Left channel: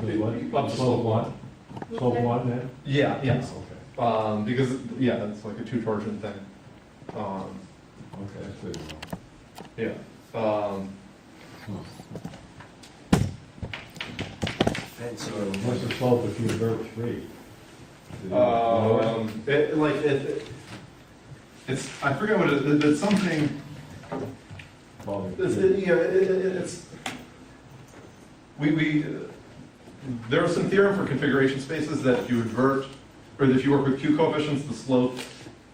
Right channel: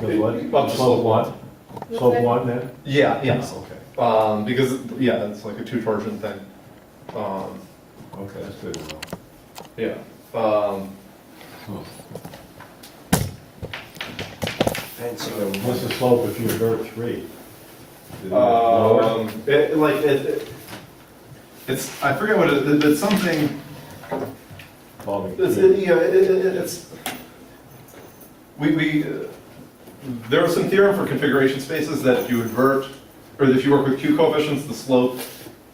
Goes what? Up to slope 1. Slope 1 then? Yeah, yes. Okay. Because, yeah, it's like a two torsion thing. Okay, that's good to know. Yeah. Huh. So, What's the slope if you invert 3? Is it lower? it's, I forget what it is, it's something, Involving it's, three. there was some theorem for configuration spaces that if you invert, or if you work with Q coefficients, the slope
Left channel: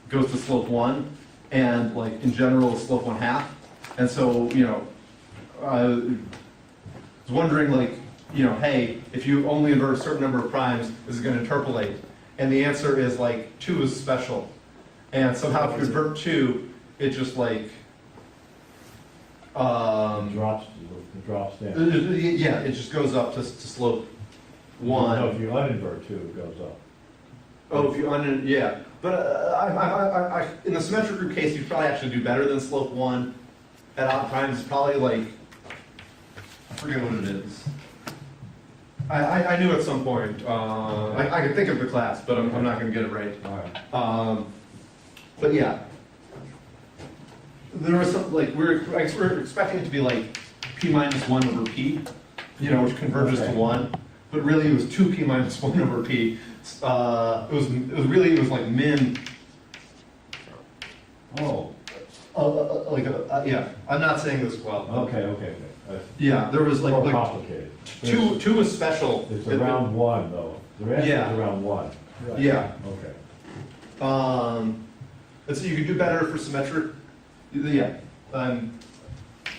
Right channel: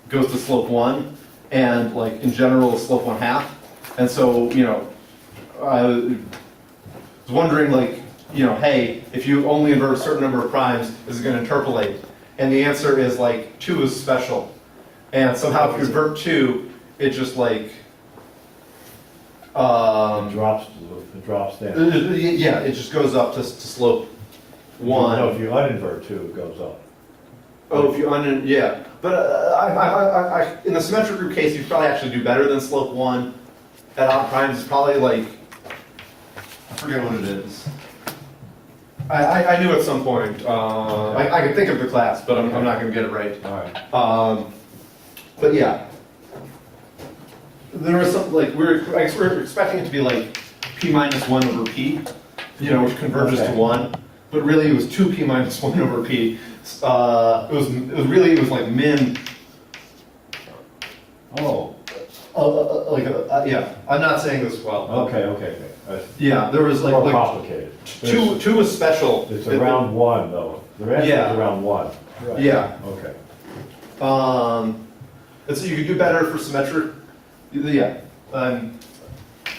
goes to slope 1, and like in general, slope 1/2. And so, I was wondering like, hey, if you only invert a certain number of primes, is it going to interpolate? And the answer is like 2 is special. And somehow if you invert 2, it just like, It drops down. yeah, it just goes up to slope 1. No, if you uninvert 2, it goes up. Oh, if you yeah. But in the symmetric group case, you'd probably actually do better than slope 1 at odd primes. It's probably like, I forget what it is. I knew at some point. I can think of the class, but I'm not going to get it right. All right. But yeah, there was some like I guess we're expecting it to be like p minus 1 over p, which converges to 1. But really, it was 2p minus 1 over p. It was like min. Oh. Yeah. I'm not saying this well. Okay. Yeah, there was It's more like complicated. two was special. It's around 1 though. The rest Yeah. is around 1. Yeah. Okay. And so you could do better for symmetric. Yeah.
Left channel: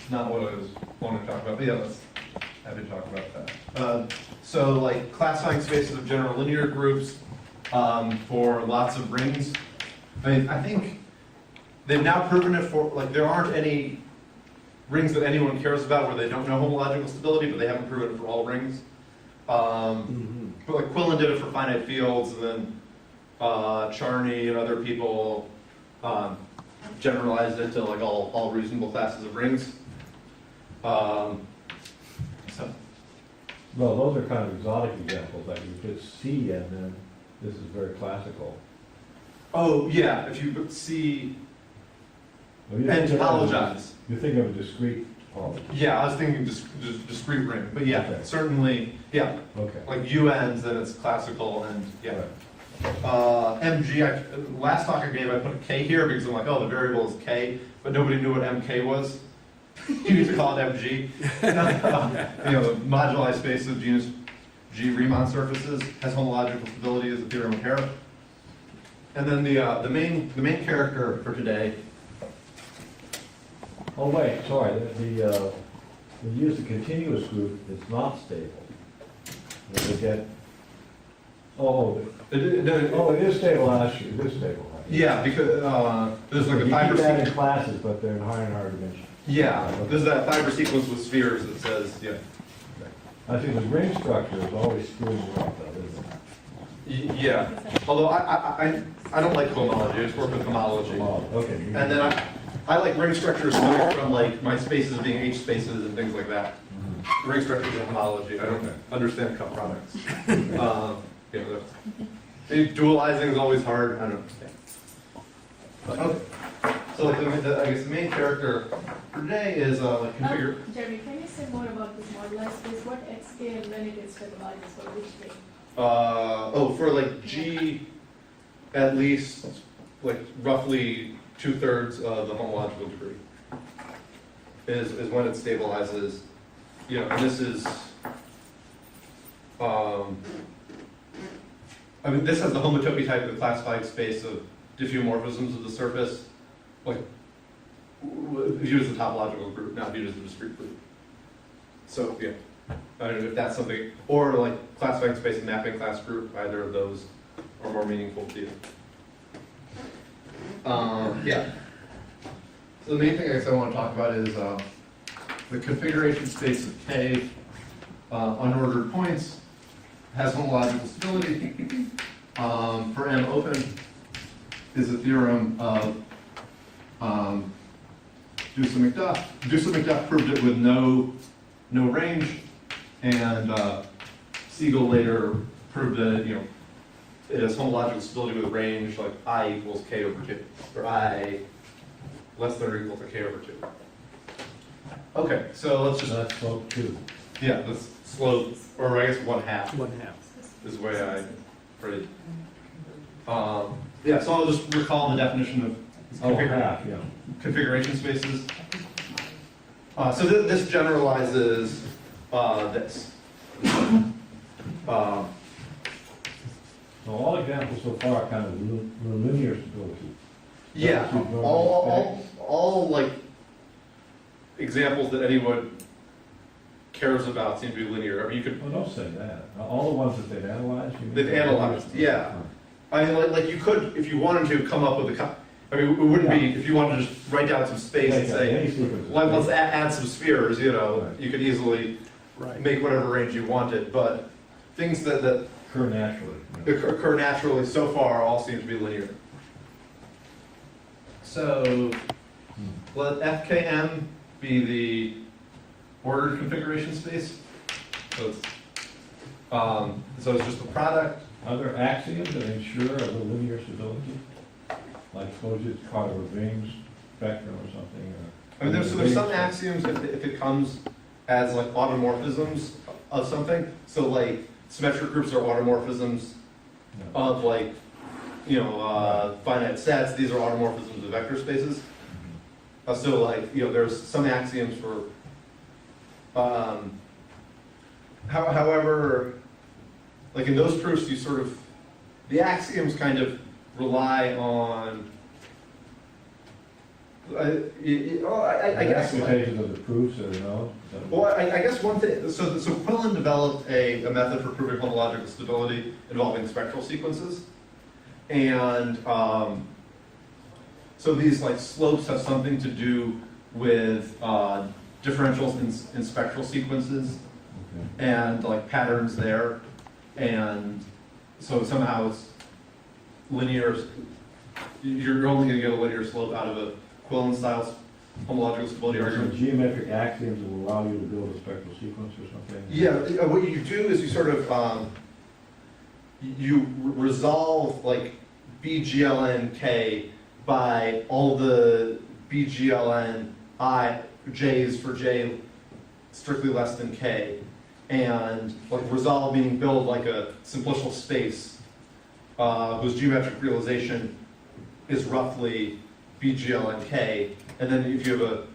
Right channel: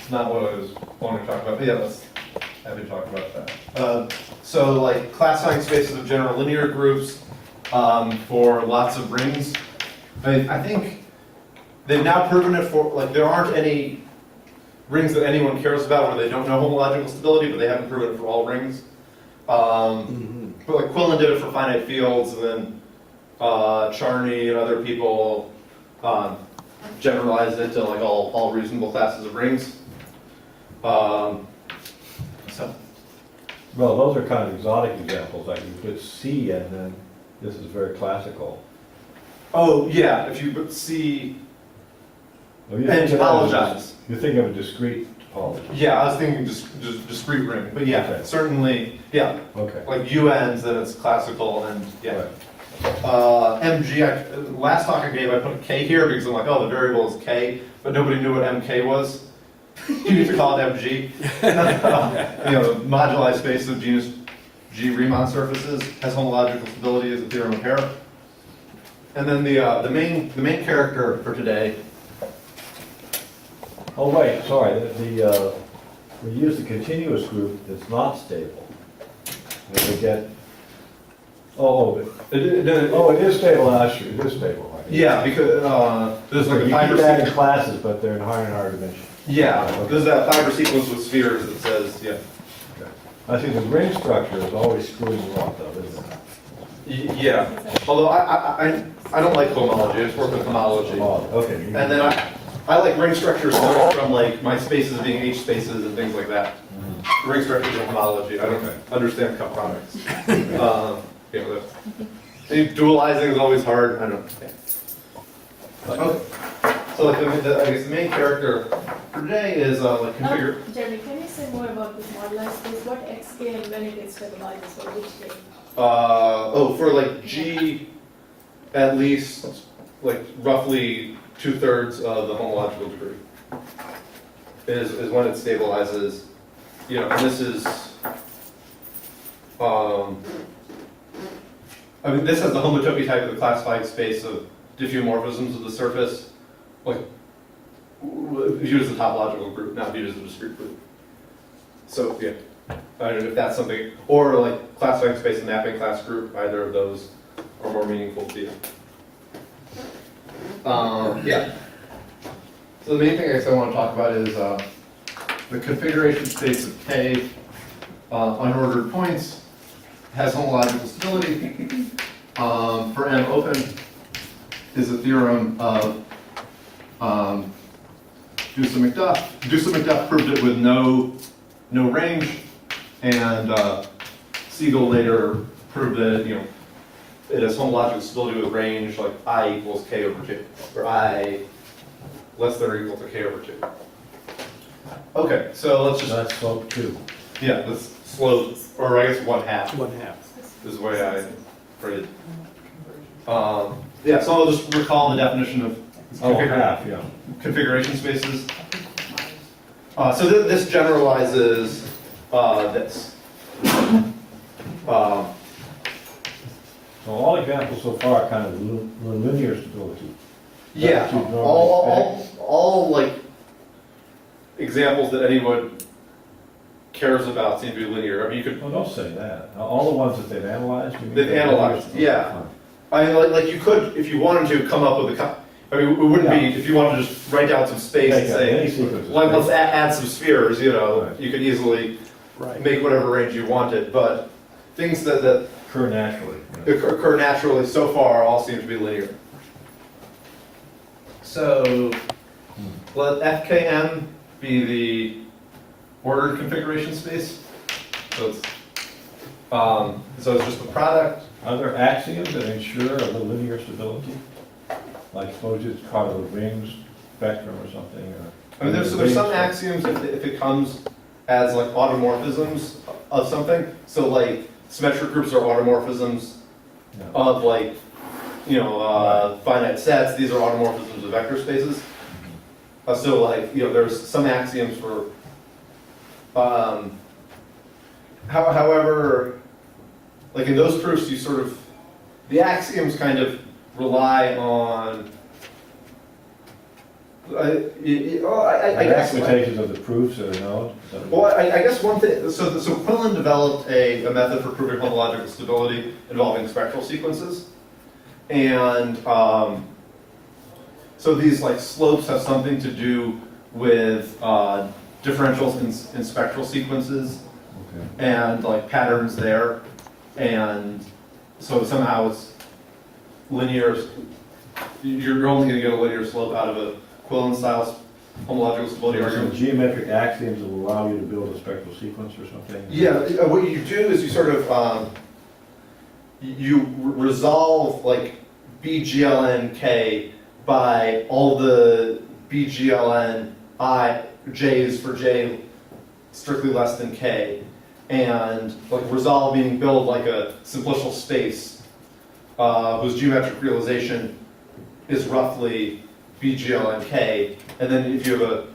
Not what I was wanting to talk about. But yeah, let's happy to talk about that. So like classifying spaces of general linear groups for lots of rings. I think they've now proven it for, like, there aren't any rings that anyone cares about where they don't know homological stability, but they haven't proven it for all rings. But like Quillen did it for finite fields, and then Charney and other people generalized it to like all reasonable classes of rings. So. Well, those are kind of exotic examples, like you put C and then this is very classical. Oh, yeah, if you put C Well, you and think of it as topologize. You think of a discrete topology. Yeah, I was thinking discrete ring, but yeah, Okay. certainly, yeah. Okay. Like UNs, then it's classical, and yeah. Right. MG, last talk I gave, I put a K here because I'm like, oh, the variable is K, but nobody knew what MK was. You used to call it MG. The moduli space of genus G Riemann surfaces has homological stability as a theorem of Hare. And then the main character for today. Oh wait, sorry. We use the continuous group. It's not stable. And we get. It is stable. Actually, it is stable. Right? Yeah, because there's like a you fiber keep that in sequence. classes, but they're in higher and higher dimensions. Yeah, Okay. there's that fiber sequence with spheres that says, yeah. Okay. I think the ring structure is always screwing you up, though, isn't it? Yeah, although I don't like homology, I just work with homology. Oh, okay. And then I like ring structures coming from like my spaces being H spaces and things like that. Ring structures are homology, I don't understand cup products. Dualizing is always hard, I don't know. Okay. So like I guess the main character for today is like configure. Jeremy, can you say more about this moduli space? What xk and when it is stabilized for which k? For like G, at least like roughly 2/3 of the homological degree is when it stabilizes. And this is, this has the homotopy type of the classified space of diffeomorphisms of the surface, like viewed as a topological group, not viewed as a discrete group. So yeah, I don't know if that's something, or like classifying space and mapping class group. Either of those are more meaningful to you. Yeah. So the main thing I guess I want to talk about is the configuration space of K unordered points has homological stability. For M open is a theorem of Dusa McDuff. Dusa McDuff proved it with no range, and Siegel later proved that, it has homological stability with range like I equals k over 2, or I less than or equal to k over 2. Okay, so let's just, That's slope 2. yeah, this slope, or I guess 1/2 1/2. is the way I phrase it. Yeah, so I'll just recall the definition of Oh, half, yeah. configuration spaces. So this generalizes this. So all examples so far are kind of linear stability. Yeah, That's what you normally all like examples that anyone cares about seem to be linear. I mean, you could, Oh, don't say that. All the ones that they've analyzed, you mean? They've analyzed, yeah. Fine. I mean, like you could, if you wanted to, come up with a. I mean, it wouldn't be if you wanted to just write down some space and Take any say, sequence. let's add some spheres. Right. You could easily Right. make whatever range you wanted. But things that Occur naturally. you know. occur naturally so far all seem to be linear. So let FKM be the ordered configuration space. So it's just the product. Are there axioms that ensure a linear stability? Like suppose it's part of a rings spectrum or something, or? I mean, there's some axioms if it comes as like automorphisms of something. So like symmetric groups are automorphisms Yeah. of like, finite sets. These are automorphisms of vector spaces. So like, there's some axioms for, however, like in those proofs, you sort of, the axioms kind of rely on, I The guess. expectations of the proofs that are known? Is that Well, I guess one thing, so Quillen developed a method for proving homological stability involving spectral sequences. And so these like slopes have something to do with differentials in spectral sequences Okay. and like patterns there. And so somehow it's linear, you're only gonna get a linear slope out of a Quillen style homological stability Are there some argument. geometric axioms that will allow you to build a spectral sequence or something? Yeah, what you do is you sort of, resolve like BGLN-K by all the BGLN J's for J strictly less than K. And like resolve meaning build like a simplicial space whose geometric realization is roughly BGLN-K. And then if you have a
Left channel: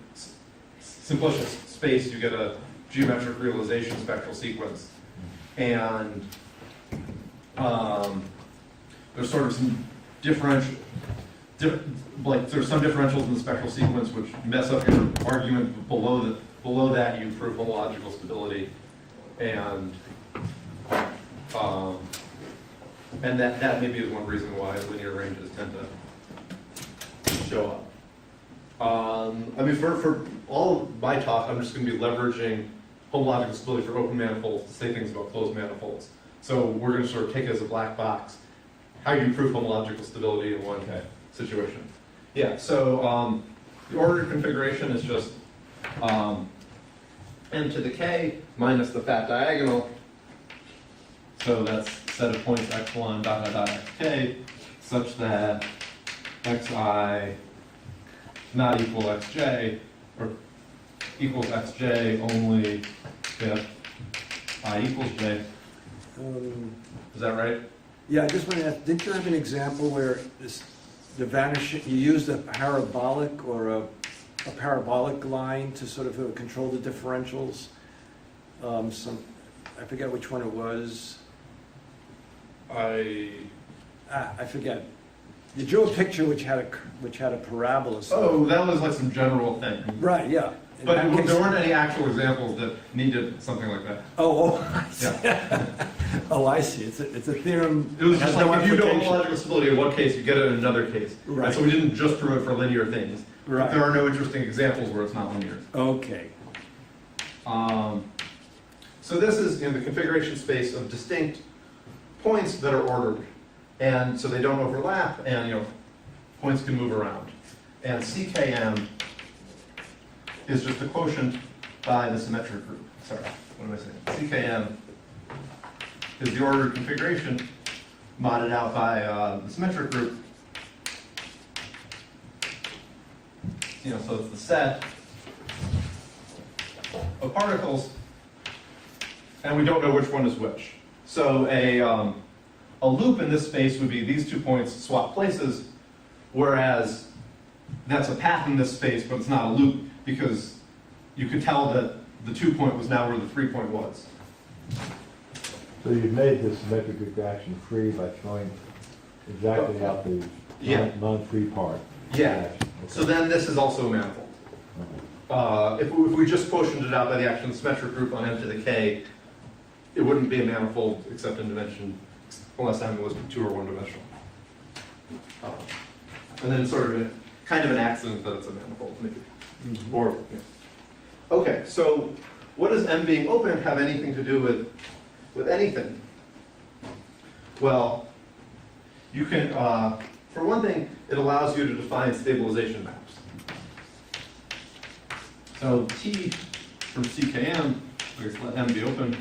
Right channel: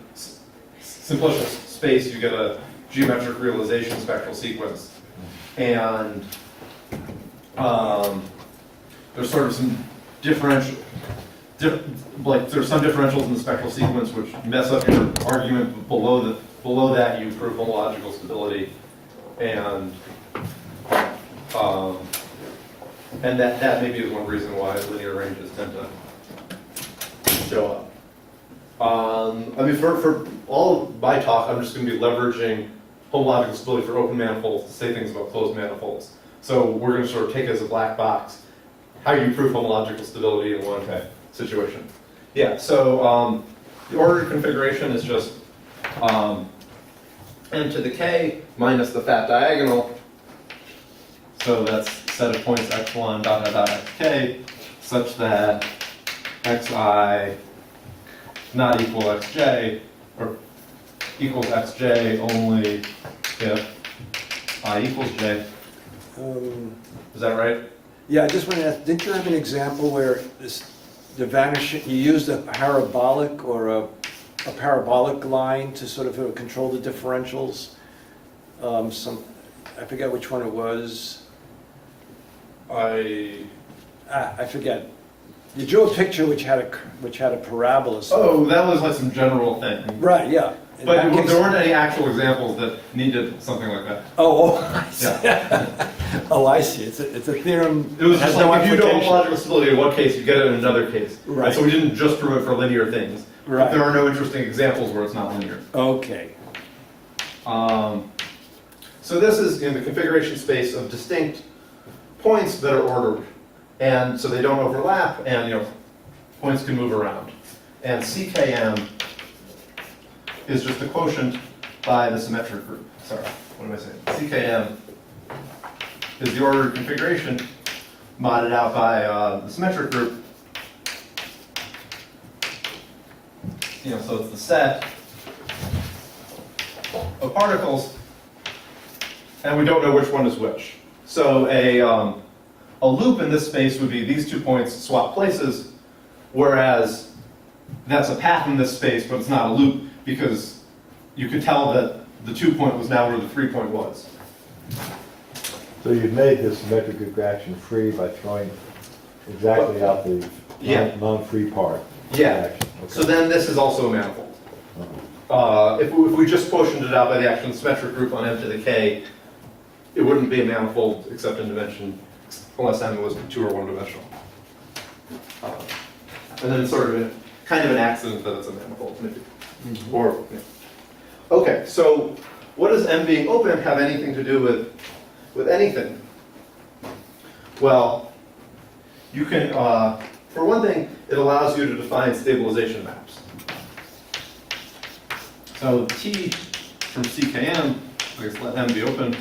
simplicial space, you get a geometric realization spectral sequence. And there's sort of some there's some differentials in the spectral sequence which mess up your argument. Below that, you prove homological stability, and that maybe is one reason why linear ranges tend to show up. I mean, for all of my talk, I'm just going to be leveraging homological stability for open manifolds to say things about closed manifolds. So we're going to sort of take it as a black box. How do you prove homological stability in one situation? Yeah, so the ordered configuration is just n to the k minus the fat diagonal. So that's a set of points x1 dot dot dot xk such that xi not equal xj, or equals xj only if I equals j. Is that right? Yeah, I just want to ask, didn't you have an example where the vanishing, you used a parabolic or a parabolic line to sort of control the differentials? I forget which one it was. I forget. You drew a picture which had a parabola. Oh, that was like some general thing. Right, yeah. But there weren't any actual examples that needed something like that. I see. Yeah. Oh, I see. It's a theorem. It was just has like no if you know application. homological stability in one case, you get it in another case. Right. And so we didn't just prove it for linear things. But Right. there are no interesting examples where it's not linear. Okay. So this is in the configuration space of distinct points that are ordered. And so they don't overlap, and points can move around. And CKM is just the quotient by the symmetric group. Sorry, what am I saying? CKM is the ordered configuration modded out by the symmetric group. So it's the set of particles, and we don't know which one is which. So a loop in this space would be these 2 points swap places, whereas that's a path in this space, but it's not a loop because you could tell that the 2 point was now where the 3 point was. So you've made this symmetric interaction free by throwing exactly out the Yeah. non-free part. Yeah. Action. Okay. So then this is also a manifold. If we just quotiented it out by the action of the symmetric group on m to the k, it wouldn't be a manifold except in dimension, unless m was 2 or 1 dimensional. And then it's sort of kind of an accident that it's a manifold, maybe. Or, yeah. Okay, so what does m being open have anything to do with anything? Well, you can, for one thing, it allows you to define stabilization maps. So T from CKM, I guess let M be open.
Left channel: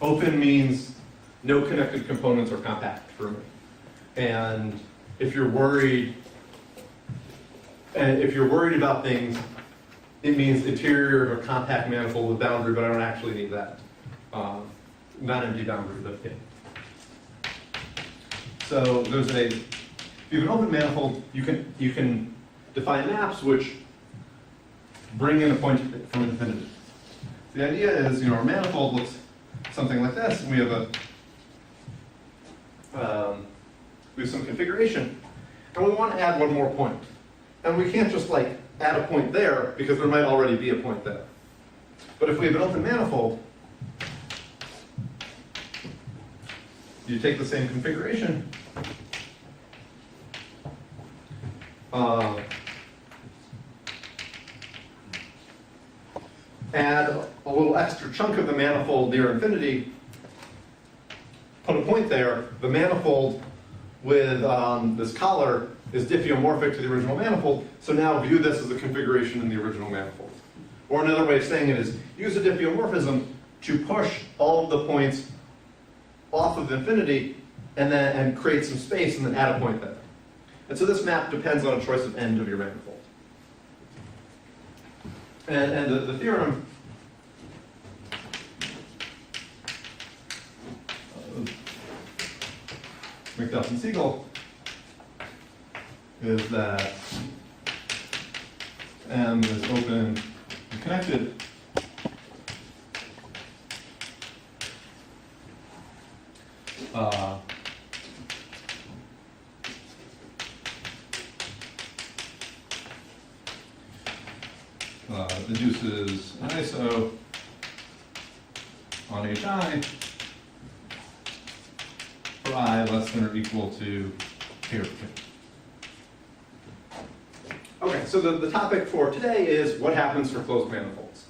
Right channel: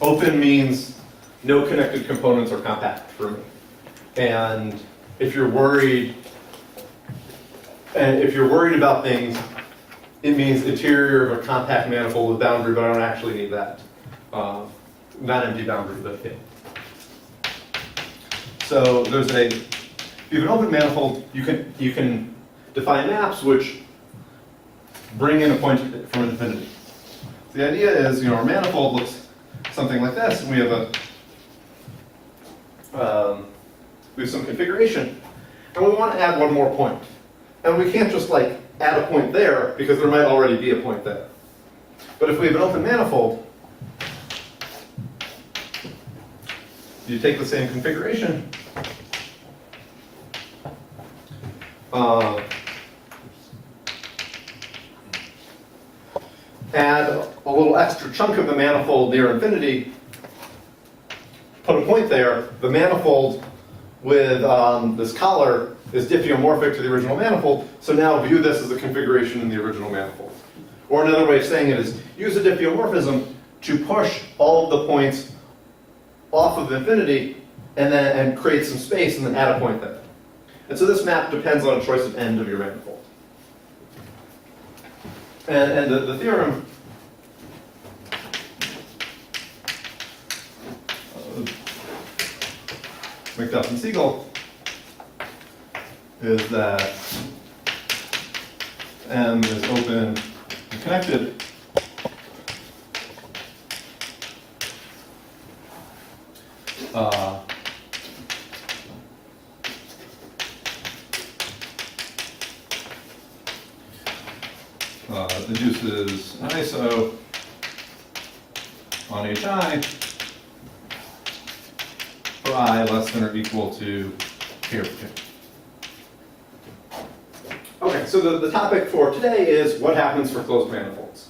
Open means no connected components are compact for me. And if you're worried about things, it means interior of a compact manifold with boundary, but I don't actually need that. Not empty boundary, but yeah. So there's if you have an open manifold, you can define maps which bring in a point from infinity. So the idea is, our manifold looks something like this, and we have some configuration, and we want to add one more point, and we can't just add a point there because there might already be a point there. But if we have an open manifold, you take the same configuration, add a little extra chunk of the manifold near infinity, put a point there. The manifold with this collar is diffeomorphic to the original manifold, so now view this as a configuration in the original manifold. Or another way of saying it is use a diffeomorphism to push all of the points off of infinity and create some space and then add a point there. And so this map depends on a choice of end of your manifold. And the theorem McDuff and Siegel is that M is open and connected induces an iso on HI for I less than or equal to k over 2. Okay, so the topic for today is what happens for closed manifolds.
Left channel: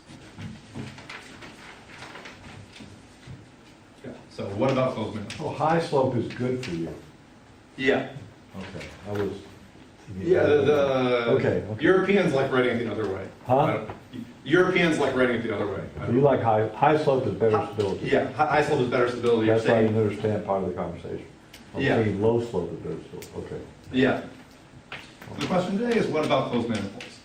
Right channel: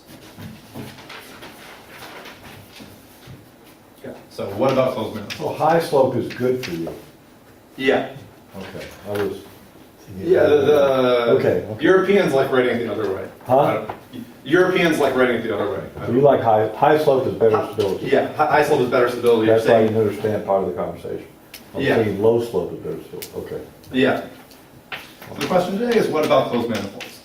Okay, so what about closed manifolds? Well, high slope is good for you. Yeah. Okay, I was. Yeah, Okay. Europeans like writing it the other way. Huh? Europeans like writing it the other way. So you like high slope is better stability. Yeah, high slope is better stability. That's why I saying- didn't understand part of the conversation. I'm Yeah. thinking low slope is better stability. Okay. Yeah. So the question today is what about closed manifolds?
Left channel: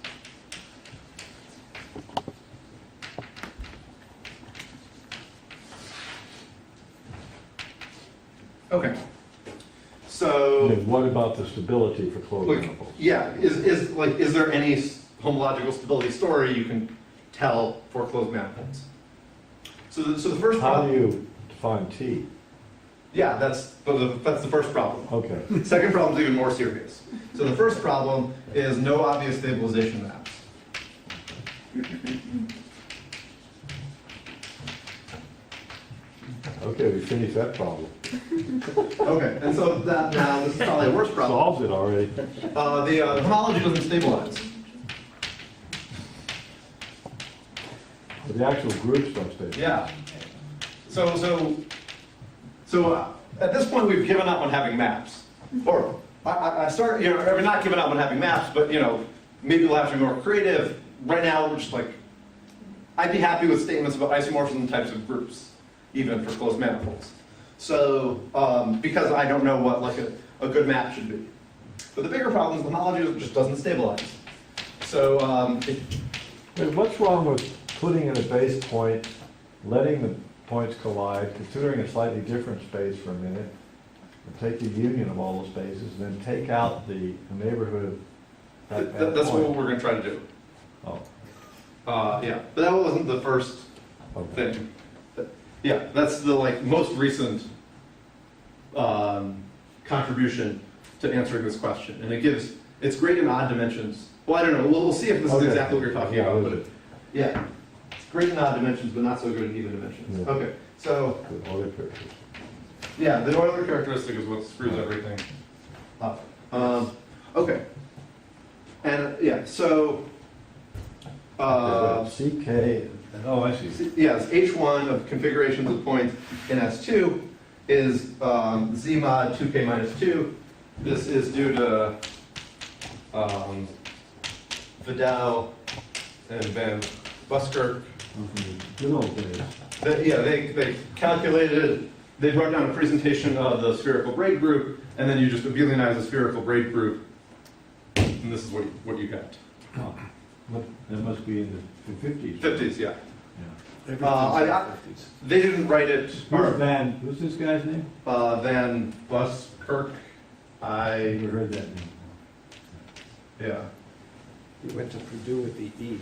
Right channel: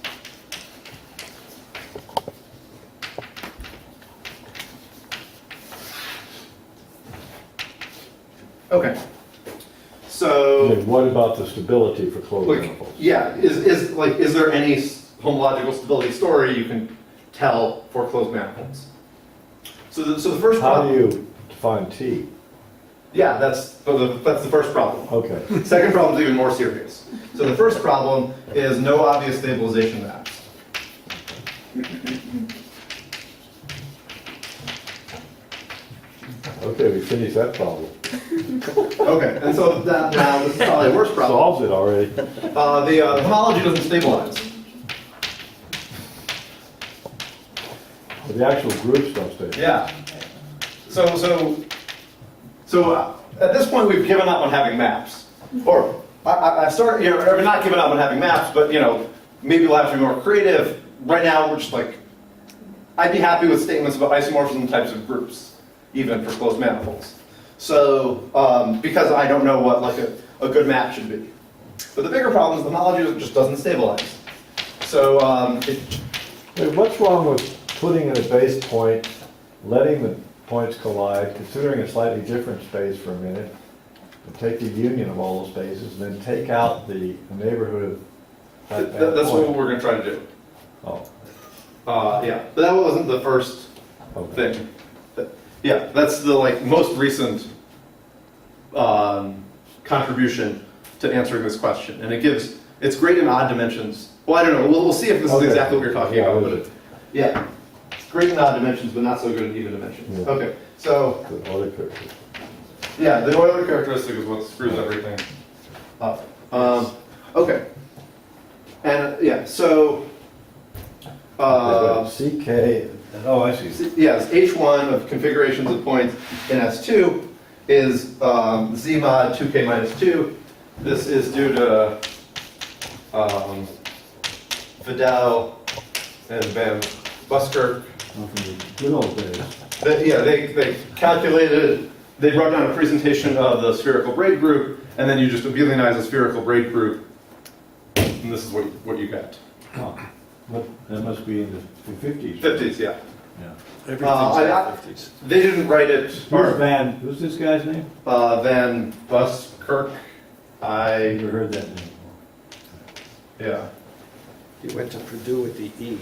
Okay. So. Okay, what about the stability for closed Like, manifolds? yeah, is there any homological stability story you can tell for closed manifolds? So the first How problem. do you define T? Yeah, that's the first problem. Okay. Second problem is even more serious. So the first problem is no obvious stabilization maps. Okay, we finished that problem. Okay, and so now this is probably a worse problem. Solves it already. The homology doesn't stabilize. But the actual groups don't stay. Yeah. So at this point we've given up on having maps, or I start, we're not giving up on having maps, but maybe we'll have to be more creative. Right now we're just I'd be happy with statements about isomorphism types of groups, even for closed manifolds. So, because I don't know what like a good map should be. But the bigger problem is the homology just doesn't stabilize. So, Wait, what's wrong with putting in a base point, letting the points collide, considering a slightly different space for a minute, and take the union of all those spaces, and then take out the neighborhood of that that's point? what we're going to try to do. Oh, Yeah, but that wasn't the first okay. thing. Yeah, that's the like most recent contribution to answering this question, and it's great in odd dimensions. Well, I don't know. We'll see if this Okay. is exactly what you're talking Yeah, about. was But it? yeah, it's great in odd dimensions, but not so good in even dimensions. Yeah. Okay, so The other characters. yeah, the Euler characteristic is what screws everything up. Okay, and yeah, so CK, Oh, I see. yes, H1 of configurations of points in S2 is Z mod 2K minus 2. This is due to Vidal and Van Buskirk. Good old days. They calculated, they wrote down a presentation of the spherical braid group, and then you just abelianize the spherical braid group, and this is what you get. Oh, that must be in the 50s. 50s, yeah. Yeah. Everything's I- in the 50s. They didn't write it, Who's this guy's name? Van Buskirk. Never heard that name before. Yeah. He went to Purdue with the E.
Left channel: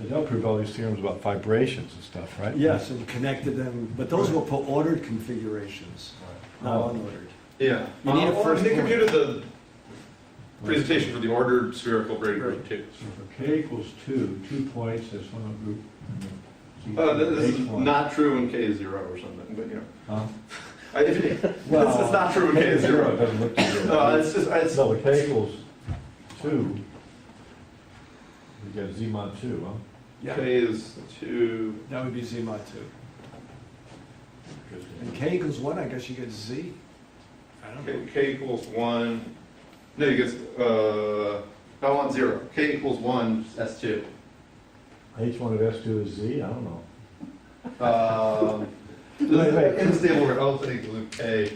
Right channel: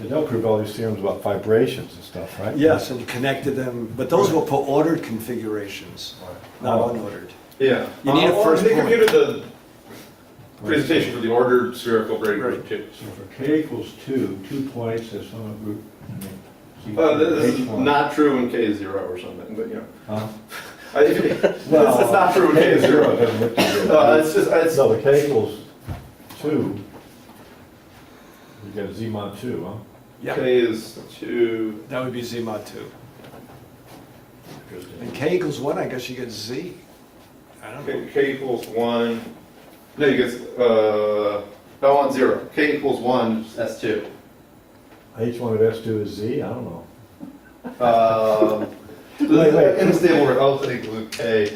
they don't prove all these theorems about vibrations and stuff, right? Yes, and connected them, but those were for ordered configurations, not Oh. unordered. Yeah. You need a Well, first they point. computed the presentation for the ordered spherical braid group too. So for k equals 2, 2 points as some group. And then This is H1. not true when k is 0 or something, but you know. Huh? It's not true when k is 0. Doesn't look too good. It's No, the K equals 2. You got Z mod 2, huh? Yeah, k is 2. that would be Z mod 2. Interesting. And K equals 1, I guess you get Z. I don't know. K equals 1. No, you get, I want 0. K equals 1, S2. H1 of S2 is Z? I don't know. Wait. In the stable range, I'll say k.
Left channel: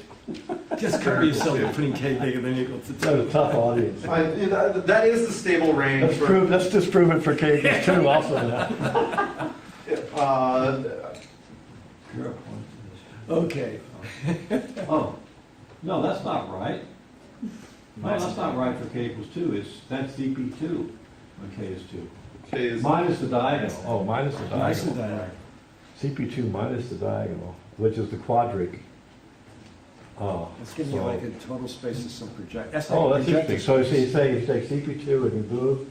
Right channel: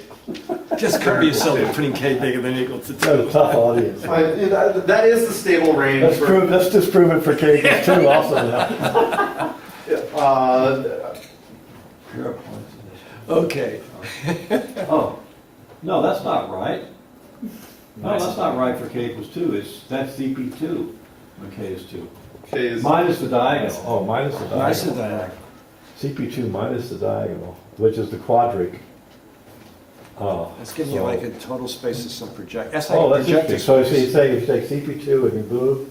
Just cover yourself by putting K bigger than equal to 2. That's a tough audience. That is the stable range. Let's disprove it for K equals 2 also now. Pure points in this. Okay. Oh, no, that's not right. No, that's not right for k equals 2. That's CP2 when k is 2. K is. Minus the diagonal. Oh, minus the Nice and diagonal. diagonal. CP2 minus the diagonal, which is the quadric. Oh, It's giving you so- like a total space of some project. That's Oh, like that's projecting interesting. So space. you're saying if you take CP2 and you move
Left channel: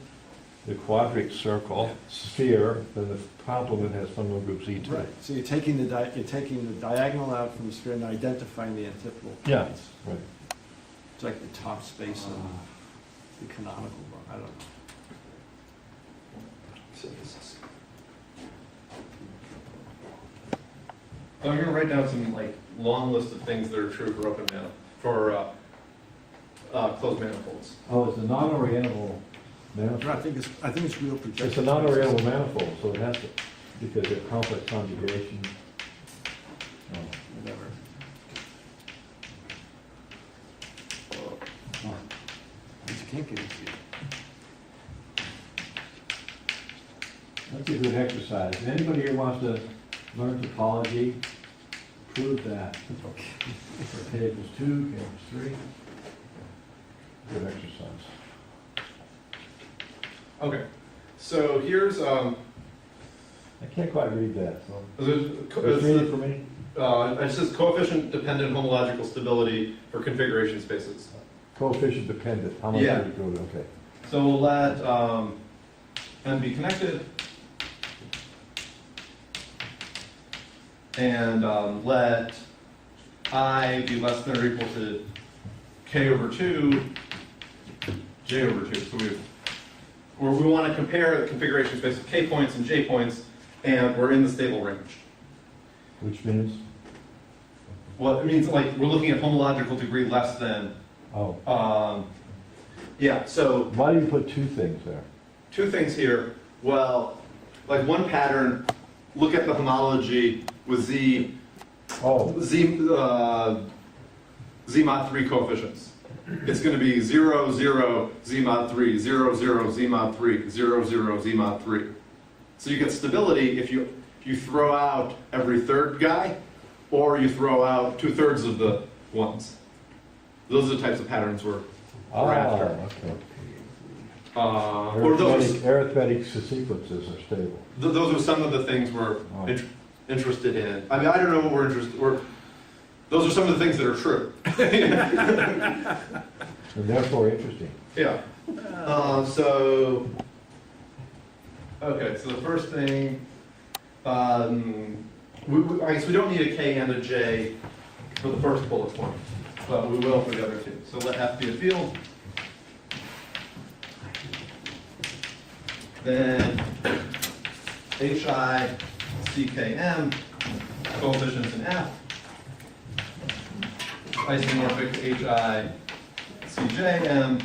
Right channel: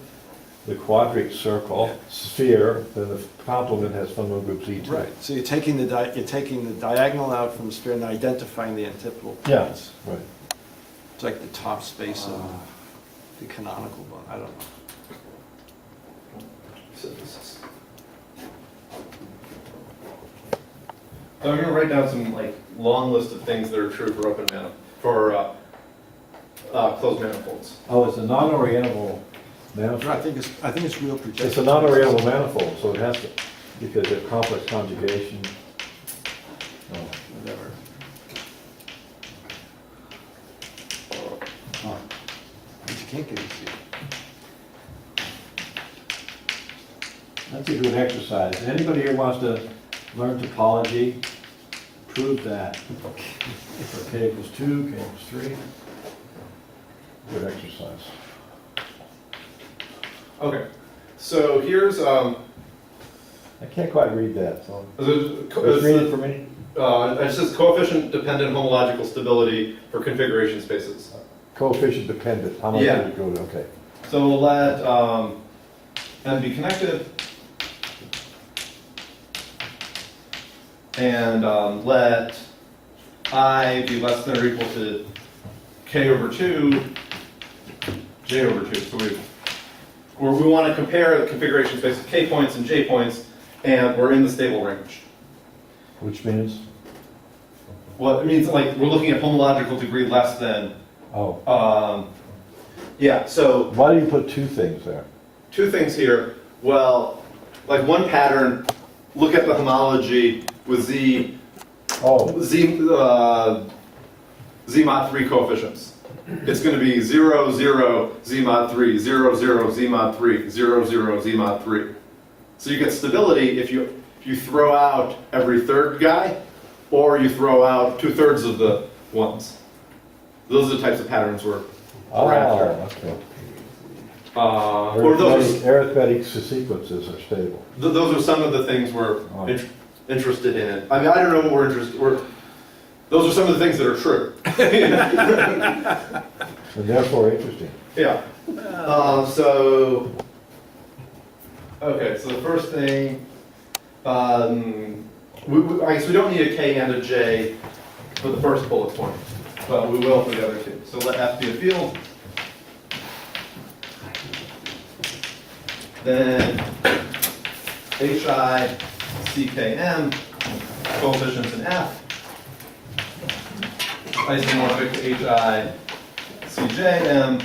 the quadric circle, sphere, then the complement has fundamental group Z2. Right, so you're taking the diagonal out from the sphere and identifying the antipodal Yeah, points. right. It's like the top space of the canonical one, I don't know. I'm gonna write down some like long list of things that are true for closed manifolds. Oh, it's a non-orientable No, I manifold. think it's real projection. It's a non-orientable manifold, so it has to, because of complex conjugation. Oh, Whatever. Oh, You can't get it. that's a good exercise. If anybody here wants to learn topology, prove that. For k equals 2, k equals 3. good exercise. Okay, so here's I can't quite read that, so. Just it's read it for me. it says coefficient dependent homological stability for configuration spaces. Coefficient dependent, how much Yeah. did it go to, okay. So we'll let n be connected, and let I be less than or equal to k over 2, j over 2. So we want to compare the configuration space of k points and j points, and we're in the stable range. Which means? Well, it means like we're looking at homological degree less than. Oh, Yeah. So why do you put two things there? two things here. Well, like one pattern, look at the homology with z Oh, z mod 3 coefficients. It's going to be 0, 0, z mod 3, 0, 0, z mod 3, 0, 0, z mod 3. So you get stability if you throw out every third guy, or you throw out 2/3 of the ones. Those are the types of patterns we're after. okay. Or those Arithmetic sequences are stable. those are some of the things we're Oh. interested in. I mean, I don't know what we're interested. Those are some of the things that are true. And therefore interesting. Yeah. Okay, so the first thing, I guess we don't need a K and a J for the first bullet point, but we will for the other two. So let F be a field. Then HI, CKM, coefficients in F, isomorphic to HI, CJM,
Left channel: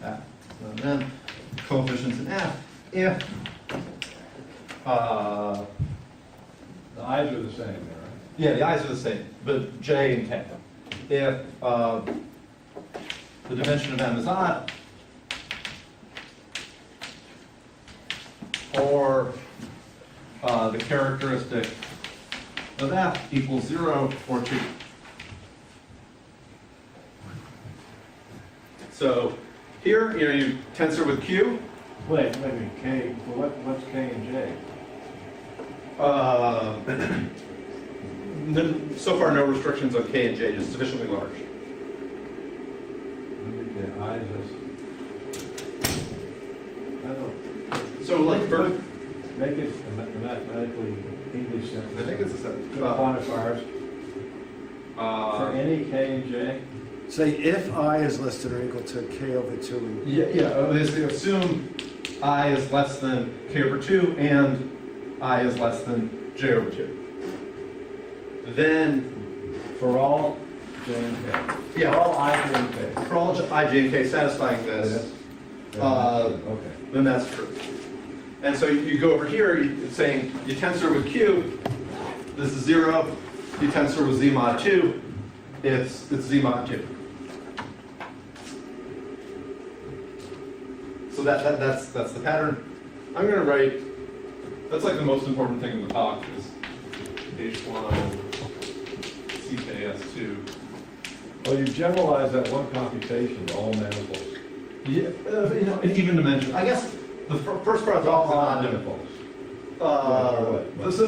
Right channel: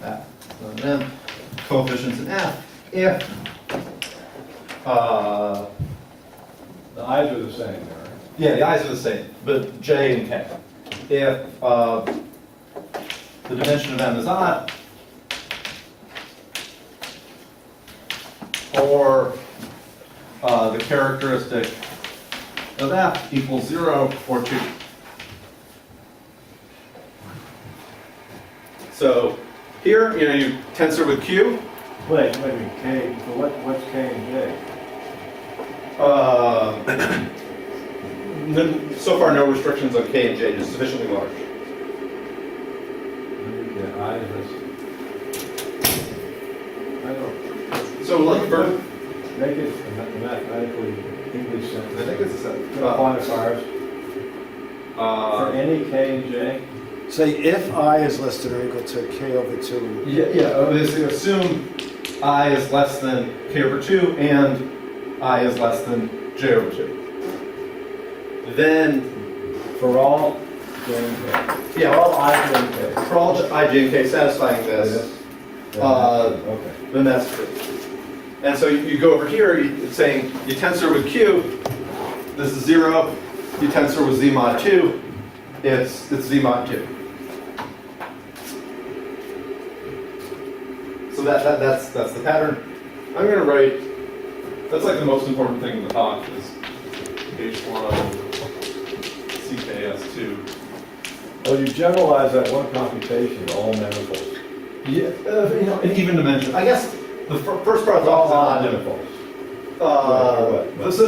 that's not an M, coefficients in F, if The I's are the same there, right? yeah, the I's are the same, but J and K. If the dimension of M is odd, or the characteristic of F equals 0 or 2. So here, you tensor with Q. Wait a minute, K, so what's K and J? So far, no restrictions on K and J, just sufficiently large. Yeah, I, I don't, So like first, make it mathematically English sentence. I think it's a set. Quantifiers for any K and J. Say if I is less than or equal to K over 2. They assume I is less than K over 2 and I is less than J over 2. Then, For all J and K. yeah, For all I, J, and K. for all I, J, and K satisfying this, Okay. then that's true. And so you go over here, it's saying you tensor with Q, this is 0, you tensor with Z mod 2, it's Z mod 2. So that's the pattern. I'm going to write, that's like the most important thing in the talk is H1, CKS2. Oh, you generalize that one computation to all manifolds. Yeah, an even dimension. I guess the first part of the talk is All not manifolds.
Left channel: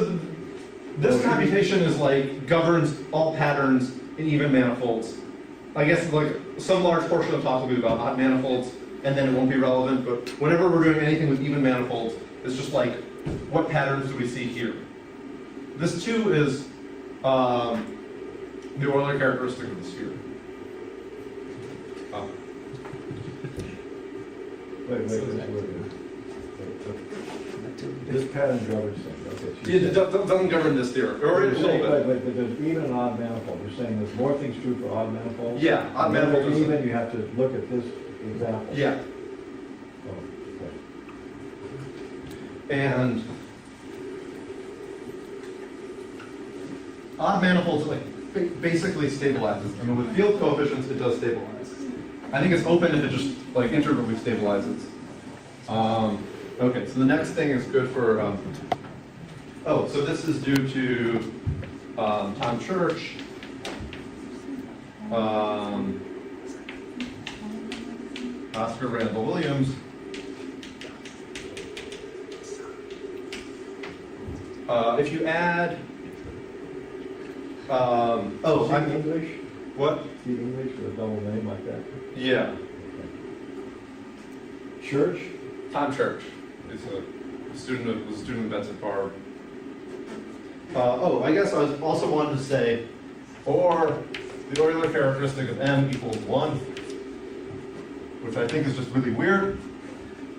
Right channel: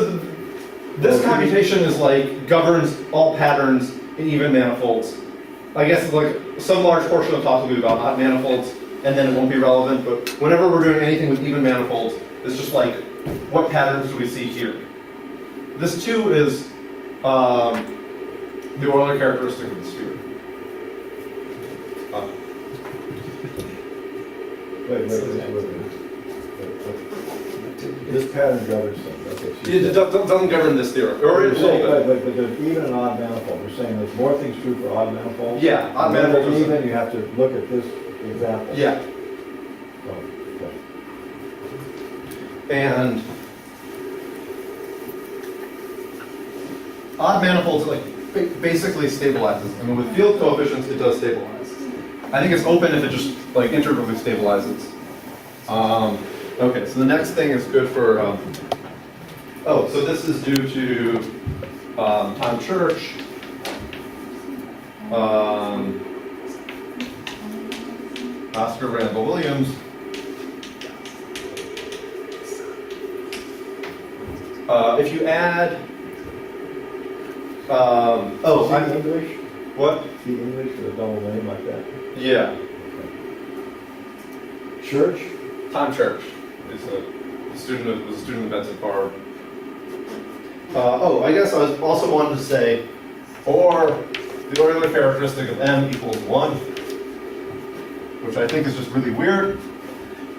This computation is like governs all patterns in even manifolds. I guess like some large portion of the talk will be about odd manifolds, and then it won't be relevant. But whenever we're doing anything with even manifolds, it's just like what patterns do we see here? This too is the Euler characteristic of the sphere. Wait. This pattern governs things, okay. so It doesn't govern this theorem, or You're a little saying, bit. but there's even and odd manifold. You're saying there's more things true for odd manifolds? Yeah, odd And then manifolds are- even, you have to look at this example. Yeah, Oh, okay. and odd manifolds like basically stabilizes. I mean, with field coefficients, it does stabilize. I think it's open if it just like integrally stabilizes. Okay, so the next thing is good for. So this is due to Tom Church. Oscar Randall Williams. If you add. See English? What? See English with a double name like that? Yeah, Church? Tom Church is was a student of Benson Farr. I guess I was also wanted to say, or the Euler characteristic of M equals 1, which I think is just really weird,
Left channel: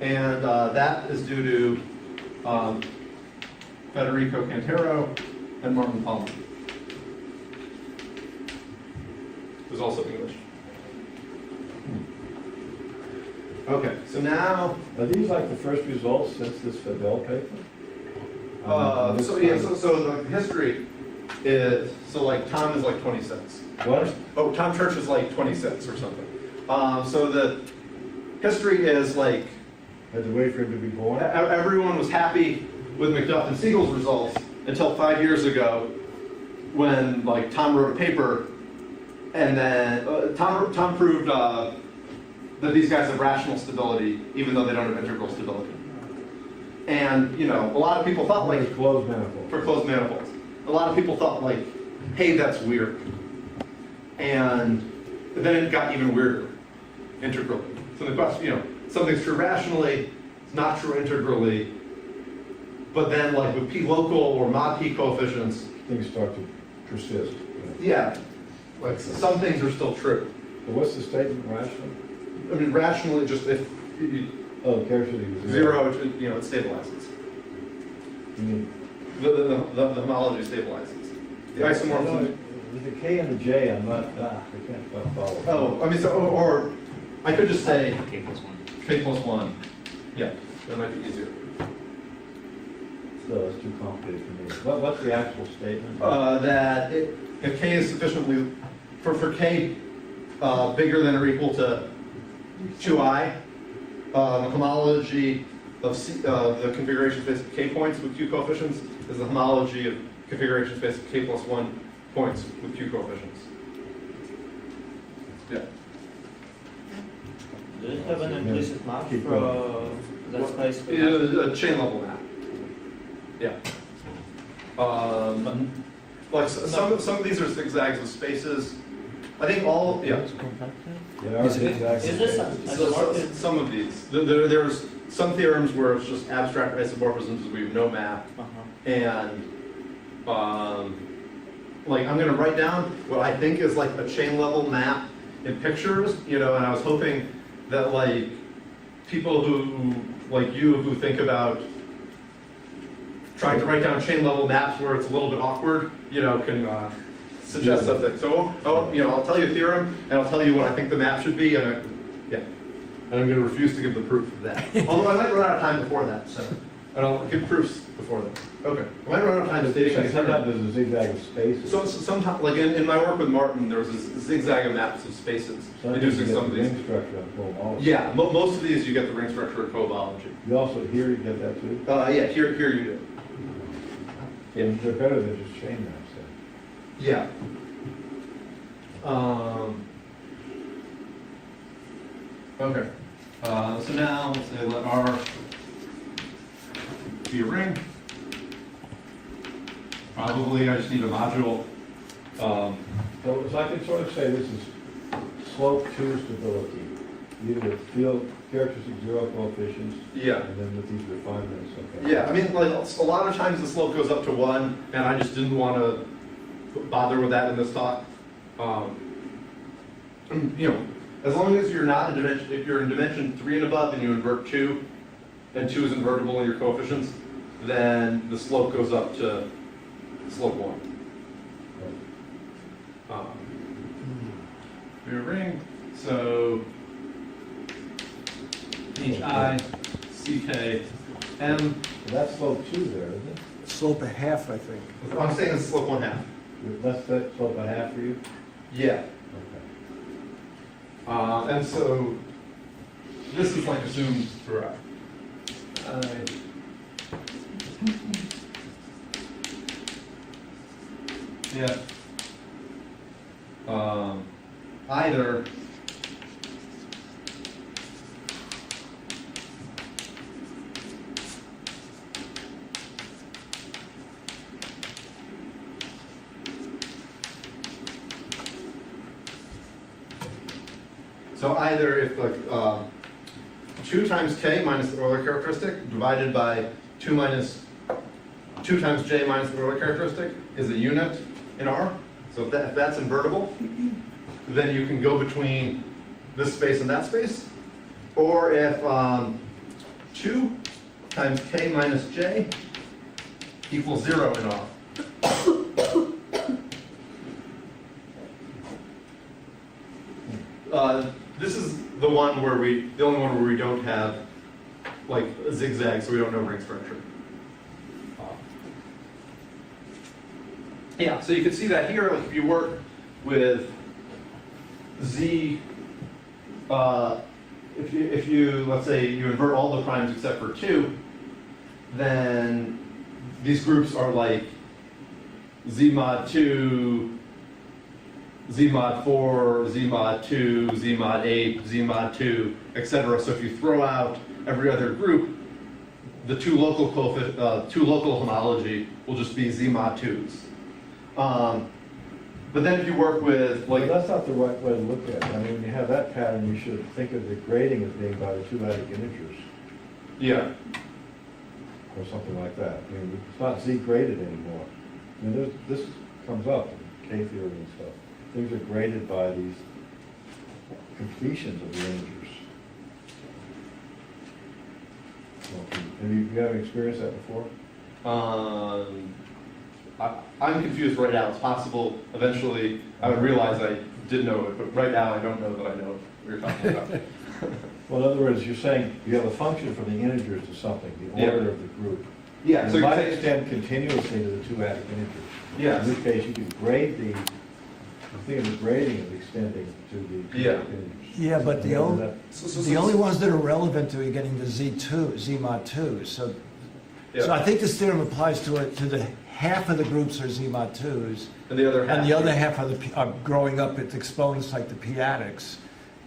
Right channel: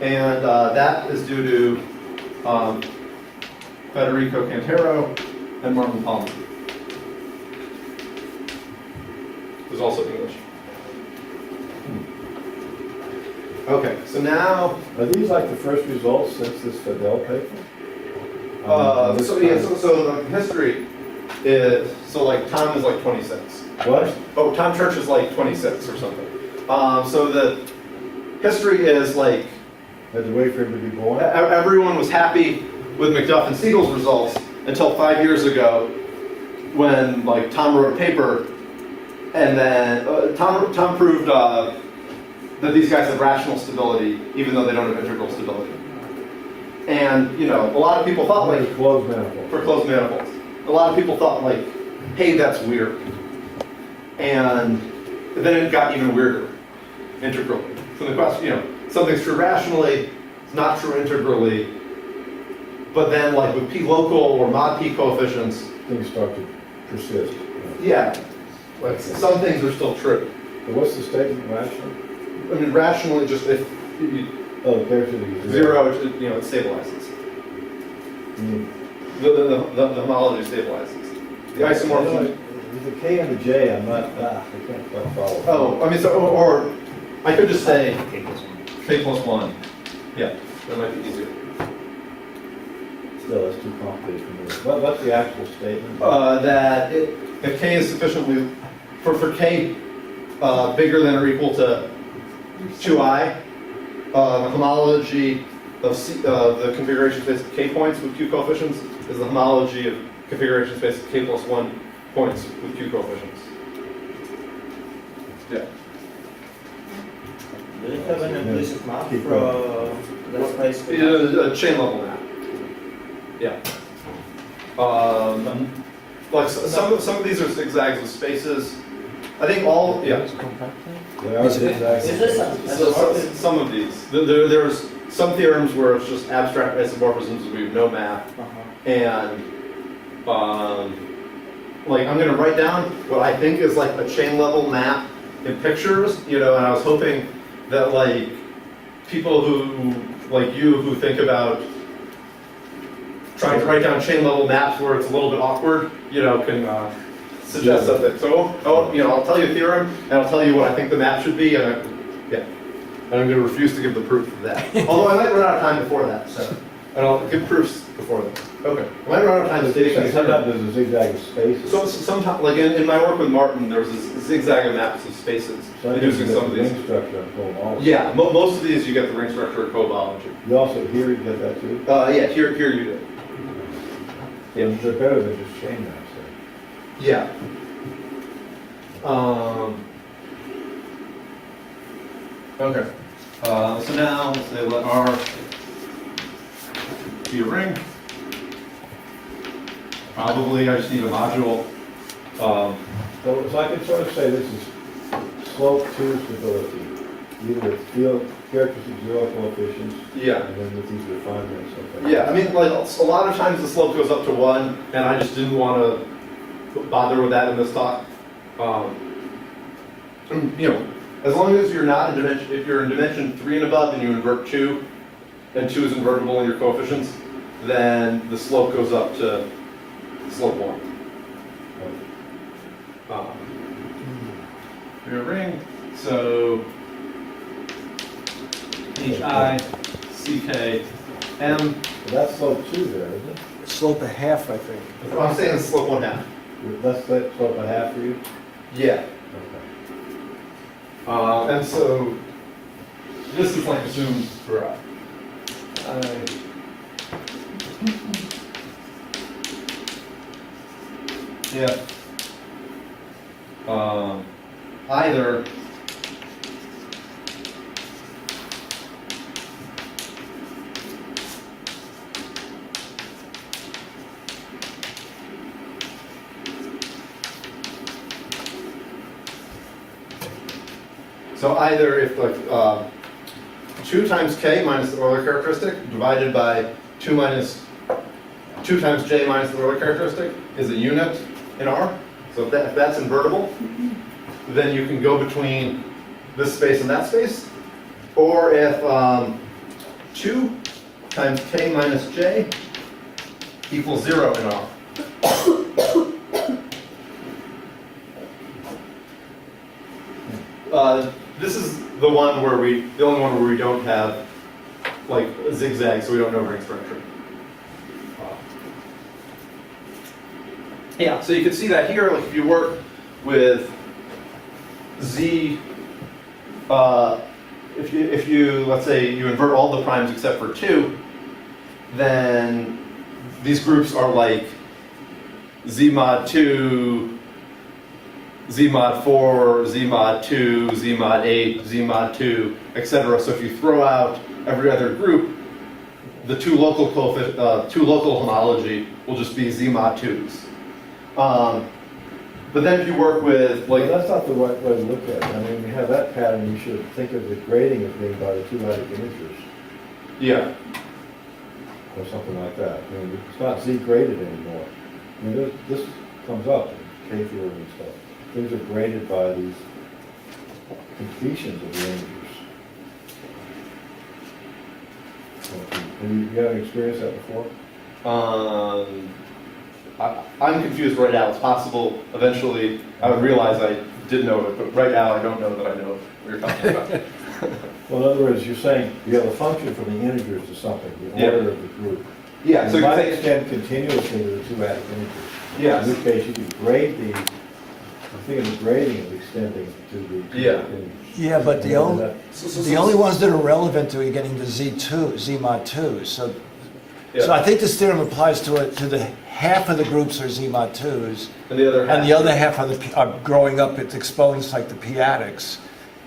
and that is due to Federico Cantero and Martin Palmer. Who's also English. Okay, so now, Are these like the first results since this Fidel paper? This so yeah, time- so the history is, so like Tom is like 26. What? Oh, Tom Church is like 26 or something. So the history is like, Had to wait for him to be born? everyone was happy with McDuff and Siegel's results until 5 years ago when like Tom wrote a paper and then Tom proved that these guys have rational stability even though they don't have integral stability. And you know, a lot of people thought like, Closed manifold. for closed manifolds, a lot of people thought like, hey, that's weird. And then it got even weirder integrally. So the question, you know, something's true rationally, it's not true integrally, but then like with p local or mod p coefficients, Things start to persist. yeah, like some things are still true. But what's the statement rational? I mean, rationally, just if you, Oh, the characteristic is zero, you know, it stabilizes. You mean, The homology stabilizes. The isomorphism. with the K and the J, I'm not, I can't quite follow. Oh, I mean, so, or I could just say k plus 1. Yeah, that might be easier. Still, it's too complicated for me. What's the actual statement? That if k is sufficiently, for k bigger than or equal to 2i, the homology of the configuration space of k points with q coefficients is the homology of configuration space of k plus 1 points with q coefficients. Yeah. Do you have an implicit map Keep for that space? A chain level map. Yeah. Like some of these are zigzags with spaces. I think all, yeah. They are zigzags. Is this a So some of these. There's some theorems where it's just abstract isomorphisms, we have no map. And like I'm gonna write down what I think is like a chain level map in pictures, you know, and I was hoping that like people who, like you, who think about trying to write down chain level maps where it's a little bit awkward, you know, can suggest something. So, you know, I'll tell you a theorem, and I'll tell you what I think the map should be, and yeah. And I'm going to refuse to give the proof of that. Although I might run out of time before that, so. And I'll give proofs before that. Okay. I might run out of time stating these. Sometimes there's a zigzag of spaces. So sometimes, like in my work with Martin, there was this zigzag of maps of spaces, inducing some of The these. ring structure on homology. Yeah, most of these you get the ring structure of cohomology. You also, here you get that too? Yeah, here you do. Yeah. They're better than just chain maps there. Yeah. Okay. So now let's say let R be a ring. Probably I just need a module. So I can sort of say this is slope to stability, either with field characteristic zero coefficients, Yeah. and then with these refinements, okay. Yeah, I mean, like a lot of times the slope goes up to 1, and I just didn't want to bother with that in this talk. You know, as long as you're not in dimension, if you're in dimension 3 and above and you invert 2, and 2 is invertible in your coefficients, then the slope goes up to slope 1. Your ring, so HI, CK, M. That's slope 2 there, isn't it? Slope a half, I think. I'm saying it's slope 1/2. That's that slope a half for you? Yeah. Okay. And so this is like assumed for yeah. Either so either if like 2 times k minus the Euler characteristic divided by 2 times j minus the Euler characteristic is a unit in R. So if that's invertible, then you can go between this space and that space. Or if 2 times k minus j equals 0 in R. This is the only one where we don't have like a zigzag, so we don't know ring structure. Yeah, so you can see that here, like if you work with Z, if you, let's say you invert all the primes except for 2, then these groups are like Z mod 2, Z mod 4, Z mod 2, Z mod 8, Z mod 2, etc. So if you throw out every other group, the two local homology will just be Z mod 2s. But then if you work with like, Well, that's not the right way to look at it. I mean, when you have that pattern, you should think of the grading as being by the two-adic integers, yeah, or something like that. I mean, it's not Z graded anymore. I mean, this comes up in K theory and stuff. Things are graded by these completions of the integers. Have you haven't experienced that before? I'm confused right now. It's possible eventually I would realize I did know it, but right now I don't know that I know what you're talking about. Well, in other words, you're saying you have a function from the integers to something, the Yeah. order of the group. Yeah, so You you might take, extend continuously to the two-adic integers. Yes. In which case, you can grade the thing of the grading is extending to the Yeah. two-adic integers. Yeah, but the And only, that- the only ones that are relevant to getting to Z2, Z mod 2, so yeah. I think this theorem applies to the half of the groups are Z mod 2s, And the other half. and the other half are growing up, it's exposed like the p-adics.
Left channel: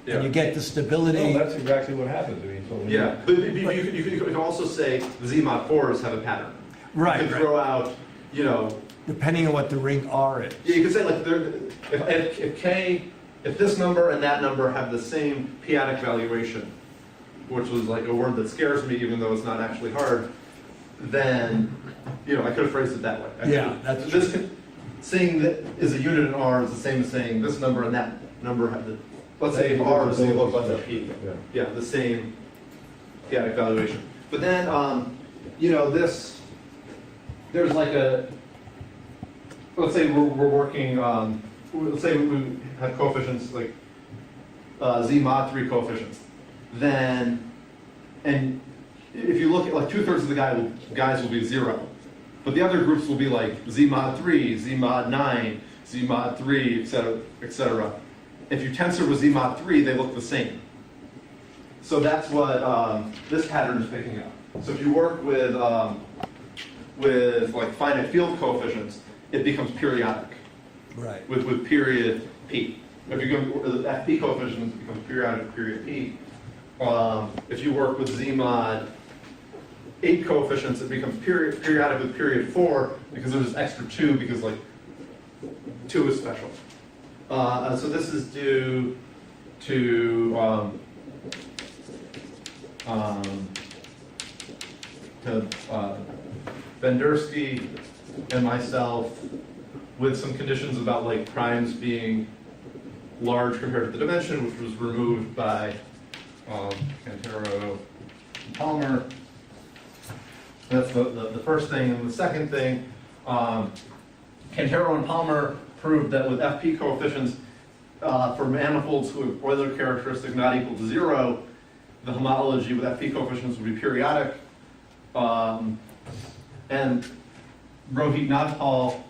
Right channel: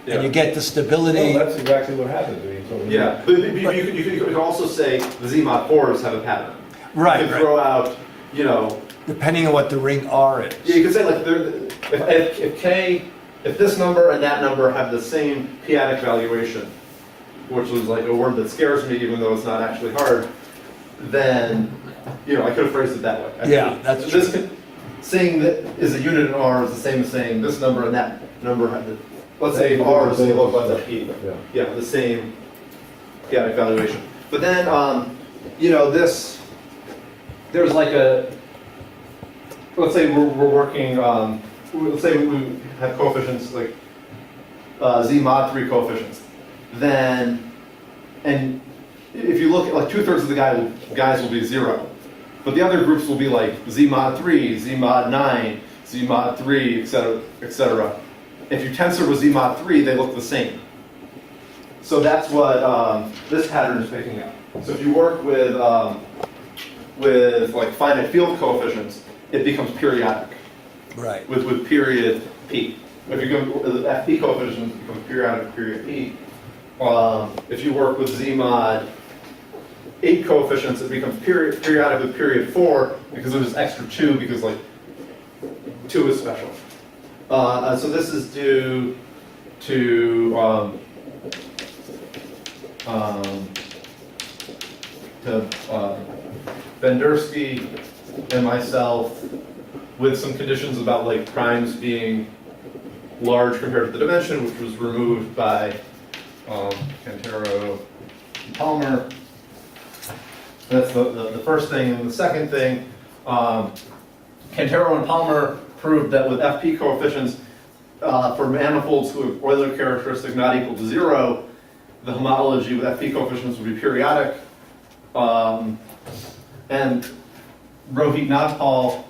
And you get the stability. No, that's exactly what happens. I mean, so when Yeah, but you can also say the Z mod 4s have a pattern. Right, You can right. throw out, you know, Depending on what the ring R is. yeah, you can say like if this number and that number have the same p-adic valuation, which was like a word that scares me even though it's not actually hard, then, you know, I could have phrased it that way. Yeah, that's this saying that is a unit in R is the same as saying this number and that number have the, let's say if R is the look like that P. Yeah. Yeah, the same p-adic valuation. But then, you know, there's like let's say we're working, let's say we have coefficients like Z mod 3 coefficients. Then, and if you look at like 2/3 of the guys will be 0. But the other groups will be like Z mod 3, Z mod 9, Z mod 3, etc., etc. If you tensor with Z mod 3, they look the same. So that's what this pattern is picking up. So if you work with like finite field coefficients, it becomes periodic Right. with period P. If you go with FP coefficients, it becomes periodic with period P. If you work with Z mod 8 coefficients, it becomes periodic with period 4 because there's this extra 2 because like 2 is special. So this is due to Bendersky and myself with some conditions about like primes being large compared to the dimension, which was removed by Cantero and Palmer. That's the first thing. And the second thing, Cantero and Palmer proved that with FP coefficients for manifolds who have Euler characteristic not equal to 0, the homology with FP coefficients would be periodic. And Rohit Nagpal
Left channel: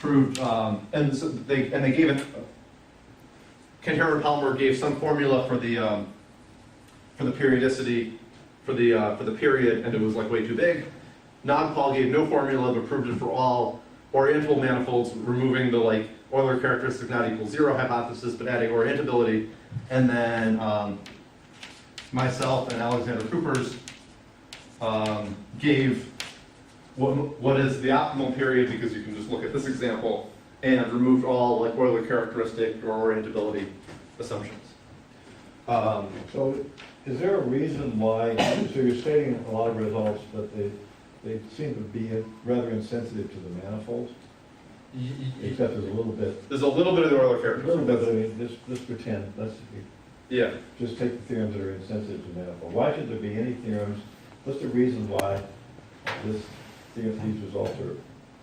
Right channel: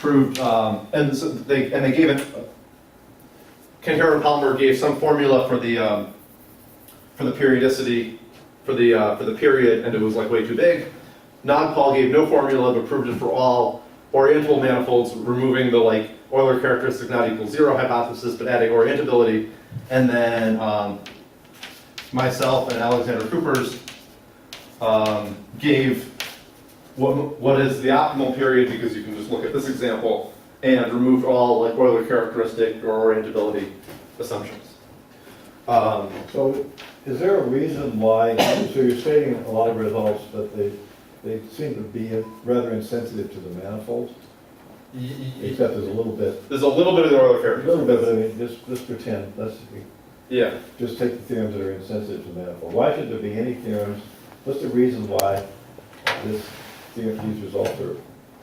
proved, and so they gave it. Cantero and Palmer gave some formula for the periodicity for the period, and it was like way too big. Nagpal gave no formula but proved it for all orientable manifolds, removing the like Euler characteristic not equal 0 hypothesis, but adding orientability. And then myself and Alexander Coopers gave what is the optimal period, because you can just look at this example, and removed all like Euler characteristic or orientability assumptions. So is there a reason why, so you're stating a lot of results, but they seem to be rather insensitive to the manifold, except there's a little bit. There's a little bit of the Euler A characteristic. little bit, but I mean, just pretend, Yeah. just take the theorems that are insensitive to the manifold. Why should there be any theorems? What's the reason why these results are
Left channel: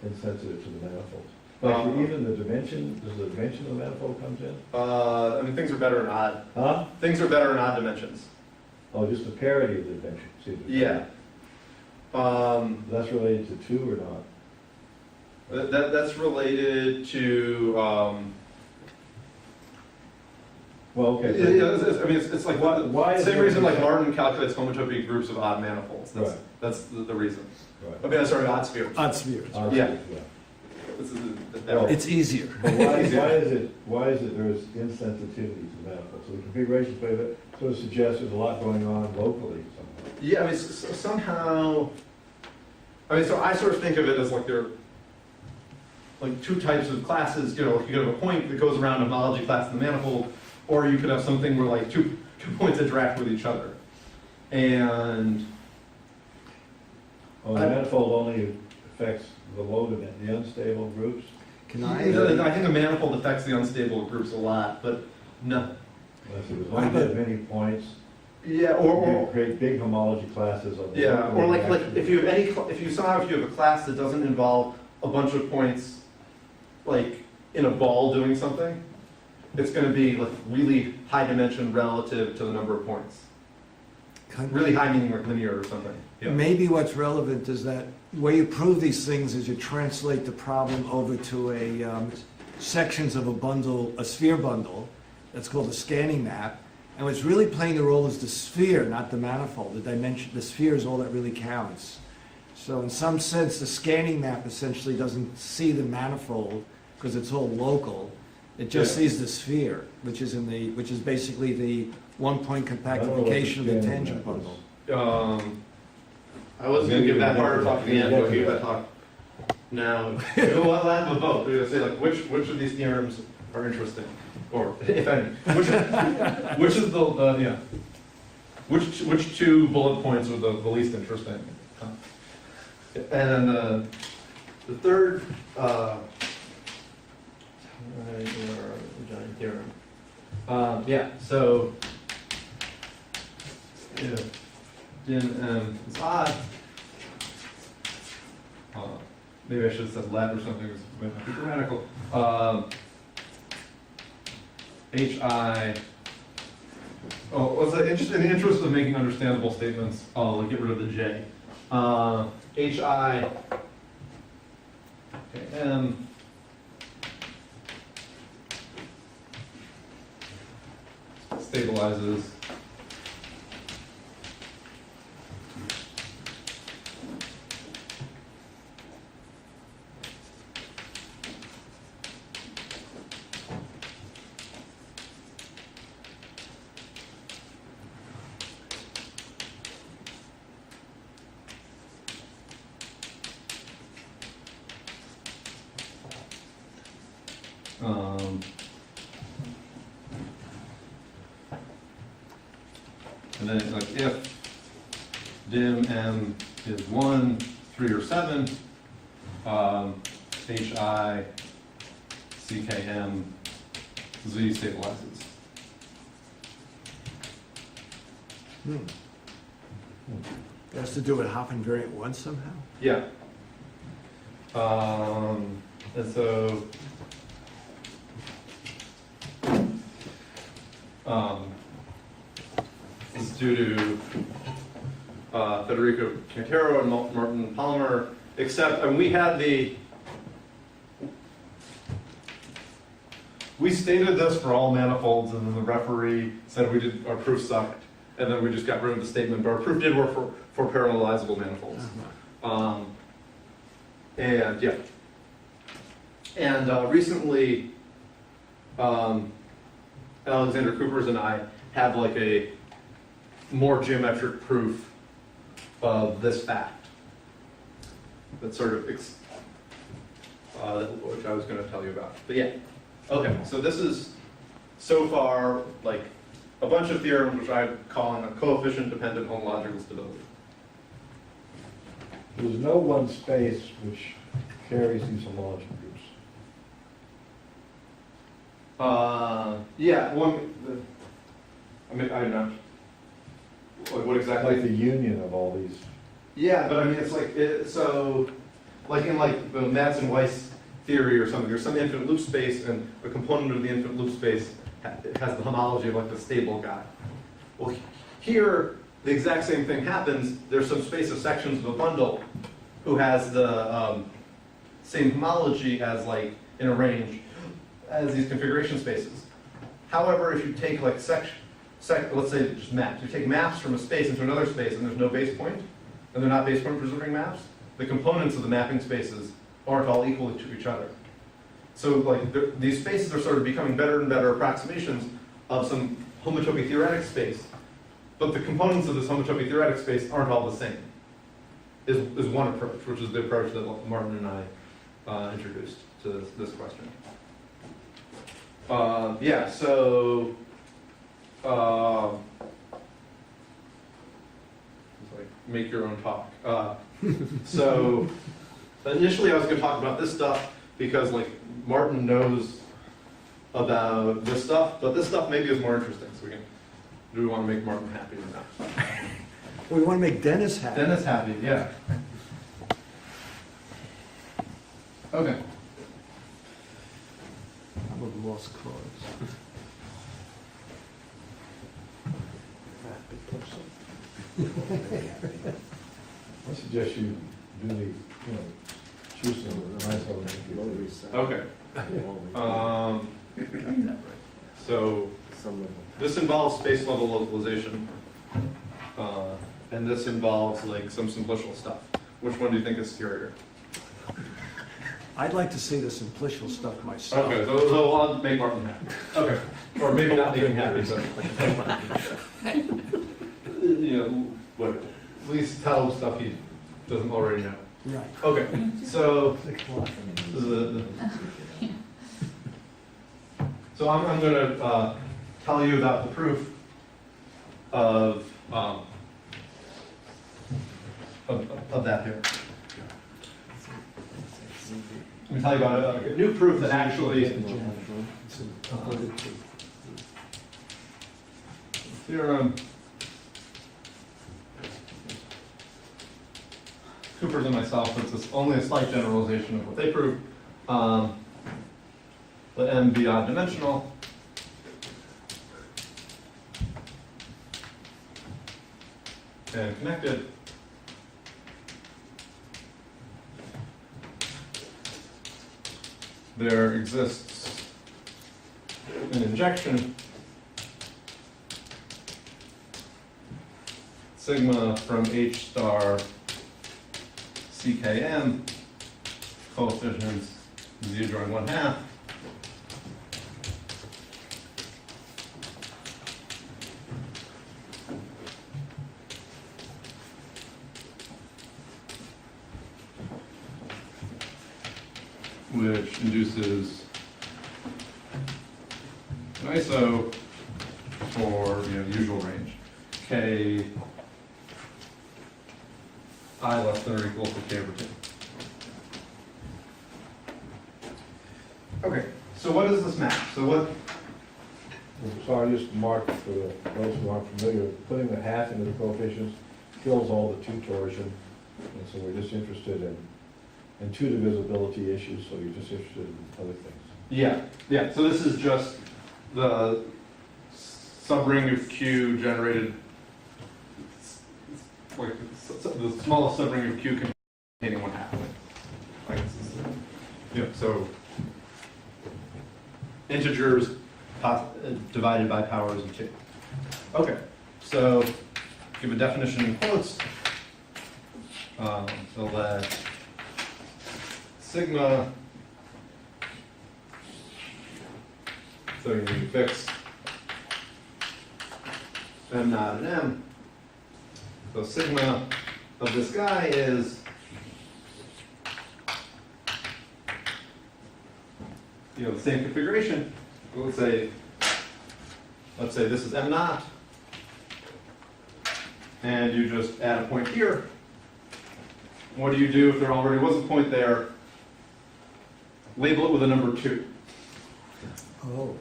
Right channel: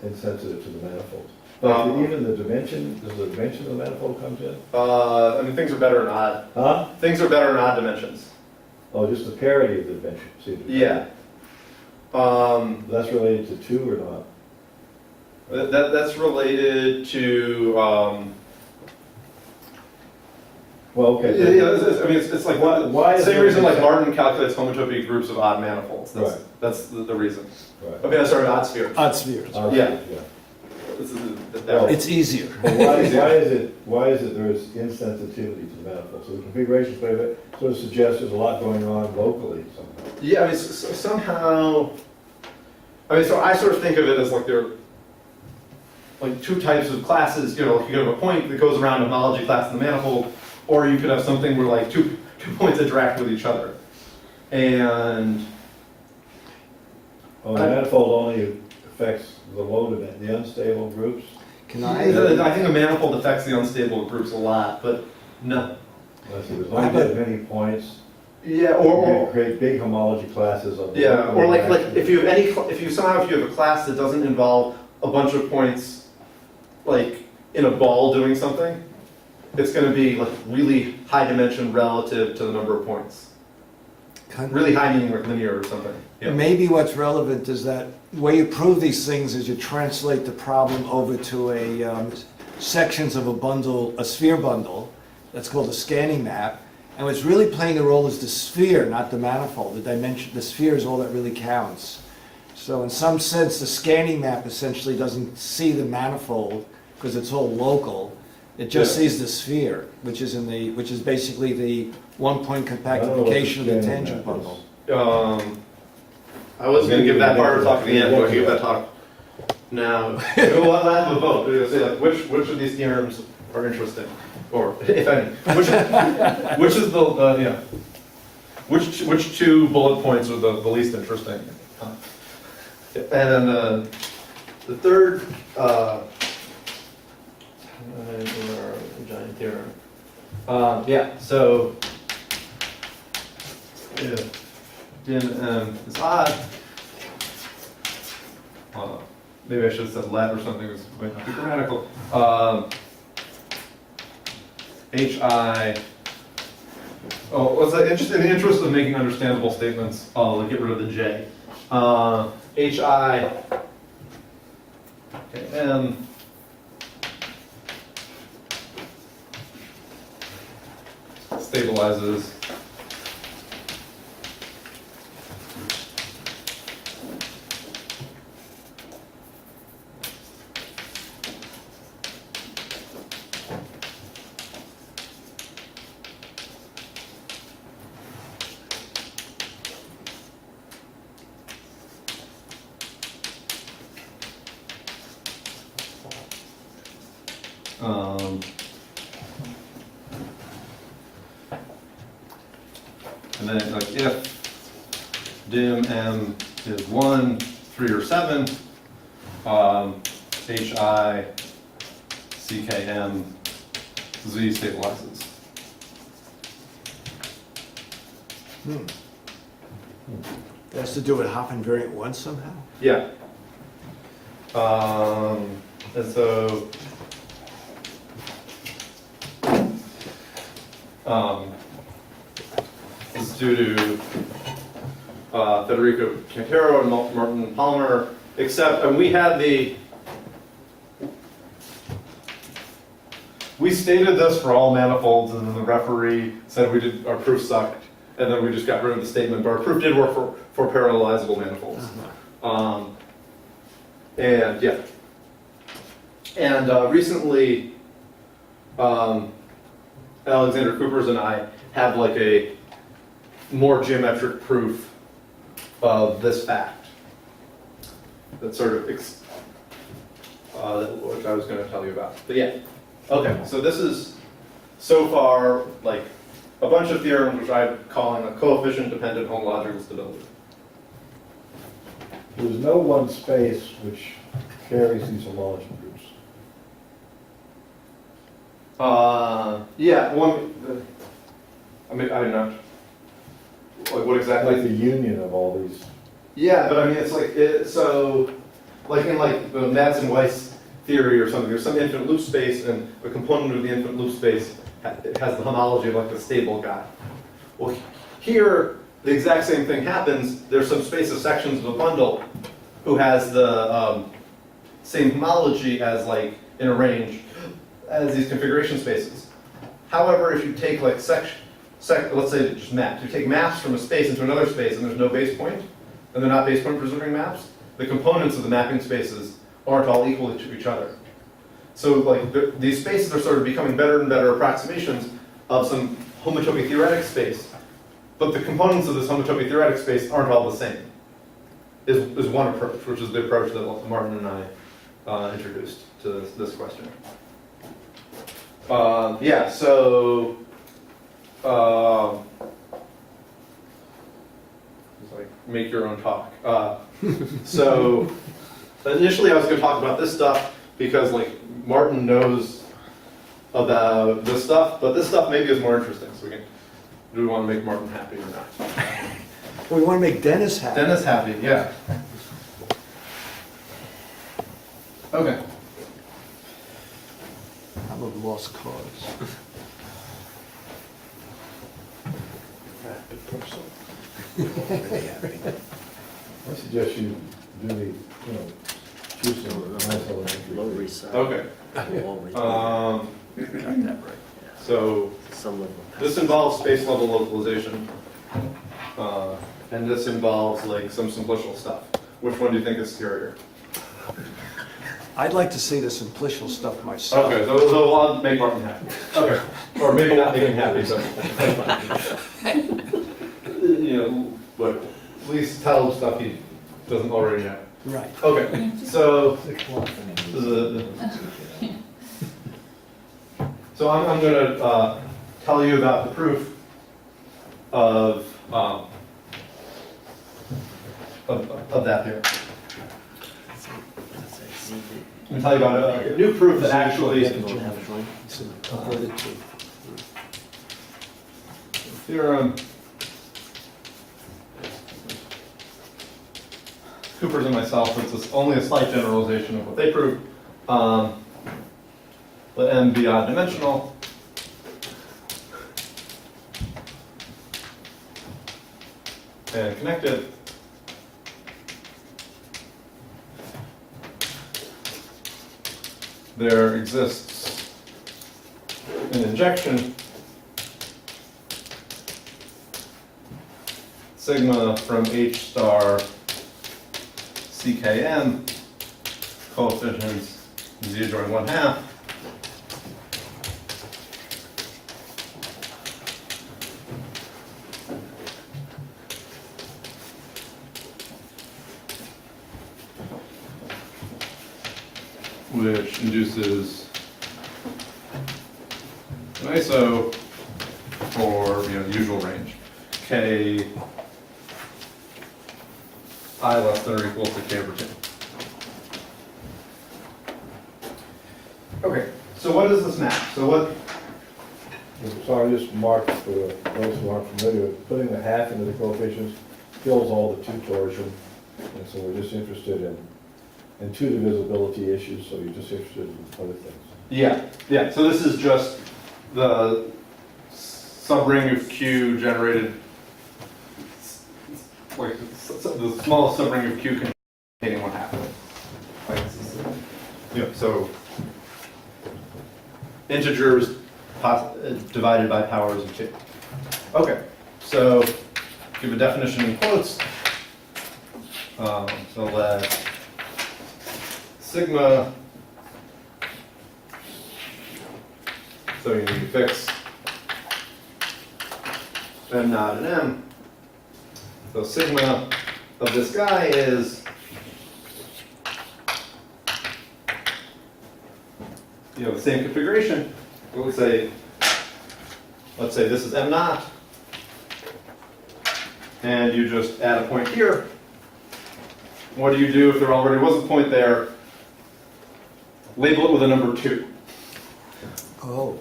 insensitive to the manifold? But even the dimension, does the dimension of the manifold comes in? I mean, things are better in odd. Huh? Things are better in odd dimensions. Oh, just the parity of the dimension, see? Yeah. That's related to 2 or not? That's related to, Well, okay. I mean, it's like, Why is same there reason like an Martin calculates homotopy groups of odd manifolds. Right. That's the reason. Right. I mean, sorry, odd spheres. Odd spheres. Yeah. Yeah. This is Well, It's easier. But why is it there is insensitivity to the manifold? So the configuration way that sort of suggests there's a lot going on locally somehow. Yeah, I mean, somehow, I mean, so I sort of think of it as like there are like 2 types of classes, you know, like you could have a point that goes around a homology class in the manifold, or you could have something where like two points interact with each other. And Oh, the manifold only affects the low dimension, the unstable groups? Can I think a manifold affects the unstable groups a lot, but no. Unless there's only that many points, Yeah, you or can create big homology classes of. yeah, or like if you have if you have a class that doesn't involve a bunch of points, like in a ball doing something, it's going to be like really high dimension relative to the number of points. Really high meaning like linear or something. Yeah. Maybe what's relevant is that the way you prove these things is you translate the problem over to a sections of a bundle, a sphere bundle, that's called a scanning map. And what's really playing a role is the sphere, not the manifold. The dimension, the sphere is all that really counts. So in some sense, the scanning map essentially doesn't see the manifold because it's all local. It just sees the sphere, which is basically the one-point compactification of the tangent bundle. I was going to give that part of the talk at the end, but I'll give that talk now. We'll have a vote. We're going to say like which of these theorems are interesting, or if any, which is the yeah, which 2 bullet points are the least interesting. And then the third. Giant theorem. Yeah, so if dim m is odd, maybe I should have said let or something, this might not be grammatical. Hi, in the interest of making understandable statements, I'll get rid of the j. Hi, okay, m stabilizes and then like if dim m is 1, 3, or 7, hi ckm z stabilizes. It has to do with hop invariant 1 somehow? Yeah. And so this is due to Federico Cantero and Martin Palmer, except, and we stated this for all manifolds, and then the referee said our proof sucked, and then we just got rid of the statement, but our proof did work for parallelizable manifolds. And yeah. And recently, Alexander Coopers and I have like a more geometric proof of this fact. That sort of, which I was going to tell you about. But yeah, okay, so this is so far like a bunch of theorems which I'm calling a coefficient-dependent homological stability. There's no one space which carries these homology groups. Yeah, I mean, I don't know. Like what exactly? Like the union of all these. Yeah, but I mean, it's like, so, like in like the Madsen-Weiss theory or something. There's some infinite loop space, and a component of the infinite loop space has the homology of like the stable guy. Well, here, the exact same thing happens. There's some space of sections of a bundle who has the same homology as like in a range as these configuration spaces. However, if you take like let's say just maps. You take maps from a space into another space and there's no base point, and they're not base point preserving maps, the components of the mapping spaces aren't all equal to each other. So like these spaces are sort of becoming better and better approximations of some homotopy theoretic space, but the components of this homotopy theoretic space aren't all the same, is one approach, which is the approach that Martin and I introduced to this question. Yeah, so it's like make your own talk. So initially I was going to talk about this stuff because like Martin knows about this stuff, but this stuff maybe is more interesting. So do we want to make Martin happy or not? Well, we want to make Dennis happy. Dennis happy, yeah. Okay. I'm a lost cause. I suggest you do the, choose some nice elementary. Okay. So this involves space level localization, and this involves like some simplicial stuff. Which one do you think is scarier? I'd like to see the simplicial stuff myself. Okay, so I'll make Martin happy. Okay, or maybe not make him happy, but but at least tell him stuff he doesn't already know. Right. Okay, so so I'm going to tell you about the proof of that theorem. Let me tell you about a new proof that actually theorem. Cooper's and myself, it's only a slight generalization of what they proved. Let M be odd dimensional. And connected. There exists an injection sigma from H star CKM, coefficients z join 1/2. Which induces an iso for the usual range, k I less than or equal to k over 2. Okay, so what is this map? So So I just marked for those who aren't familiar, putting the half into the coefficients kills all the two torsion. And so we're just interested in two divisibility issues, so you're just interested in other things. yeah. So this is just the subring of Q generated, like the smallest subring of Q containing 1/2. Like, so integers divided by powers of 2. Okay, so give a definition in quotes. So let sigma, so you fix M naught and M. So sigma of this guy is, the same configuration. Let's say this is M naught, and you just add a point here. What do you do if there already was a point there? Label it with a number 2. Oh.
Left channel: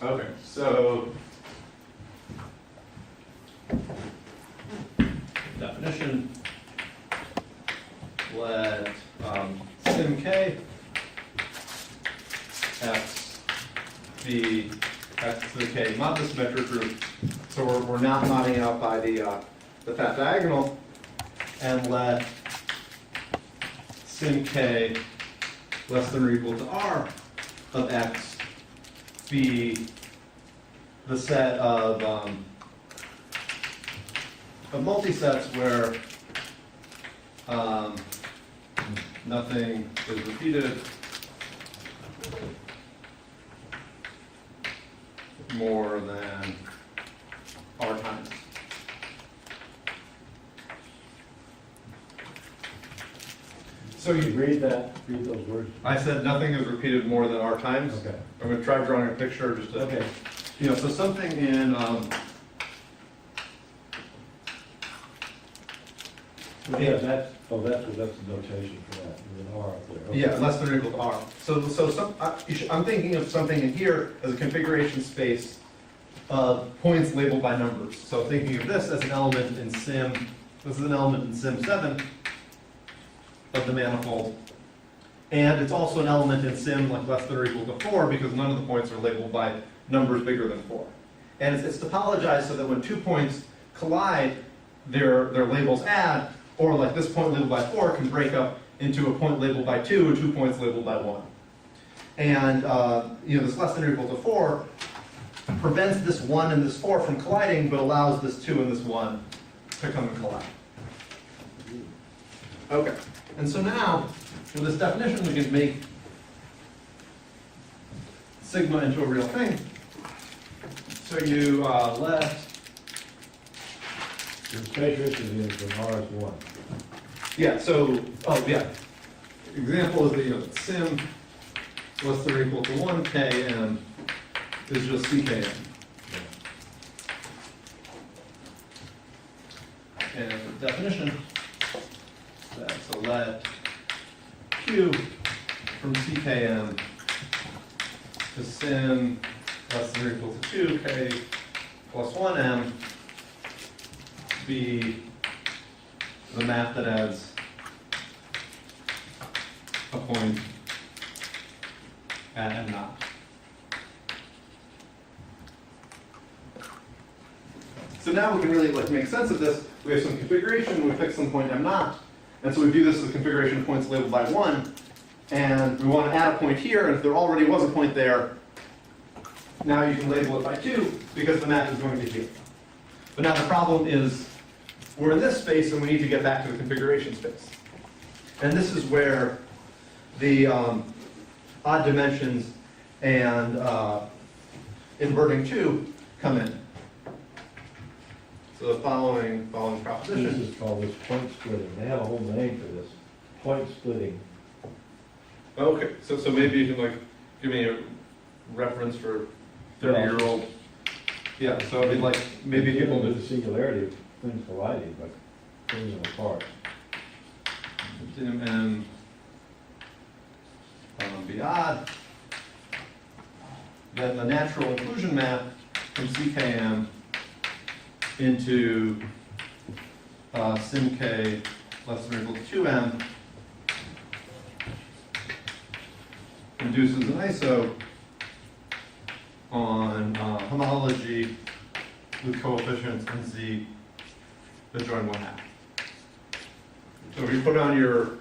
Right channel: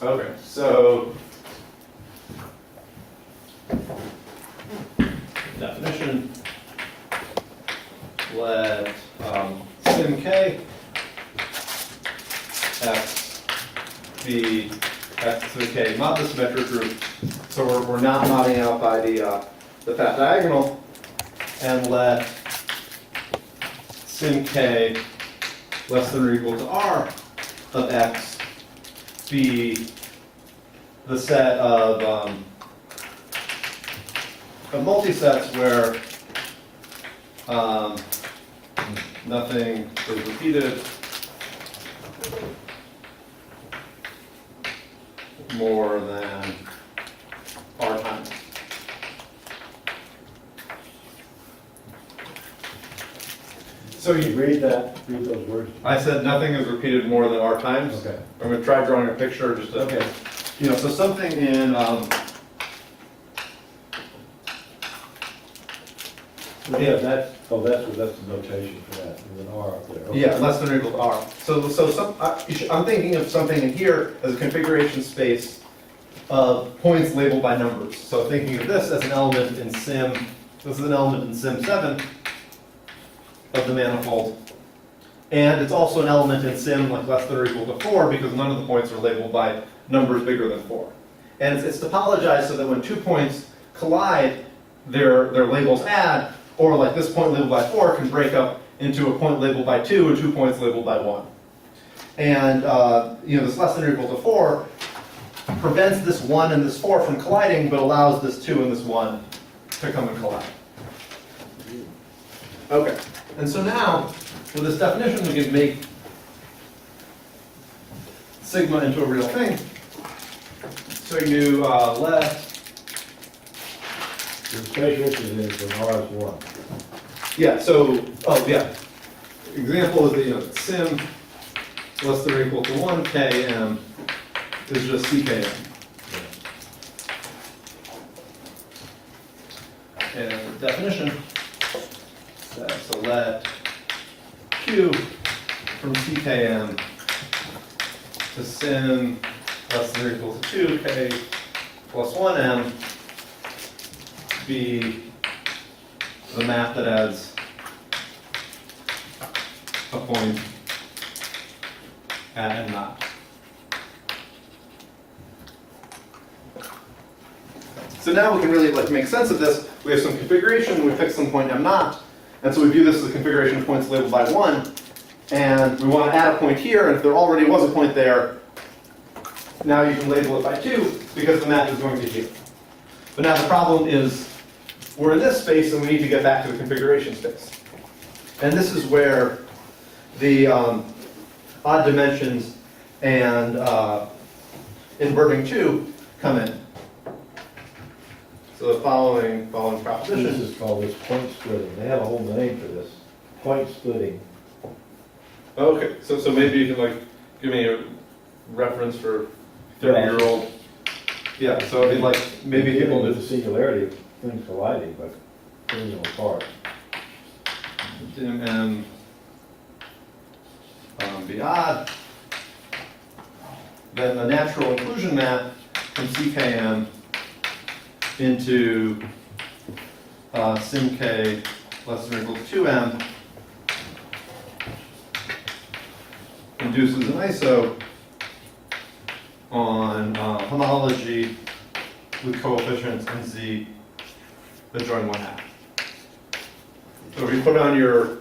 Okay, so definition, let sim k X be X to the K, mod the symmetric group. So we're not modding out by the fat diagonal, and let sim K less than or equal to R of X be the set of multisets where nothing is repeated more than R times. So you, read those words. I said nothing is repeated more than R times. Okay. I'm going to try drawing a picture just to, Okay. you know, so something in, Yeah, that's the notation for that, there's an R up there. Okay. yeah, less than or equal to R. So I'm thinking of something in here as a configuration space of points labeled by numbers. So thinking of this as an element in sim, this is an element in sim 7 of the manifold. And it's also an element in sim like less than or equal to 4 because none of the points are labeled by numbers bigger than 4. And it's topologized so that when 2 points collide, their labels add, or like this point labeled by 4 can break up into a point labeled by 2 and 2 points labeled by 1. And you know, this less than or equal to 4 prevents this 1 and this 4 from colliding, but allows this 2 and this 1 to come and collide. Okay, and so now, with this definition, we can make sigma into a real thing. So you let, The space is when R is 1. yeah, so, oh yeah. Example is that, you know, sim less than or equal to 1 km is just ckm. And the definition, so let q from ckm to sim less than or equal to 2k plus 1m be the map that adds a point at and not. So now we can really like make sense of this. We have some configuration, we fix some point m naught, and so we view this as a configuration of points labeled by 1, and we want to add a point here, and if there already was a point there, now you can label it by 2, because the map is going to here. But now the problem is, we're in this space, and we need to get back to the configuration space. And this is where the odd dimensions and inverting 2 come in. So the following This proposition. is called this point splitting, they have a whole name for this, point splitting. Okay, so maybe you can like give me a reference for 30-year-old. Yeah, so I mean like maybe people with would the singularity of things colliding, but pulling them apart. and be odd. Then the natural inclusion map from CKM into sim k less than or equal to 2m induces an iso on homology with coefficients in z that join 1/2. So if you put on your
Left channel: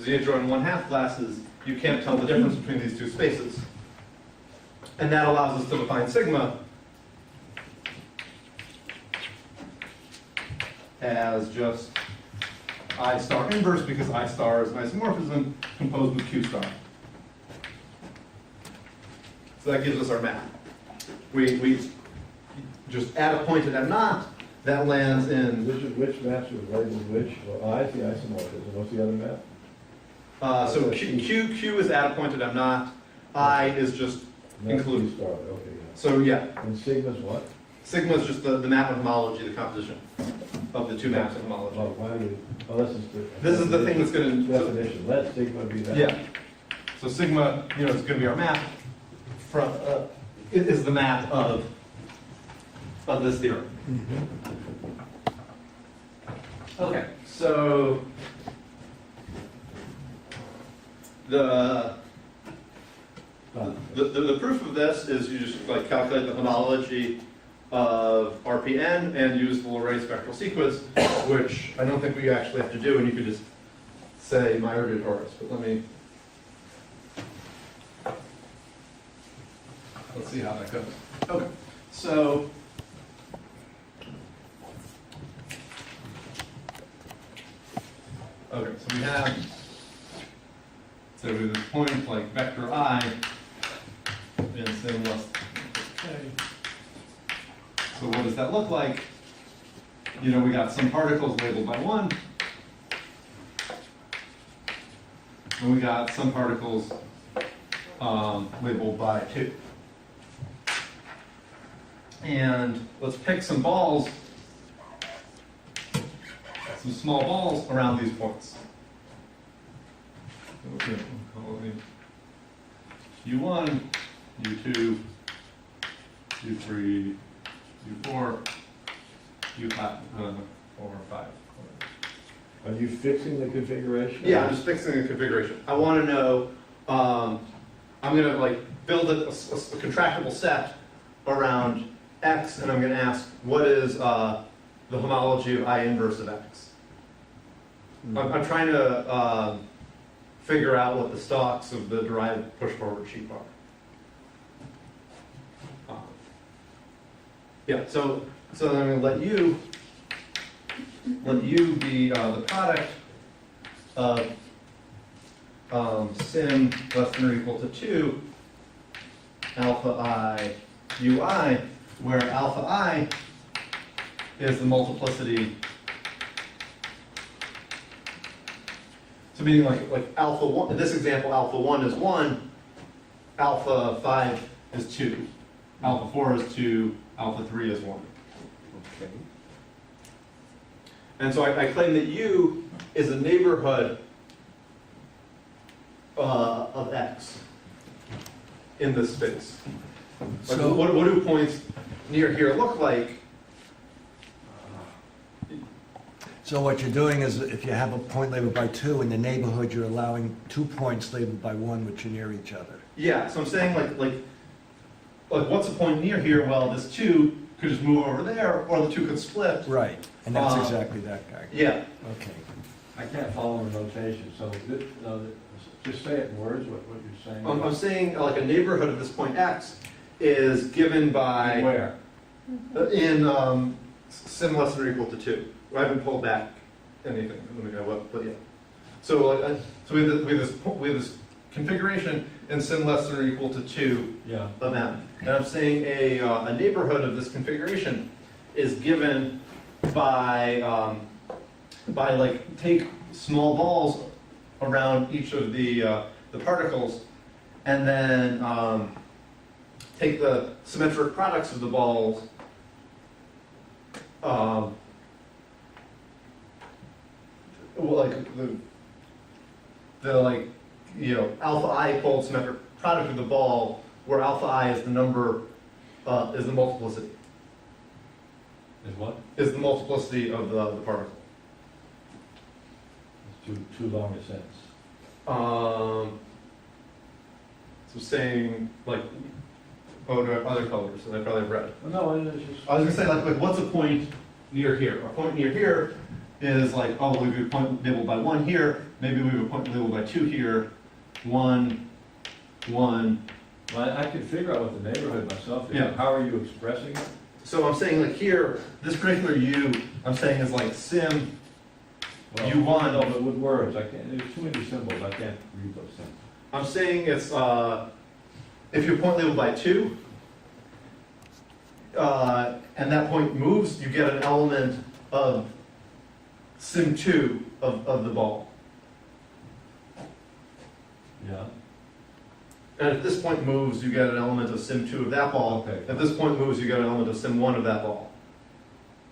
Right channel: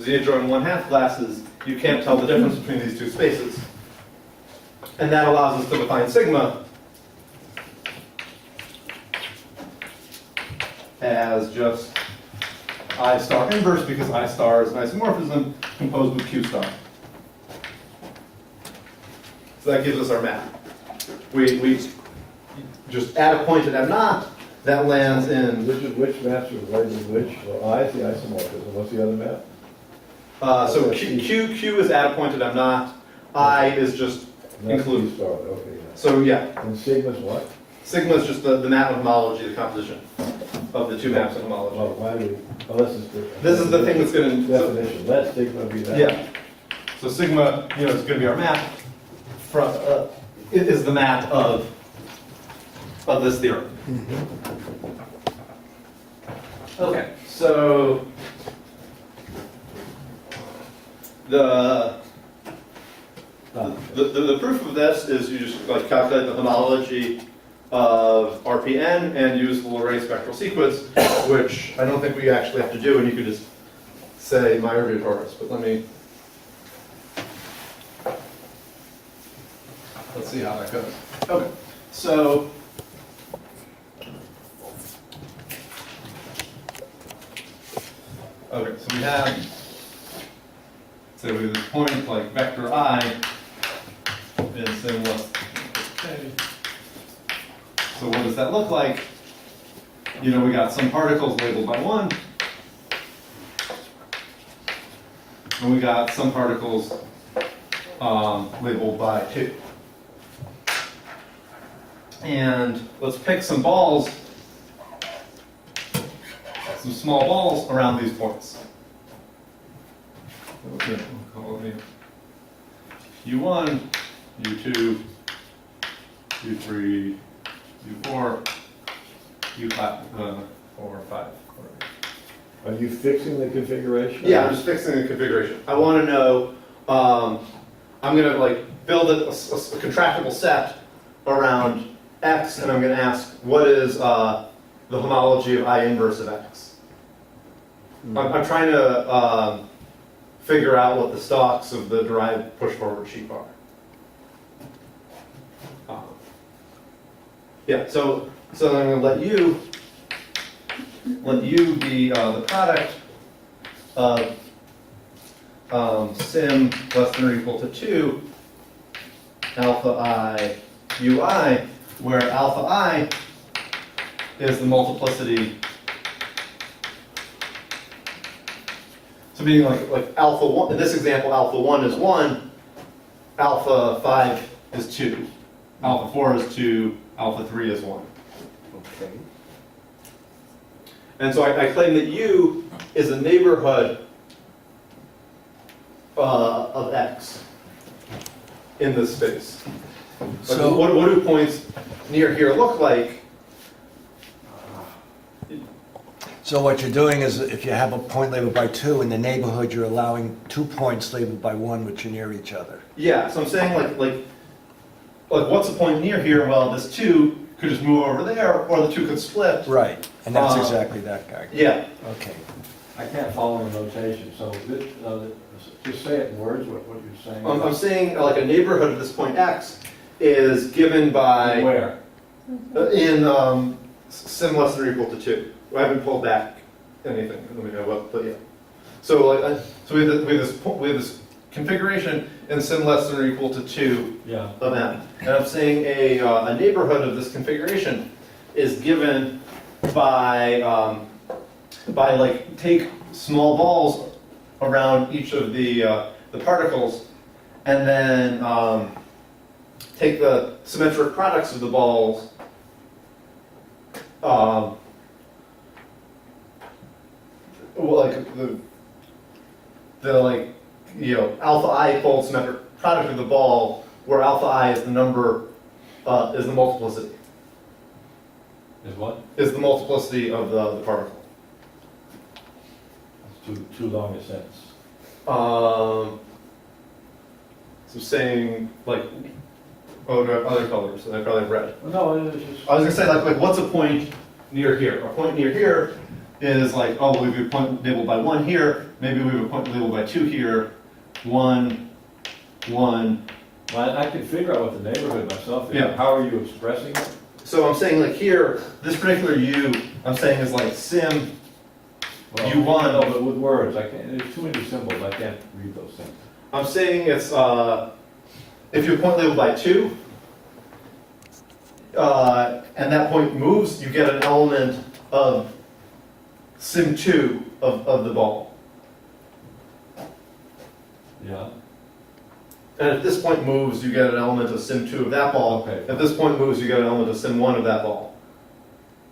z join 1/2 glasses, you can't tell the difference between these two spaces. And that allows us to define sigma as just I star inverse because I star is an isomorphism composed with Q star. So that gives us our map. We just add a point at M naught that lands in. This is which maps are related to which? Well, I is the isomorphism, what's the other map? So Q is at a point at M naught. I is just That's include. Q star, okay, yeah. So yeah, And sigma's what? sigma is just the map of homology, the composition of the two maps of homology. Well, why do we, oh, this is the. This is the thing that's going to. Definition, let sigma be that. Yeah. So sigma, you know, is going to be our map. From it is the map of this theorem. Okay, so the proof of this is you just like calculate the homology of RPN and use the Lorentz spectral sequence, which I don't think we actually have to do, and you could just say Meyer-Vietoris, but let's see how that goes. Okay, so we have, so we have this point like vector I in sim less than k. So what does that look like? You know, we got some particles labeled by 1, and we got some particles labeled by 2. And let's pick some balls, some small balls around these points. Okay, we'll call it U1, U2, U3, U4, U5, 4, 5. Are you fixing the configuration? Yeah, I'm just fixing the configuration. I want to know, I'm going to like build a contractible set around X, and I'm going to ask, what is the homology of I inverse of X? I'm trying to figure out what the stalks of the derived push-forward sheaf are. Yeah, so I'm going to let you be the product of sim less than or equal to 2 alpha I ui, where alpha I is the multiplicity. So meaning like alpha 1, in this example, alpha 1 is 1, alpha 5 is 2, alpha 4 is 2, alpha 3 is 1. Okay. And so I claim that U is a neighborhood of X in this space. Like So- what do points near here look like? So what you're doing is, if you have a point labeled by 2 in the neighborhood, you're allowing 2 points labeled by 1 which are near each other. Yeah, so I'm saying like what's a point near here? Well, this 2 could just move over there, or the 2 could split. Right, and that's exactly that guy. Yeah. Okay. I can't follow the notation, so just say it in words, what you're saying. I'm saying like a neighborhood of this point X is given by Where? in sim less than or equal to 2. I haven't pulled back anything. Let me know what, but yeah. So like so we have this configuration in sim less than or equal to 2 Yeah. of M, and I'm saying a neighborhood of this configuration is given by like take small balls around each of the particles, and then take the symmetric products of the balls. Like the like, you know, alpha I fold symmetric product of the ball, where alpha I is the number, is the multiplicity. Is what? Is the multiplicity of the particle. That's too long a sentence. So saying like, oh, there are other colors, and I probably have red. No, it's just. I was gonna say like what's a point near here? A point near here is like, oh, we have a point labeled by 1 here. Maybe we have a point labeled by 2 here. 1, 1. Well, I can figure out what the neighborhood myself is. Yeah. How are you expressing it? So I'm saying like here, this particular U, I'm saying is like sim Well, U1. No, but with words, I can't, there's too many symbols, I can't read those things. I'm saying it's, if you have a point labeled by 2, and that point moves, you get an element of sim 2 of the ball. Yeah. And if this point moves, you get an element of sim 2 of that ball. Okay. If this point moves, you get an element of sim 1 of that ball.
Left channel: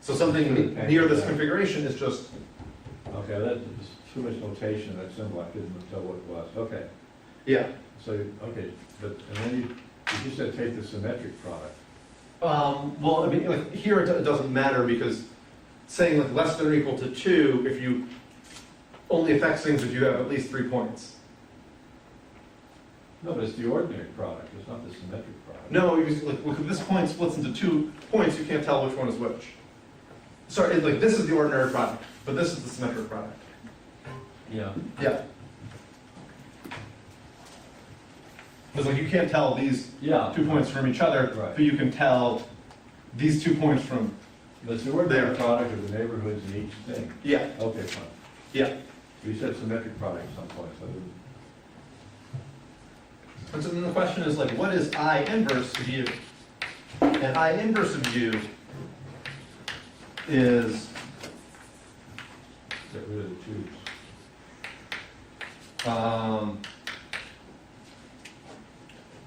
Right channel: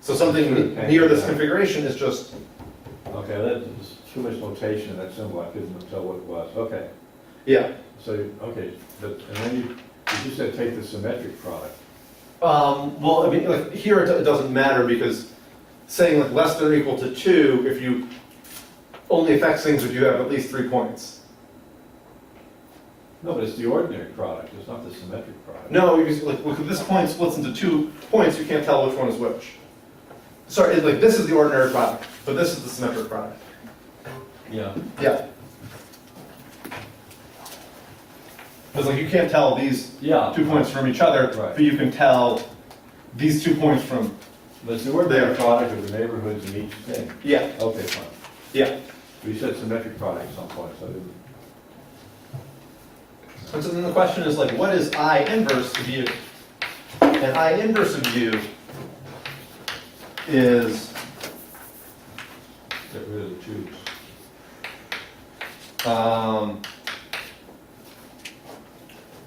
So something Okay. near this Yeah. configuration is just, Okay, that's too much notation in that symbol, I couldn't tell what it was. Okay, yeah. so, okay, but, and then you just said take the symmetric product. Well, I mean, like here it doesn't matter, because saying like less than or equal to 2, if you only affects things if you have at least 3 points. No, but it's the ordinary product, it's not the symmetric product. No, because like, look, this point splits into 2 points, you can't tell which one is which. Sorry, like this is the ordinary product, but this is the symmetric product. Yeah. Yeah. Because like you can't tell these Yeah. 2 points from each other, Right. but you can tell these 2 points from, But it's the ordinary There. product of the neighborhoods in each thing. yeah, Okay, fine. yeah. We said symmetric product at some point, so I didn't. And so then the question is like, what is I inverse of U? And I inverse of U is, Get rid of the tubes.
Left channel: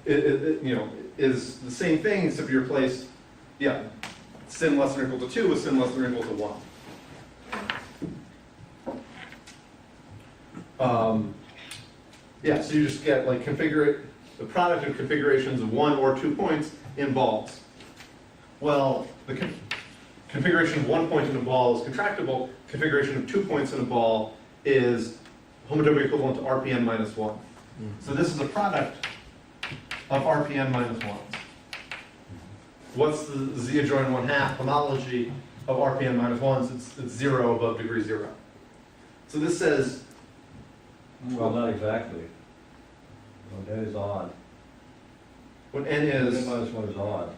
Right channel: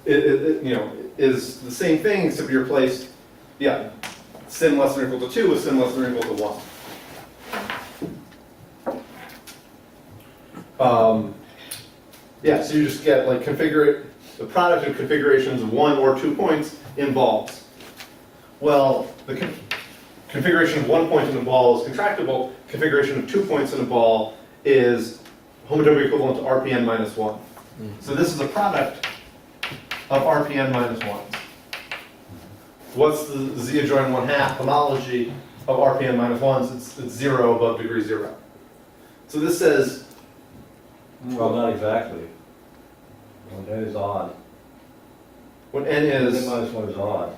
you know, is the same thing except you're placed, yeah, sin less than or equal to 2 with sin less than or equal to 1. Yeah, so you just get like the product of configurations of 1 or 2 points in balls. Well, the configuration of 1 point in a ball is contractible. Configuration of 2 points in a ball is homotopy equivalent to RPN minus 1. So this is a product of RPN minus 1. What's the Z adjoin 1/2 homology of RPN minus 1s? It's 0 above degree 0. So this says, Well, not exactly. Well, that is odd. when n is, N minus one is odd.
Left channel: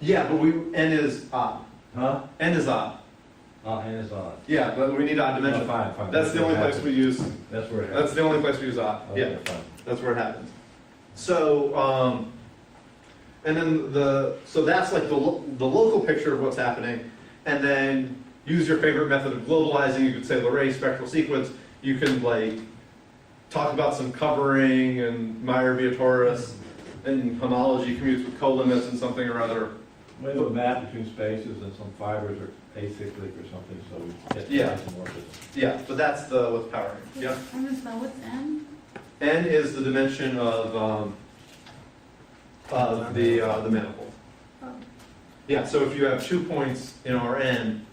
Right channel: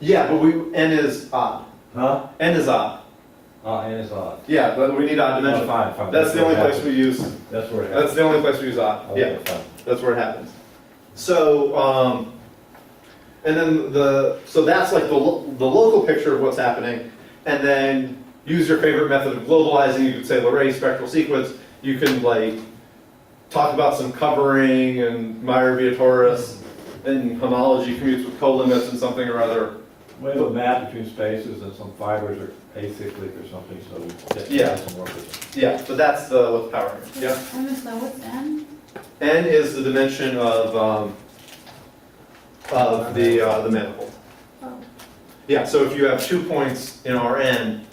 yeah, but n is odd. Huh? N is odd. N is odd. Yeah, but we need odd dimension. Oh, fine, fine. That's the only place we use, That's where it that's happens. the only place we use odd. Okay, Yeah, fine. that's where it happens. So, and then so that's like the local picture of what's happening, and then use your favorite method of globalizing. You could say Leray spectral sequence. You can like talk about some covering and Meyer-Vietoris, and homology commutes with colimits and something or other. We have a map between spaces and some fibers are acyclic or something, so we get Yeah. isomorphism. Yeah, but that's what's powering it. Yeah. I missed that, what's N? N is the dimension of the manifold. Oh, Yeah, so if you have 2 points in Rn,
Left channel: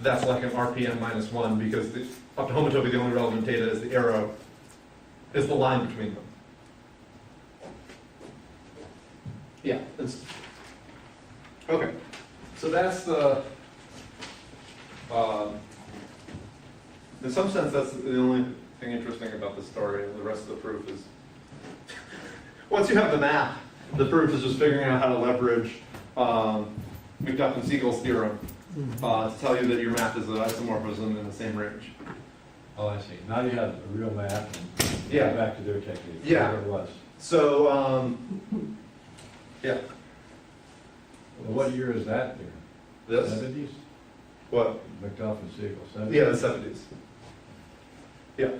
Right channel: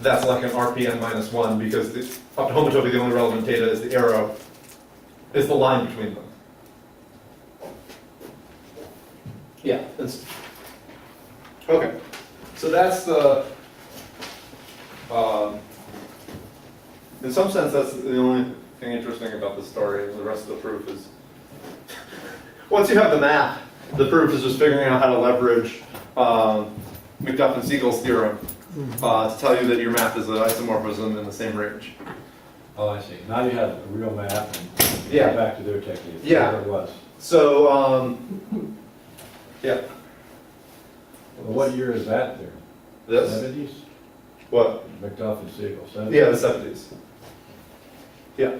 that's like an RPN minus 1 because up to homotopy the only relevant data is the arrow, is the line between them. Yeah, okay. So that's in some sense, that's the only thing interesting about the story. The rest of the proof is, once you have the map, the proof is just figuring out how to leverage McDuff-Siegel's theorem to tell you that your map is an isomorphism in the same range. Oh, I see. Now you have a real map and Yeah. go back to their technique. Yeah. Whatever it was. So, yeah, Well, what year is that there? this, 70s? what? McDuff and Siegel, 70s? Yeah, the 70s. Yeah.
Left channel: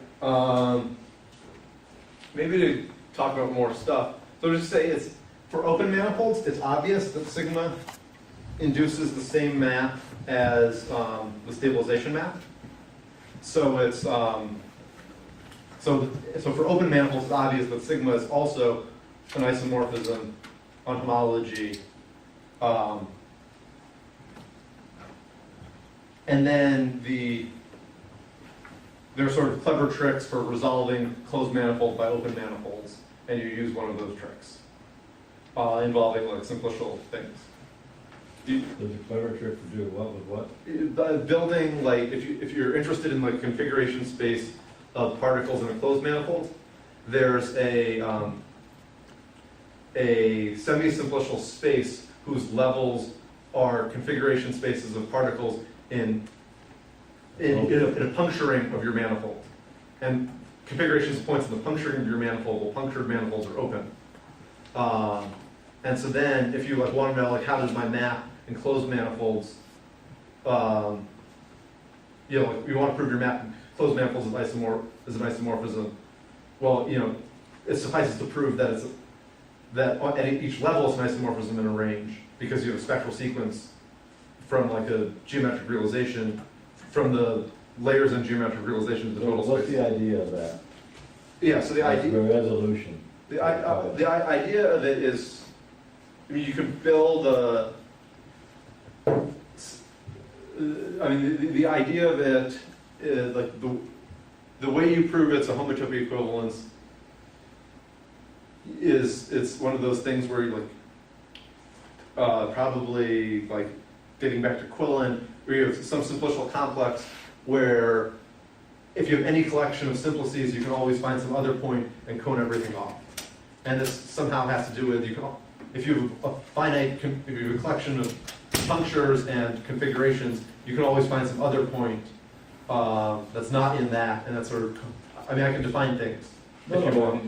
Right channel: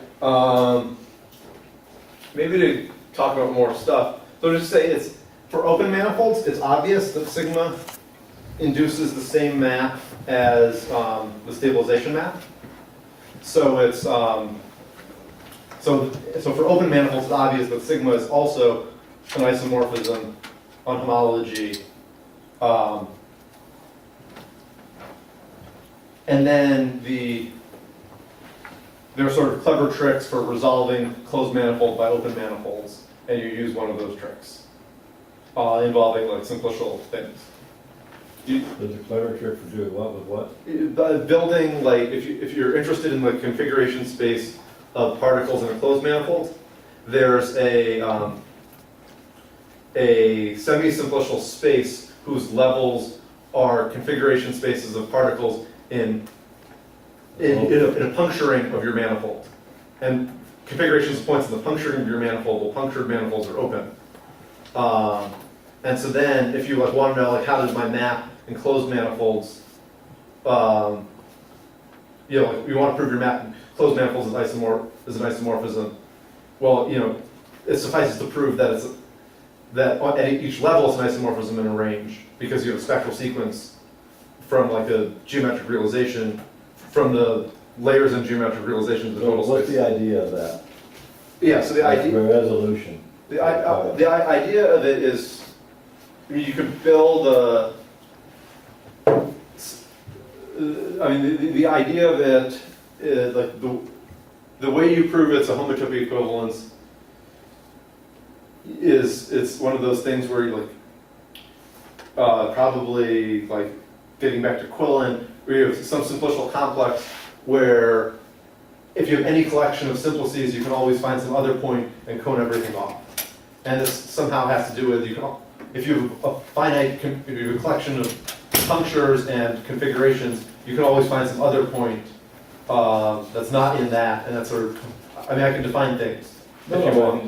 Maybe to talk about more stuff. So just say it's, for open manifolds, it's obvious that sigma induces the same map as the stabilization map. So it's, so for open manifolds, it's obvious that sigma is also an isomorphism on homology. And then there are sort of clever tricks for resolving closed manifold by open manifolds, and you use one of those tricks involving like simplicial things. There's a clever trick for doing what with what? Building, like, if you're interested in the configuration space of particles in a closed manifold, there's a semi-simplicial space whose levels are configuration spaces of particles in a puncturing of your manifold. And configurations of points in the puncturing of your manifold, well, punctured manifolds are open. And so then, if you like want to know, like, how does my map in closed manifolds, like, you want to prove your map in closed manifolds is an isomorphism. Well, it suffices to prove that that at each level it's an isomorphism in a range, because you have a spectral sequence from like a geometric realization, from the layers in geometric realization to the total What's space. the idea of that? Yeah, so the idea. The resolution. The idea of it is, I mean, you could build a. The idea of it is like the way you prove it's a homotopy equivalence it's one of those things where you like, probably like getting back to Quillen, where you have some simplicial complex where if you have any collection of simplices, you can always find some other point and cone everything off. And this somehow has to do with, if you have a finite, if you have a collection of punctures and configurations, you can always find some other point that's not in that, and that's sort of, I mean, I can define things if you want.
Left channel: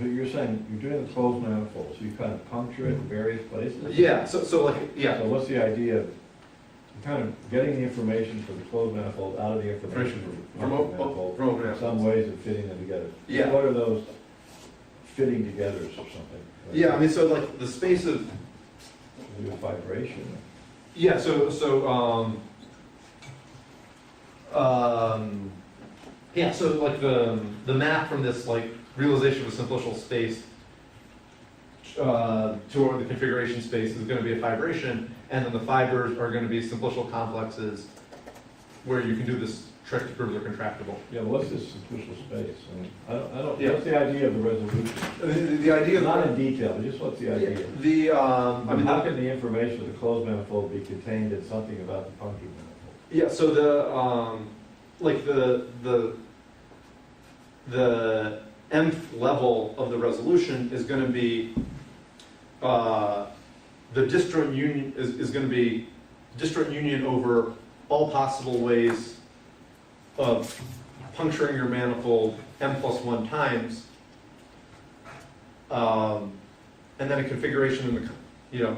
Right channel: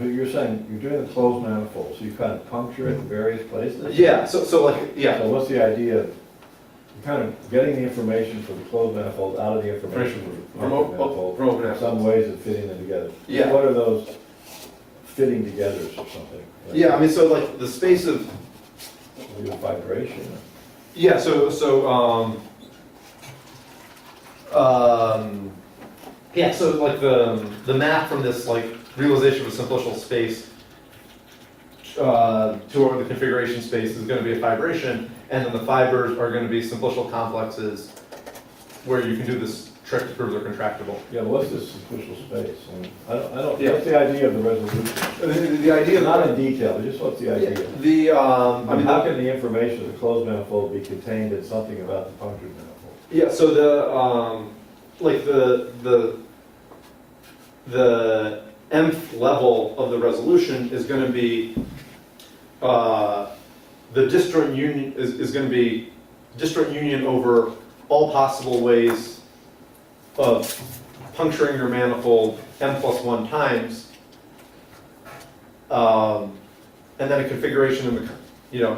You're saying, you're doing a closed manifold, so you kind of puncture it in various places? Yeah, so like, yeah. So what's the idea of kind of getting the information for the closed manifold out of the information for the open manifold? From open Some manifolds. ways of fitting them together. Yeah. What are those fitting togethers or something? Like Yeah, I mean, so like the space of, with vibration. yeah, yeah, so like the map from this like realization of a simplicial space to the configuration space is going to be a fibration, and then the fibers are going to be simplicial complexes where you can do this trick to prove they're contractible. Yeah, what's this simplicial space? I don't, Yeah. what's the idea of the resolution? The idea of Not in detail, but just what's the idea? I mean, how can the information of the closed manifold be contained in something about the punctured manifold? yeah, so like the nth level of the resolution is going to be the disjoint union is going to be disjoint union over all possible ways of puncturing your manifold m+1 times, and then a configuration in the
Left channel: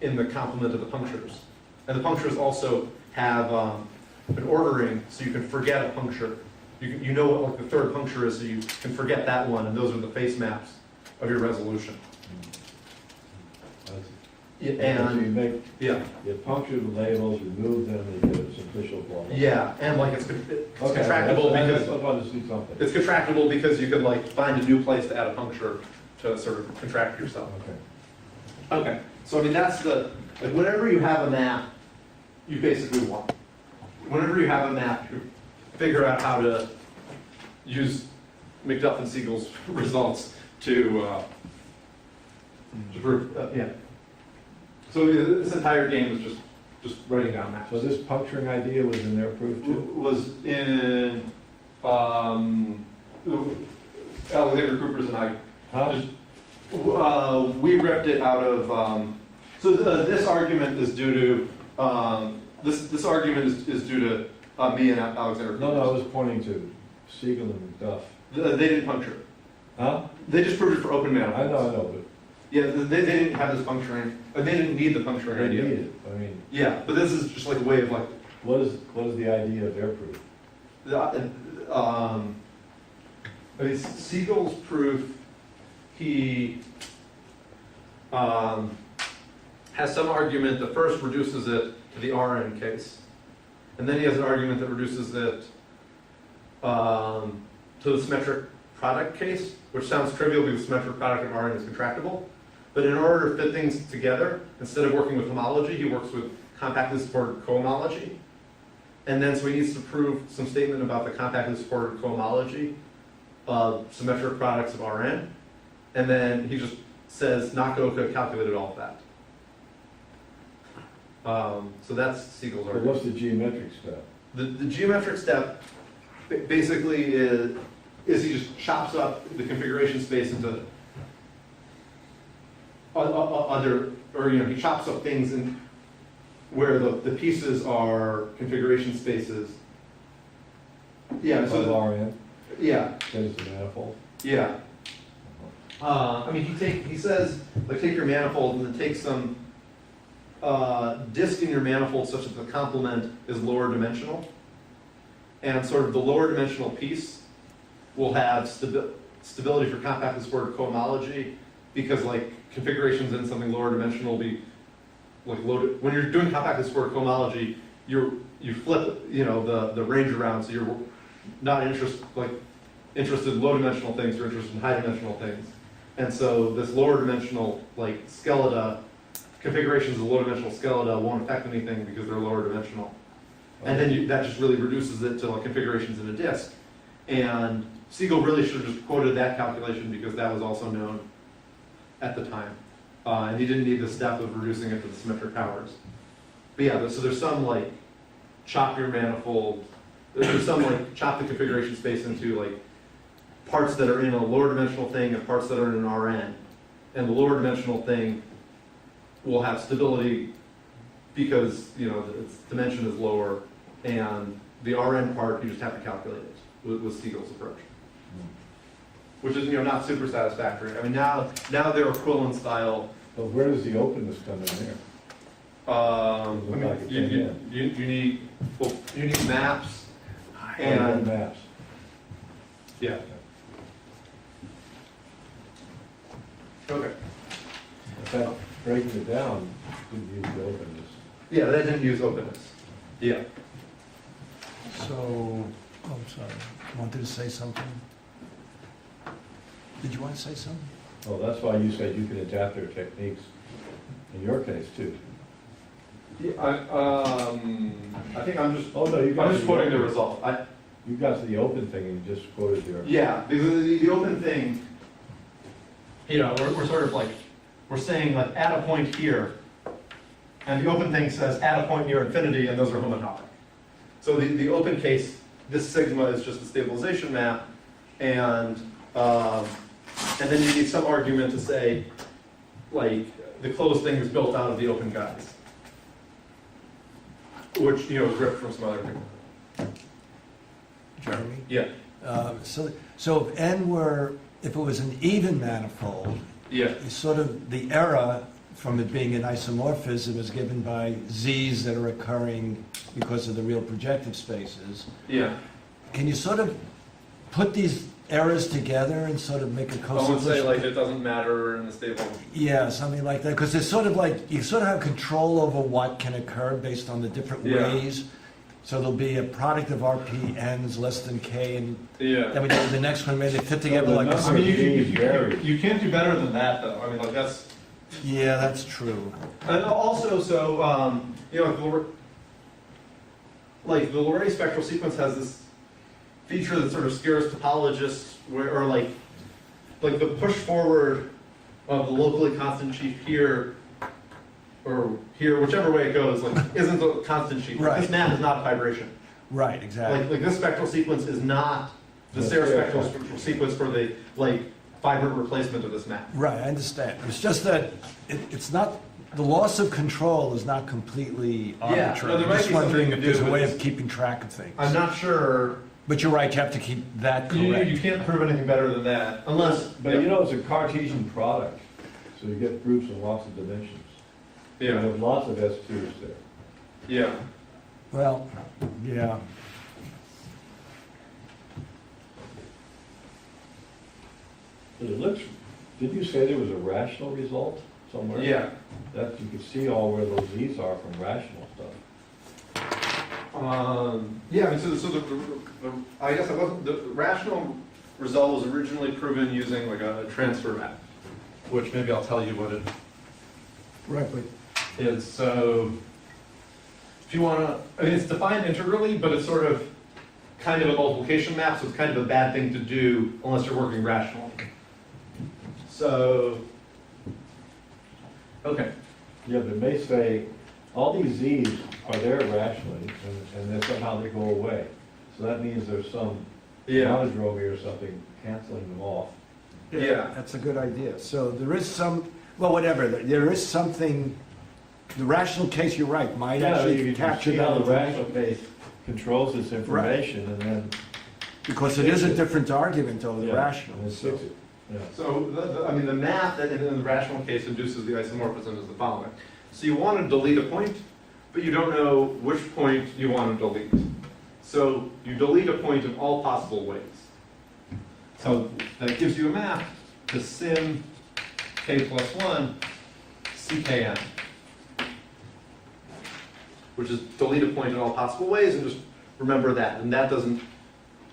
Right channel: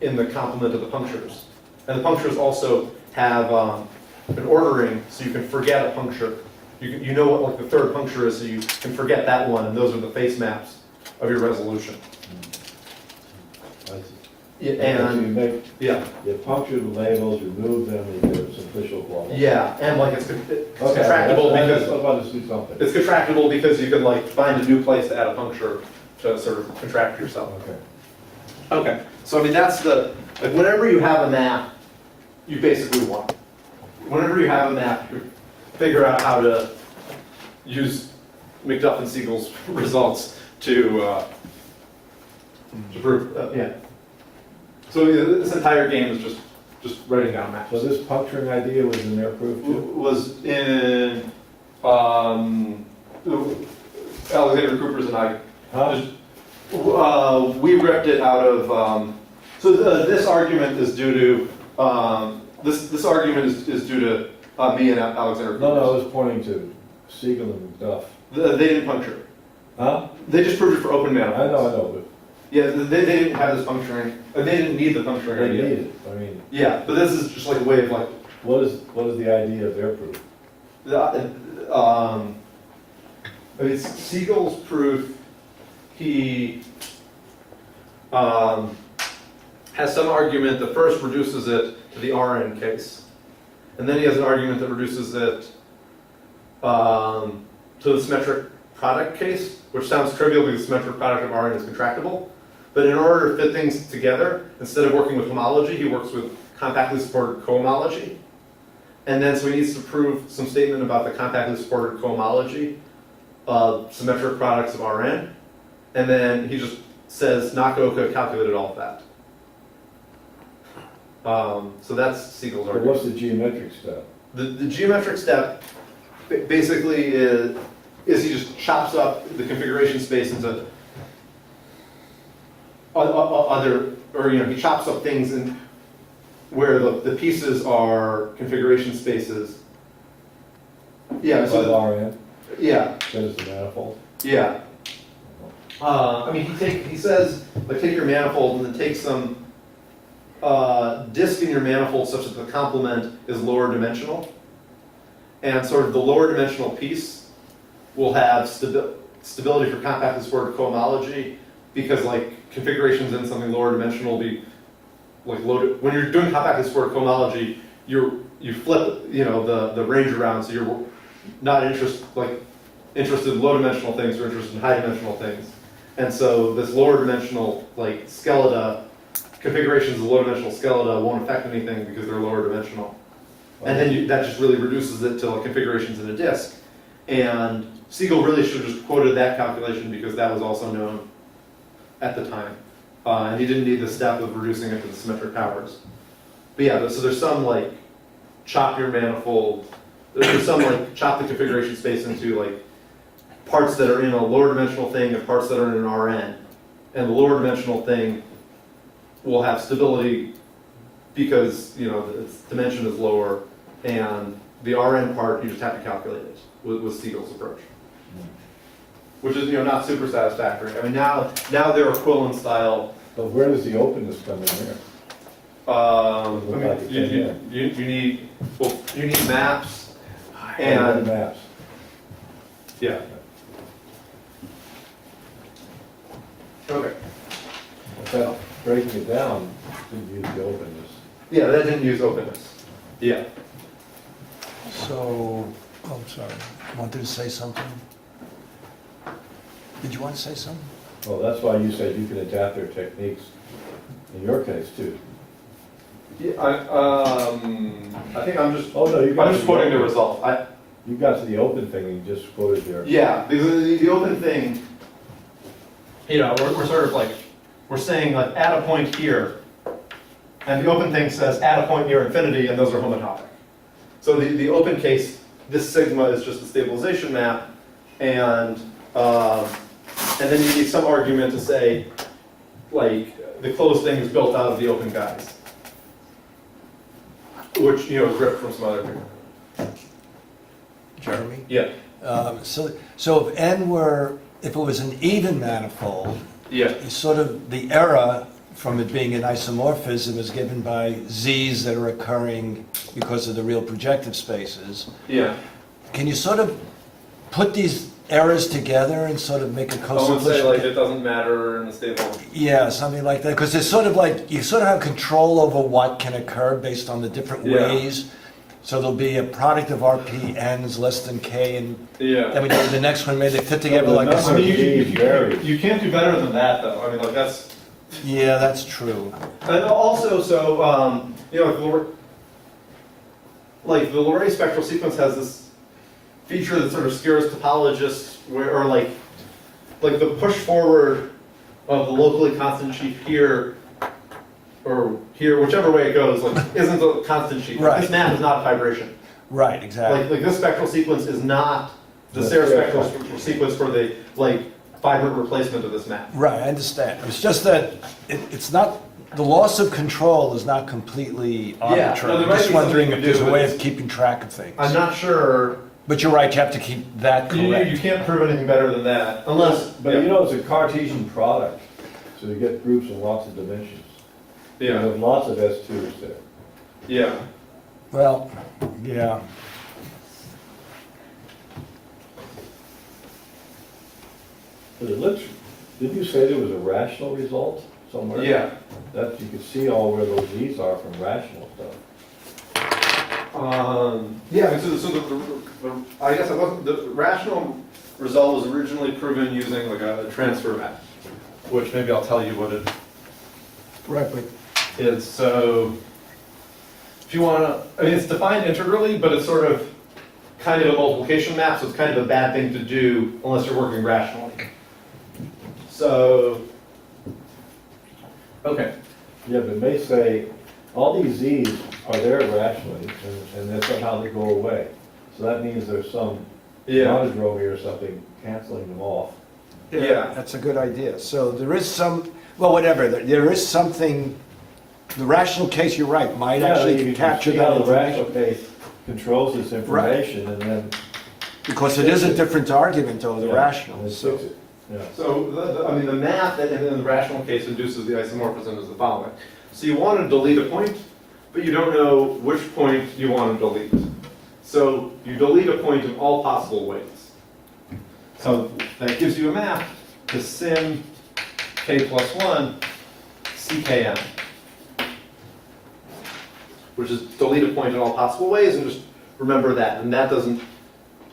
in the complement of the punctures. And the punctures also have an ordering, so you can forget a puncture. You know what like the third puncture is, so you can forget that one, and those are the face maps of your resolution. I see. Yeah, So you and make, yeah, you puncture the labels, remove them, you get a simplicial blah. yeah, and like it's Okay, contractible that's- because I want to see something. it's contractible because you can like find a new place to add a puncture to sort of contract yourself. Okay. Okay, so I mean that's the like whenever you have a map, you basically won. Whenever you have a map, you figure out how to use McDuff-and-Siegel's results to prove. Yeah. So this entire game is just writing down maps. So this puncturing idea was in their proof too? Was in Alexander Cooper's and I. Huh? We ripped it out of. This argument is due to this argument is due to me and Alexander Cooper. No, I was pointing to Siegel and McDuff. They didn't puncture it. Huh? They just proved it for open I manifolds. know, Yeah, they didn't have this puncturing. They didn't need the but puncturing they idea. need it. I mean, Yeah, but this is just like a way of like. what is the idea of their proof? I mean, Siegel's proof, he has some argument that first reduces it to the Rn case, and then he has an argument that reduces it to the symmetric product case, which sounds trivial because the symmetric product of Rn is contractible. But in order to fit things together, instead of working with homology, he works with compactly supported cohomology. And then so he needs to prove some statement about the compactly supported cohomology of symmetric products of Rn. And then he just says Nakaoka calculated all of that. So that's Siegel's But argument. what's the geometric step? The geometric step basically is he just chops up the configuration space into other, or he chops up things in where the pieces are configuration spaces. Yeah, so Above Rn, yeah, that is the manifold. yeah. I mean, he says like take your manifold and then take some disk in your manifold such that the complement is lower dimensional, and sort of the lower dimensional piece will have stability for compactly supported cohomology, because like configurations in something lower dimensional will be like loaded. When you're doing compactly supported cohomology, you flip the range around, so you're not interested in low dimensional things, you're interested in high dimensional things. And so this lower dimensional like skeleta configurations of low dimensional skeleta won't affect anything because they're lower dimensional. And then that just really reduces it to like configurations in a disk. And Siegel really should have just quoted that calculation because that was also known at the time. And he didn't need the step of reducing it to the symmetric powers. But yeah, so there's some like chop your manifold, there's some like chop the configuration space into like parts that are in a lower dimensional thing and parts that are in an Rn. And the lower dimensional thing will have stability because, you know, its dimension is lower, and the Rn part, you just have to calculate it with Siegel's approach. Which is, you know, not super satisfactory. I mean, now they're equivalent style. But where does the openness come in there? I Look mean, like it came you need, well, you need maps, And and, maps. yeah. Okay. But that, breaking it down, didn't use the openness. Yeah, that didn't use openness. Yeah. So, I'm sorry, wanted to say something? Did you want to say something? Well, that's why you said you can adapt their techniques in your case too. Yeah, I think I'm just, Oh, no, you got I'm just quoting the open- result. You got to the open thing and you just quoted their. Yeah, the open thing, you know, we're sort of like, we're saying like at a point here, and the open thing says at a point near infinity, and those are homotopic. So the open case, this sigma is just a stabilization map, and then you need some argument to say, like, the closed thing is built out of the open guys, which, you know, is ripped from some other paper. Jeremy? Yeah, So if n were, if it was an even manifold, yeah, sort of the error from it being an isomorphism is given by z's that are occurring because of the real projective spaces. yeah. Can you sort of put these errors together and sort of make a I would say co-solution? like it doesn't matter in the stable. Yeah, something like that, because it's sort of like, you sort of have control over what can occur based on the different Yeah. ways. So there'll be a product of RPNs less than K, and Yeah. then we go to the next one, maybe they fit together the like number I mean, this. you can't do better than that, though. I mean, like that's. Yeah, that's true. And also, so you know, like the Leray spectral sequence has this feature that sort of scares topologists, or like the push forward of the locally constant sheaf here, or here, whichever way it goes, like isn't a constant sheaf. Like, this Right. map is not a vibration. Right, exactly. Like this spectral sequence is not the The Serre spectral. spectral sequence for the like vibrant replacement of this map. Right, I understand. It's just that it's not, the loss of control is not completely Yeah, arbitrary. no, there might Just be something wondering you if can do, there's a but way it's- of keeping track of things. I'm not sure. But you're right, you have to keep that correct. You can't prove anything better than that, unless. But you know, it's a Cartesian product, so you get groups of lots of dimensions. You Yeah, have lots of S2s there. yeah. Well, yeah. But it looks, did you say there was a rational result somewhere? Yeah. That you could see all where those Z's are from rational stuff. Yeah, I mean, so the I guess it wasn't, the rational result was originally proven using like a transfer map, which maybe I'll tell you what it Right, but is. So if you want to, I mean, it's defined integrally, but it's sort of kind of a multiplication map, so it's kind of a bad thing to do unless you're working rationally. So, okay. Yeah, but it may say, all these Z's are there rationally, and then somehow they go away. So that means there's some monodromy or something canceling them off. Yeah. that's a good idea. So there is some, well, whatever, there is something, the rational case, you're right, might Yeah, actually you can capture see how that the rational case controls this information, and then because it is a different argument over the yeah, rational. and it fix it. Yeah. So, I mean, the map that in the rational case induces the isomorphism is the following. So you want to delete a point, but you don't know which point you want to delete. So you delete a point in all possible ways. So that gives you a map to sim k+1 ckm, which is delete a point in all possible ways, and just remember that. And that doesn't,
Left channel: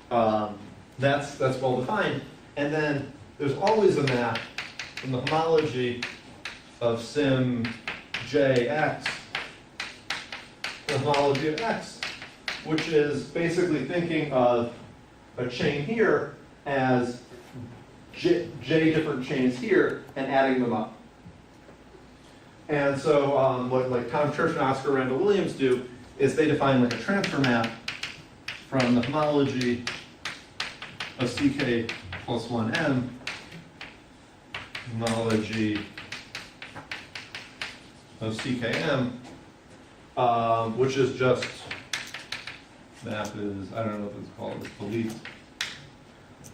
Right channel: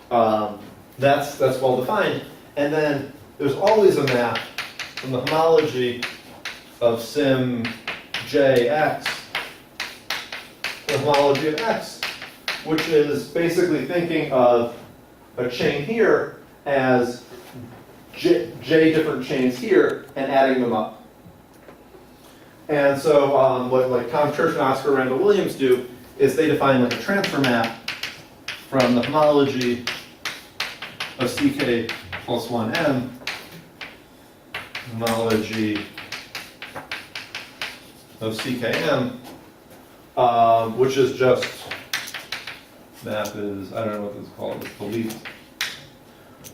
that's well defined. And then there's always a map from the homology of sim jx, the homology of x, which is basically thinking of a chain here as j different chains here and adding them up. And so what like Tom Church and Oscar Randall Williams do is they define like a transfer map from the homology of CK plus 1M, homology of CKM, which is just, map is, I don't know what this is called, it's delete,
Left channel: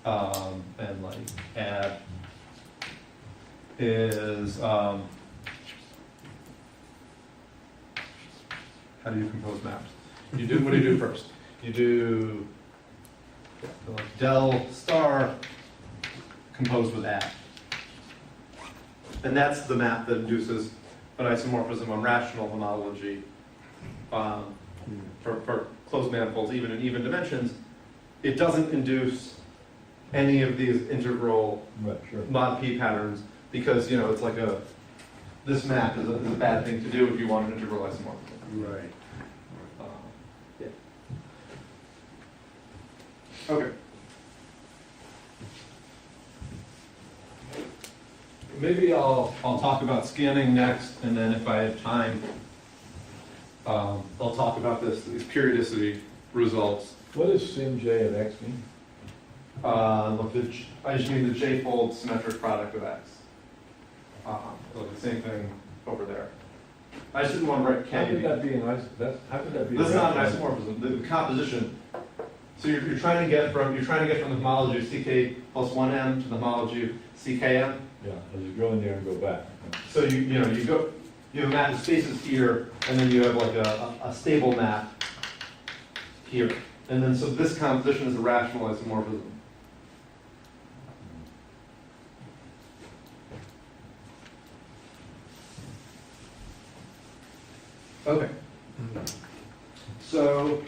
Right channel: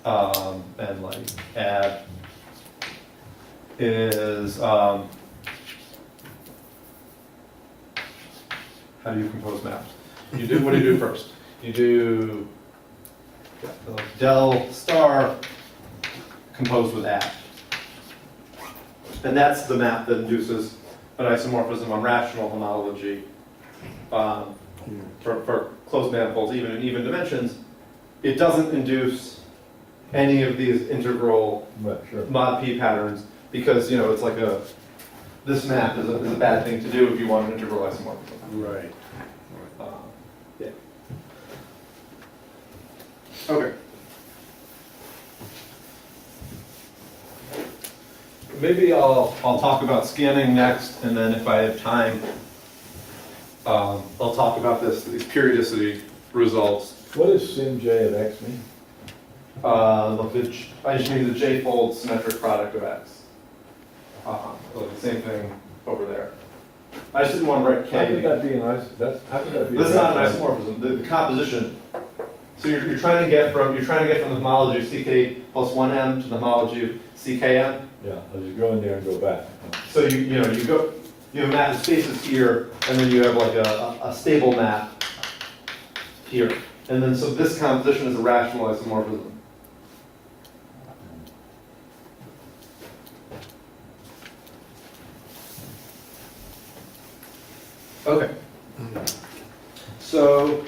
and like add is, how do you compose maps? You do, what do you do first? You do like del star composed with add. And that's the map that induces an isomorphism on rational homology for closed manifolds, even in even dimensions. It doesn't induce any of these integral Right, sure. mod p patterns because, you know, it's like a, this map is a bad thing to do if you want an integral isomorphism. Right. Yeah. Okay. Maybe I'll talk about scanning next, and then if I have time, I'll talk about these periodicity results. What does sim j of x mean? Look, I just mean the j-fold symmetric product of x. Look, the same thing over there. I just didn't want to write k. How could that be how could that be? This is not an isomorphism. The composition. So you're trying to get from the homology of CK plus 1M to the homology of CKM. Yeah, I'll just go in there and go back. So you have a map of spaces here, and then you have like a stable map here. And then so this composition is a rational isomorphism. Okay. So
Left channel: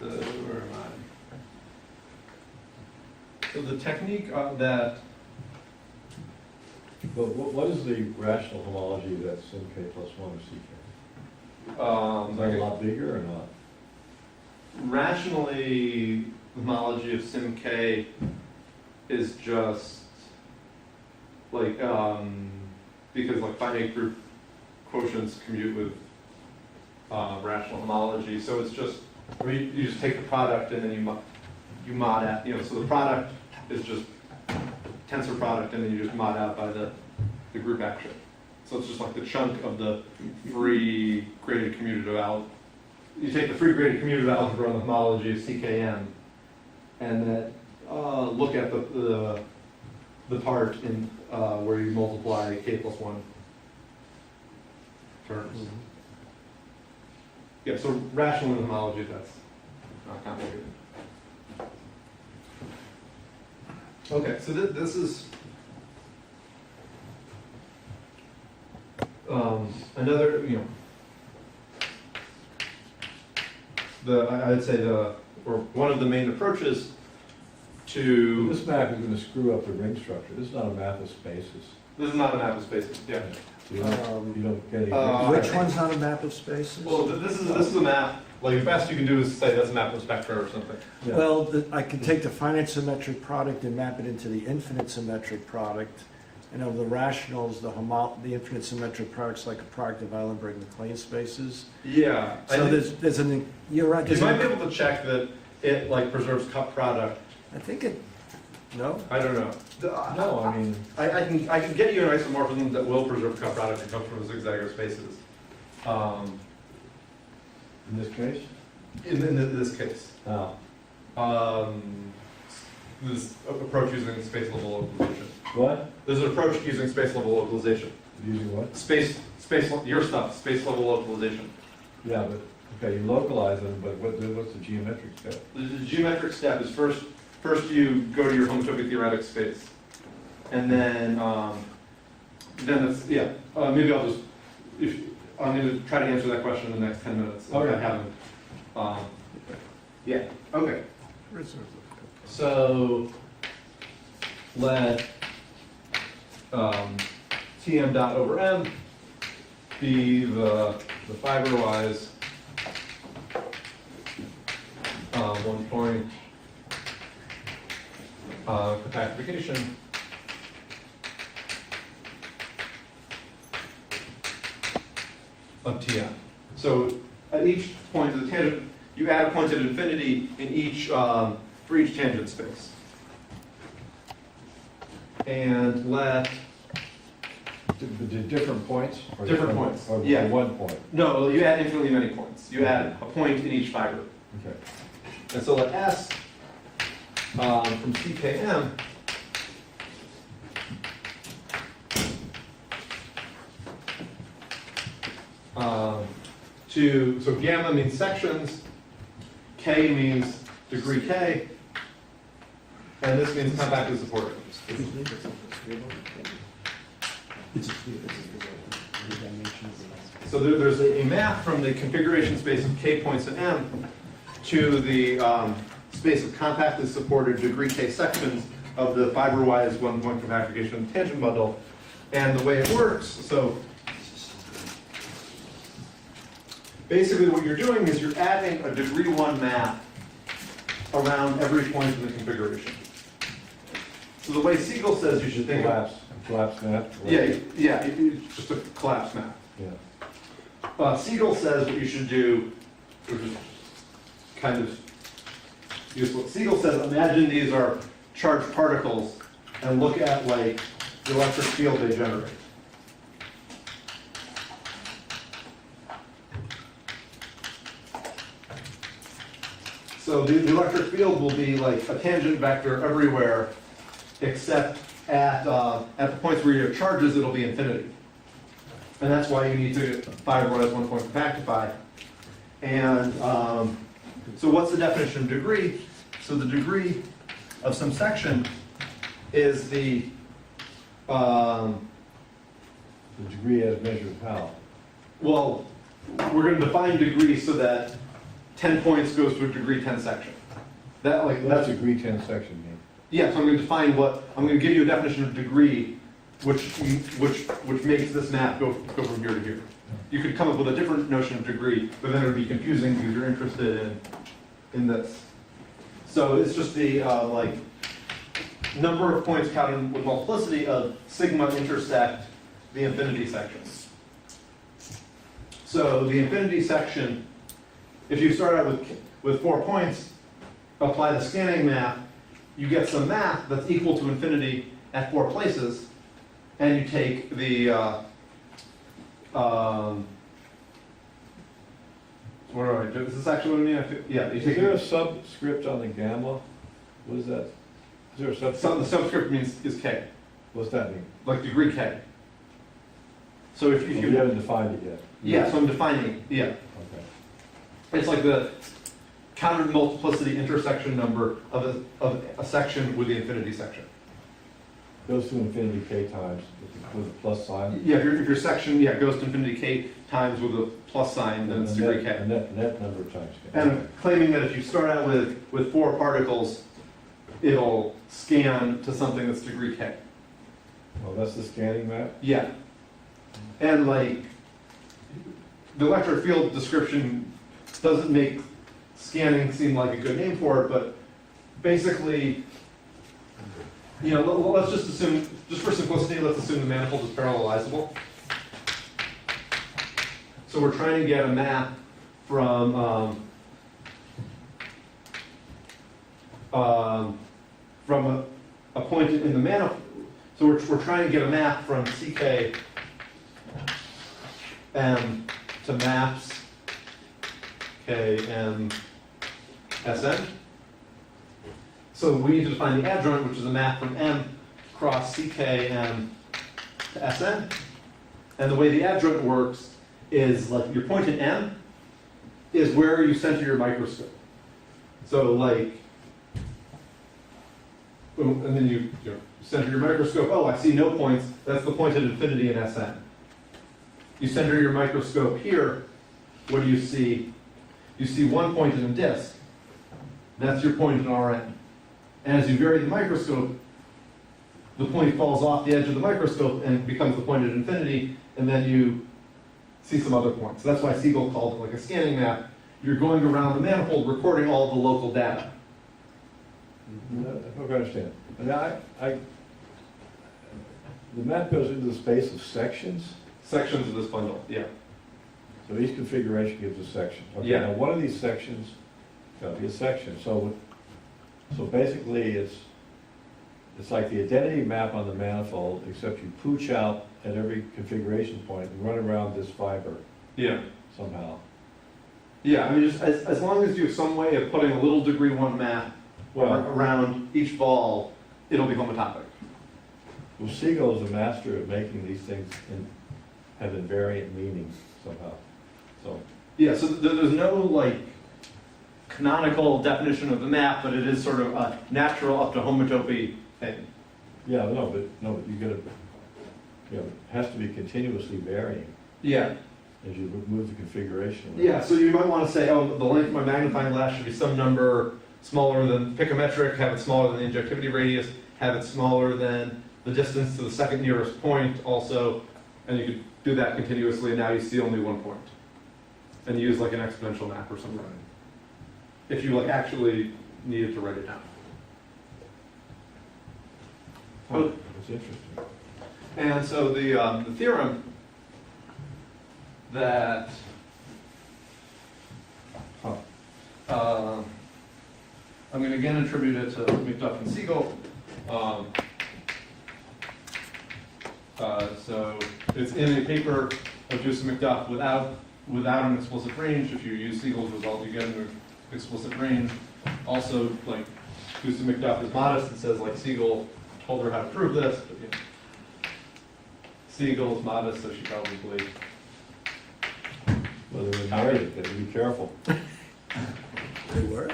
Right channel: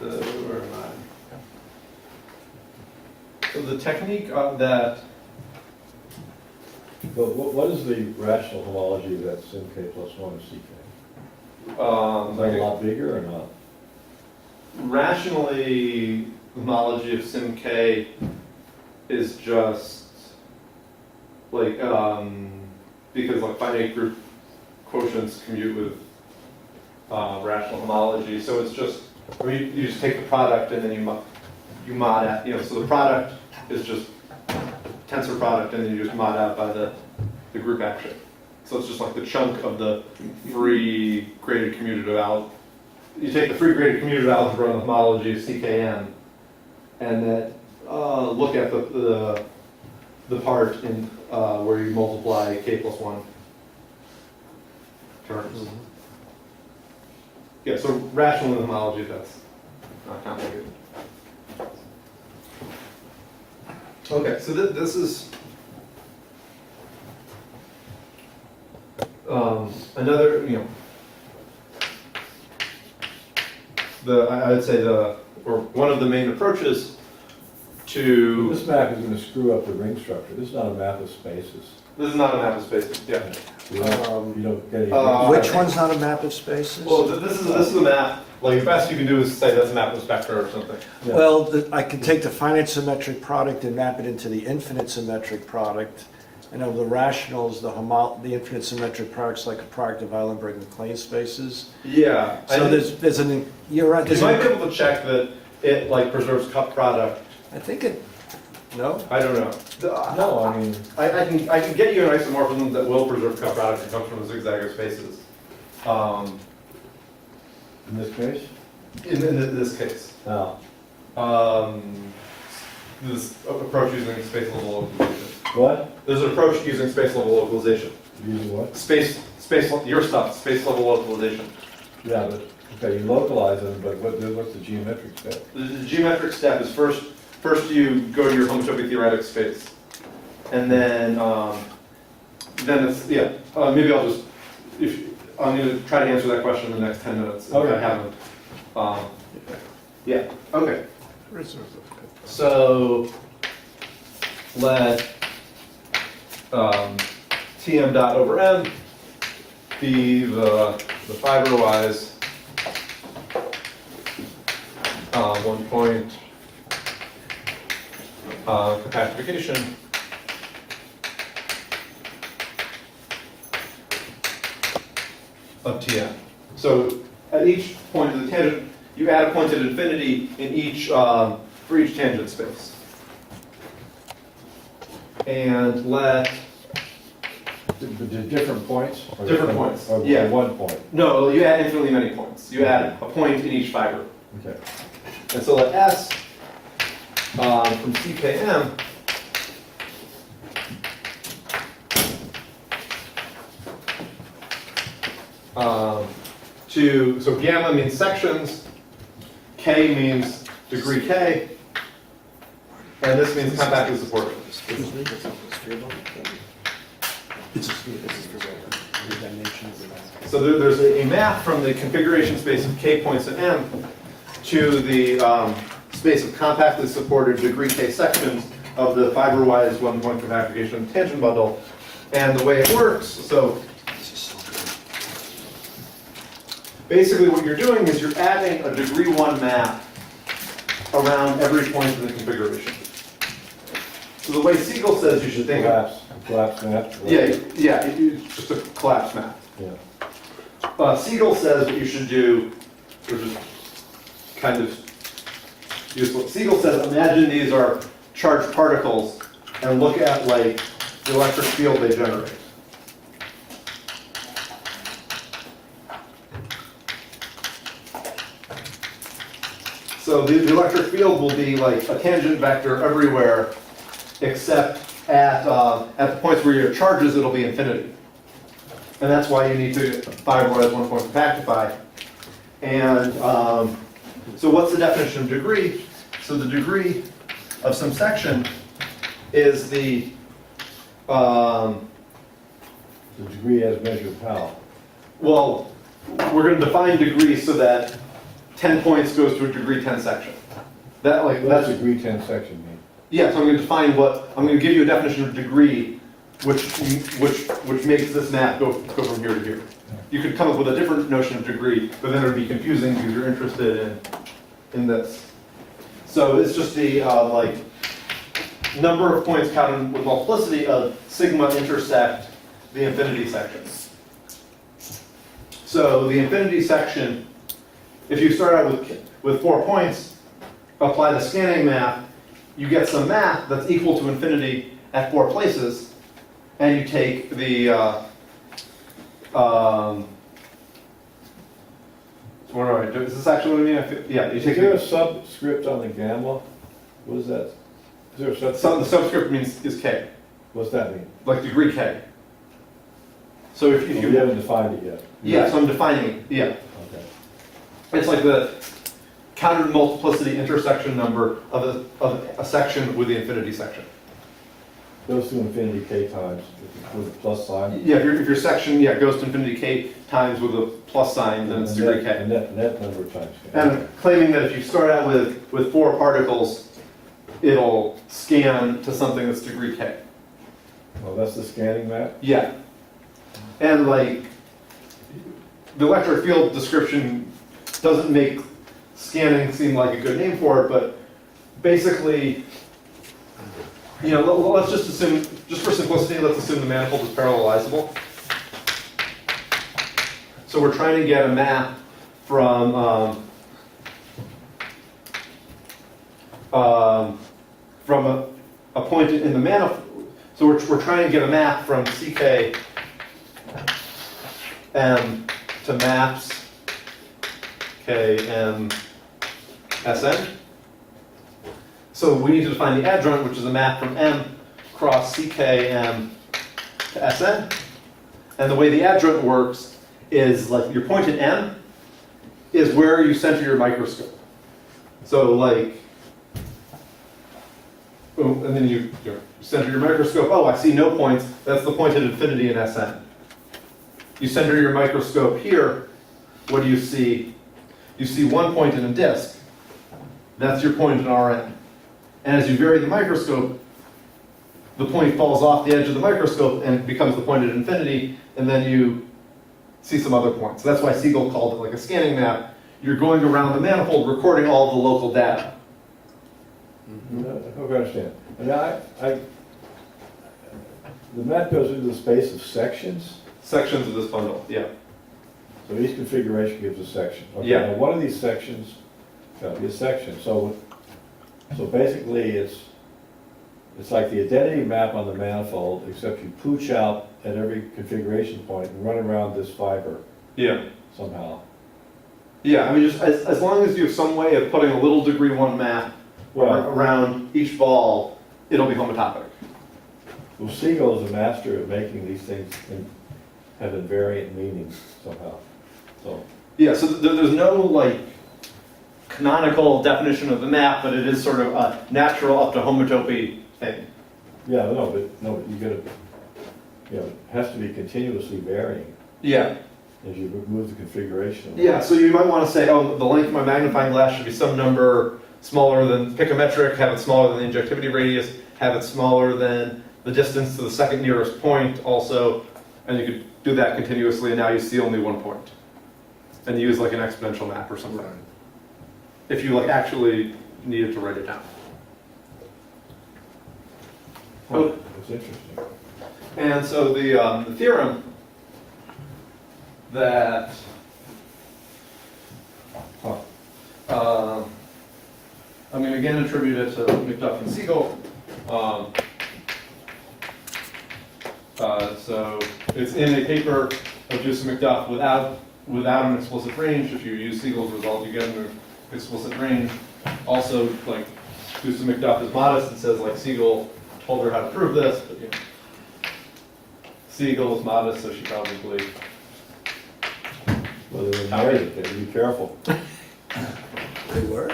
where am I? So the technique that But what is the rational homology of that sim k plus 1 of ck? Is that a lot bigger or not? rationally homology of sim k is just like because like finite group quotients commute with rational homology, so it's just, I mean, you just take the product and then you mod out, you know, so the product is just tensor product and then you just mod out by the group action. So it's just like the chunk of the free graded commutative algebra. You take the free graded commutative algebra and the homology of CKM and then look at the part in where you multiply k plus 1 terms. Mm-hmm. Yeah, so rational homology, that's not complicated. Okay, so this is another, you know, I'd say or one of the main approaches to. This map is going to screw up the ring structure. This is not a map of spaces. This is not a map of spaces. Yeah. You don't get any. Which one's not a map of spaces? Well, this is a map. Like the best you can do is say that's a map of spectra or something. Yeah. Well, I can take the finite symmetric product and map it into the infinite symmetric product. And of the rationals, the infinite symmetric product's like a product of Eilenberg and plane spaces. Yeah. I So think you're right. you might be able to check that it like preserves cup product. I think it, no? I don't know. No, I mean, I can get you an isomorphism that will preserve cup product that comes from the zigzag of spaces. in this case? In this case. Now, This approach using space level localization. what? There's an approach using space level localization. Using what? Space your stuff, space level localization. Yeah, but, okay, you localize them, but what's the geometric step? The geometric step is first you go to your homotopy theoretic space. And then it's, yeah, maybe I'll just, I'm going to try to answer that question in the next 10 minutes. Okay. If I haven't. Yeah, okay. So let Tm dot over m be the fiberwise one point compactification of Tn. So at each point of the tangent, you add a point at infinity in each for each tangent space, and let The different points? Or Different points, or yeah. one point? no, you add infinitely many points. You add a point in each fiber, Okay. and so let S from CKM so gamma means sections, K means degree K, and this means compactly supported. So there's a map from the configuration space of K points in M to the space of compactly supported degree K sections of the fiber-wise one-point compactification tangent bundle. And the way it works, so basically what you're doing is you're adding a degree 1 map around every point in the configuration. So the way Siegel says you should think of, Collapse map? it's just a collapse map. Yeah. Siegel says what you should do, which is kind of useful. Siegel says, imagine these are charged particles and look at like the electric field they generate. So the electric field will be like a tangent vector everywhere, except at the points where you have charges, it'll be infinity. And that's why you need to fiberize one point compactify. And so what's the definition of degree? So the degree of some section is the The degree as measured how? well, we're going to define degree so that 10 points goes to a degree 10 section. What does degree 10 section mean? Yeah, so I'm going to define I'm going to give you a definition of degree, which makes this map go from here to here. You could come up with a different notion of degree, but then it would be confusing because you're interested in this. So it's just the like number of points counted with multiplicity of sigma intersect the infinity section. So the infinity section, if you start out with 4 points, apply the scanning map, you get some map that's equal to infinity at 4 places, and you take the what do I do? Is this actually what I mean? Yeah, you Is take there a subscript on the gamma? What is that? Is there a subscript? the subscript means is k, What's that mean? like degree k. So if You you haven't defined it yet. yeah, so I'm defining yeah. Okay. It's like the counted multiplicity intersection number of a section with the infinity section. Goes to infinity k times with a plus sign. Yeah, if your section goes to infinity k times with a plus sign, then it's And degree net- k. Net number of times k. And I'm claiming that if you start out with 4 particles, it'll scan to something that's degree k. Oh, that's the scanning map? Yeah. And like, the electric field description doesn't make scanning seem like a good name for it, but basically, let's just assume, just for simplicity, let's assume the manifold is parallelizable. So we're trying to get a map from a point in the manifold. So we're trying to get a map from CK M to maps K M Sn. So we need to define the adjoint, which is a map from M cross CK M to Sn. And the way the adjoint works is like your point in M is where you center your microscope. So like, boom, and then you center your microscope. Oh, I see no points. That's the point at infinity in Sn. You center your microscope here. What do you see? You see 1 point in a disk. That's your point in Rn. And as you vary the microscope, the point falls off the edge of the microscope and becomes the point at infinity, and then you see some other points. So that's why Siegel called it like a scanning map. you're going around the manifold recording all the local data. I understand. I mean, the map goes into the space of sections, Sections of this bundle, yeah. so each configuration gives a section. Okay, Yeah. now one of these sections got to be a section, so basically it's like the identity map on the manifold, except you pooch out at every configuration point and run around this fiber Yeah. somehow. Yeah, I mean, just as long as you have some way of putting a little degree one map Well- around each ball, it'll be homotopic. Well, Siegel is a master at making these things have invariant meanings somehow, so. Yeah, so there's no like canonical definition of the map, but it is sort of a natural up to homotopy thing. Yeah, no, but you gotta, it has to be continuously varying Yeah. as you move the configuration. Yeah, so you might want to say, oh, the length of my magnifying glass should be some number smaller than, pick a metric, have it smaller than the injectivity radius, have it smaller than the distance to the second nearest point also, and you could do that continuously, and now you see only one point. And use like an exponential map or something. If you like actually needed to write it down. Oh, it's interesting. And so the theorem that I'm going to again attribute it to McDuff and Siegel. So it's in a paper of Juice and McDuff without an explicit range. If you use Siegel's result, you get an explicit range. Also, like Juice and McDuff is modest and says like Siegel told her how to prove this, but you know, Siegel is modest, so she probably. Well, they were married, they would be careful. They were?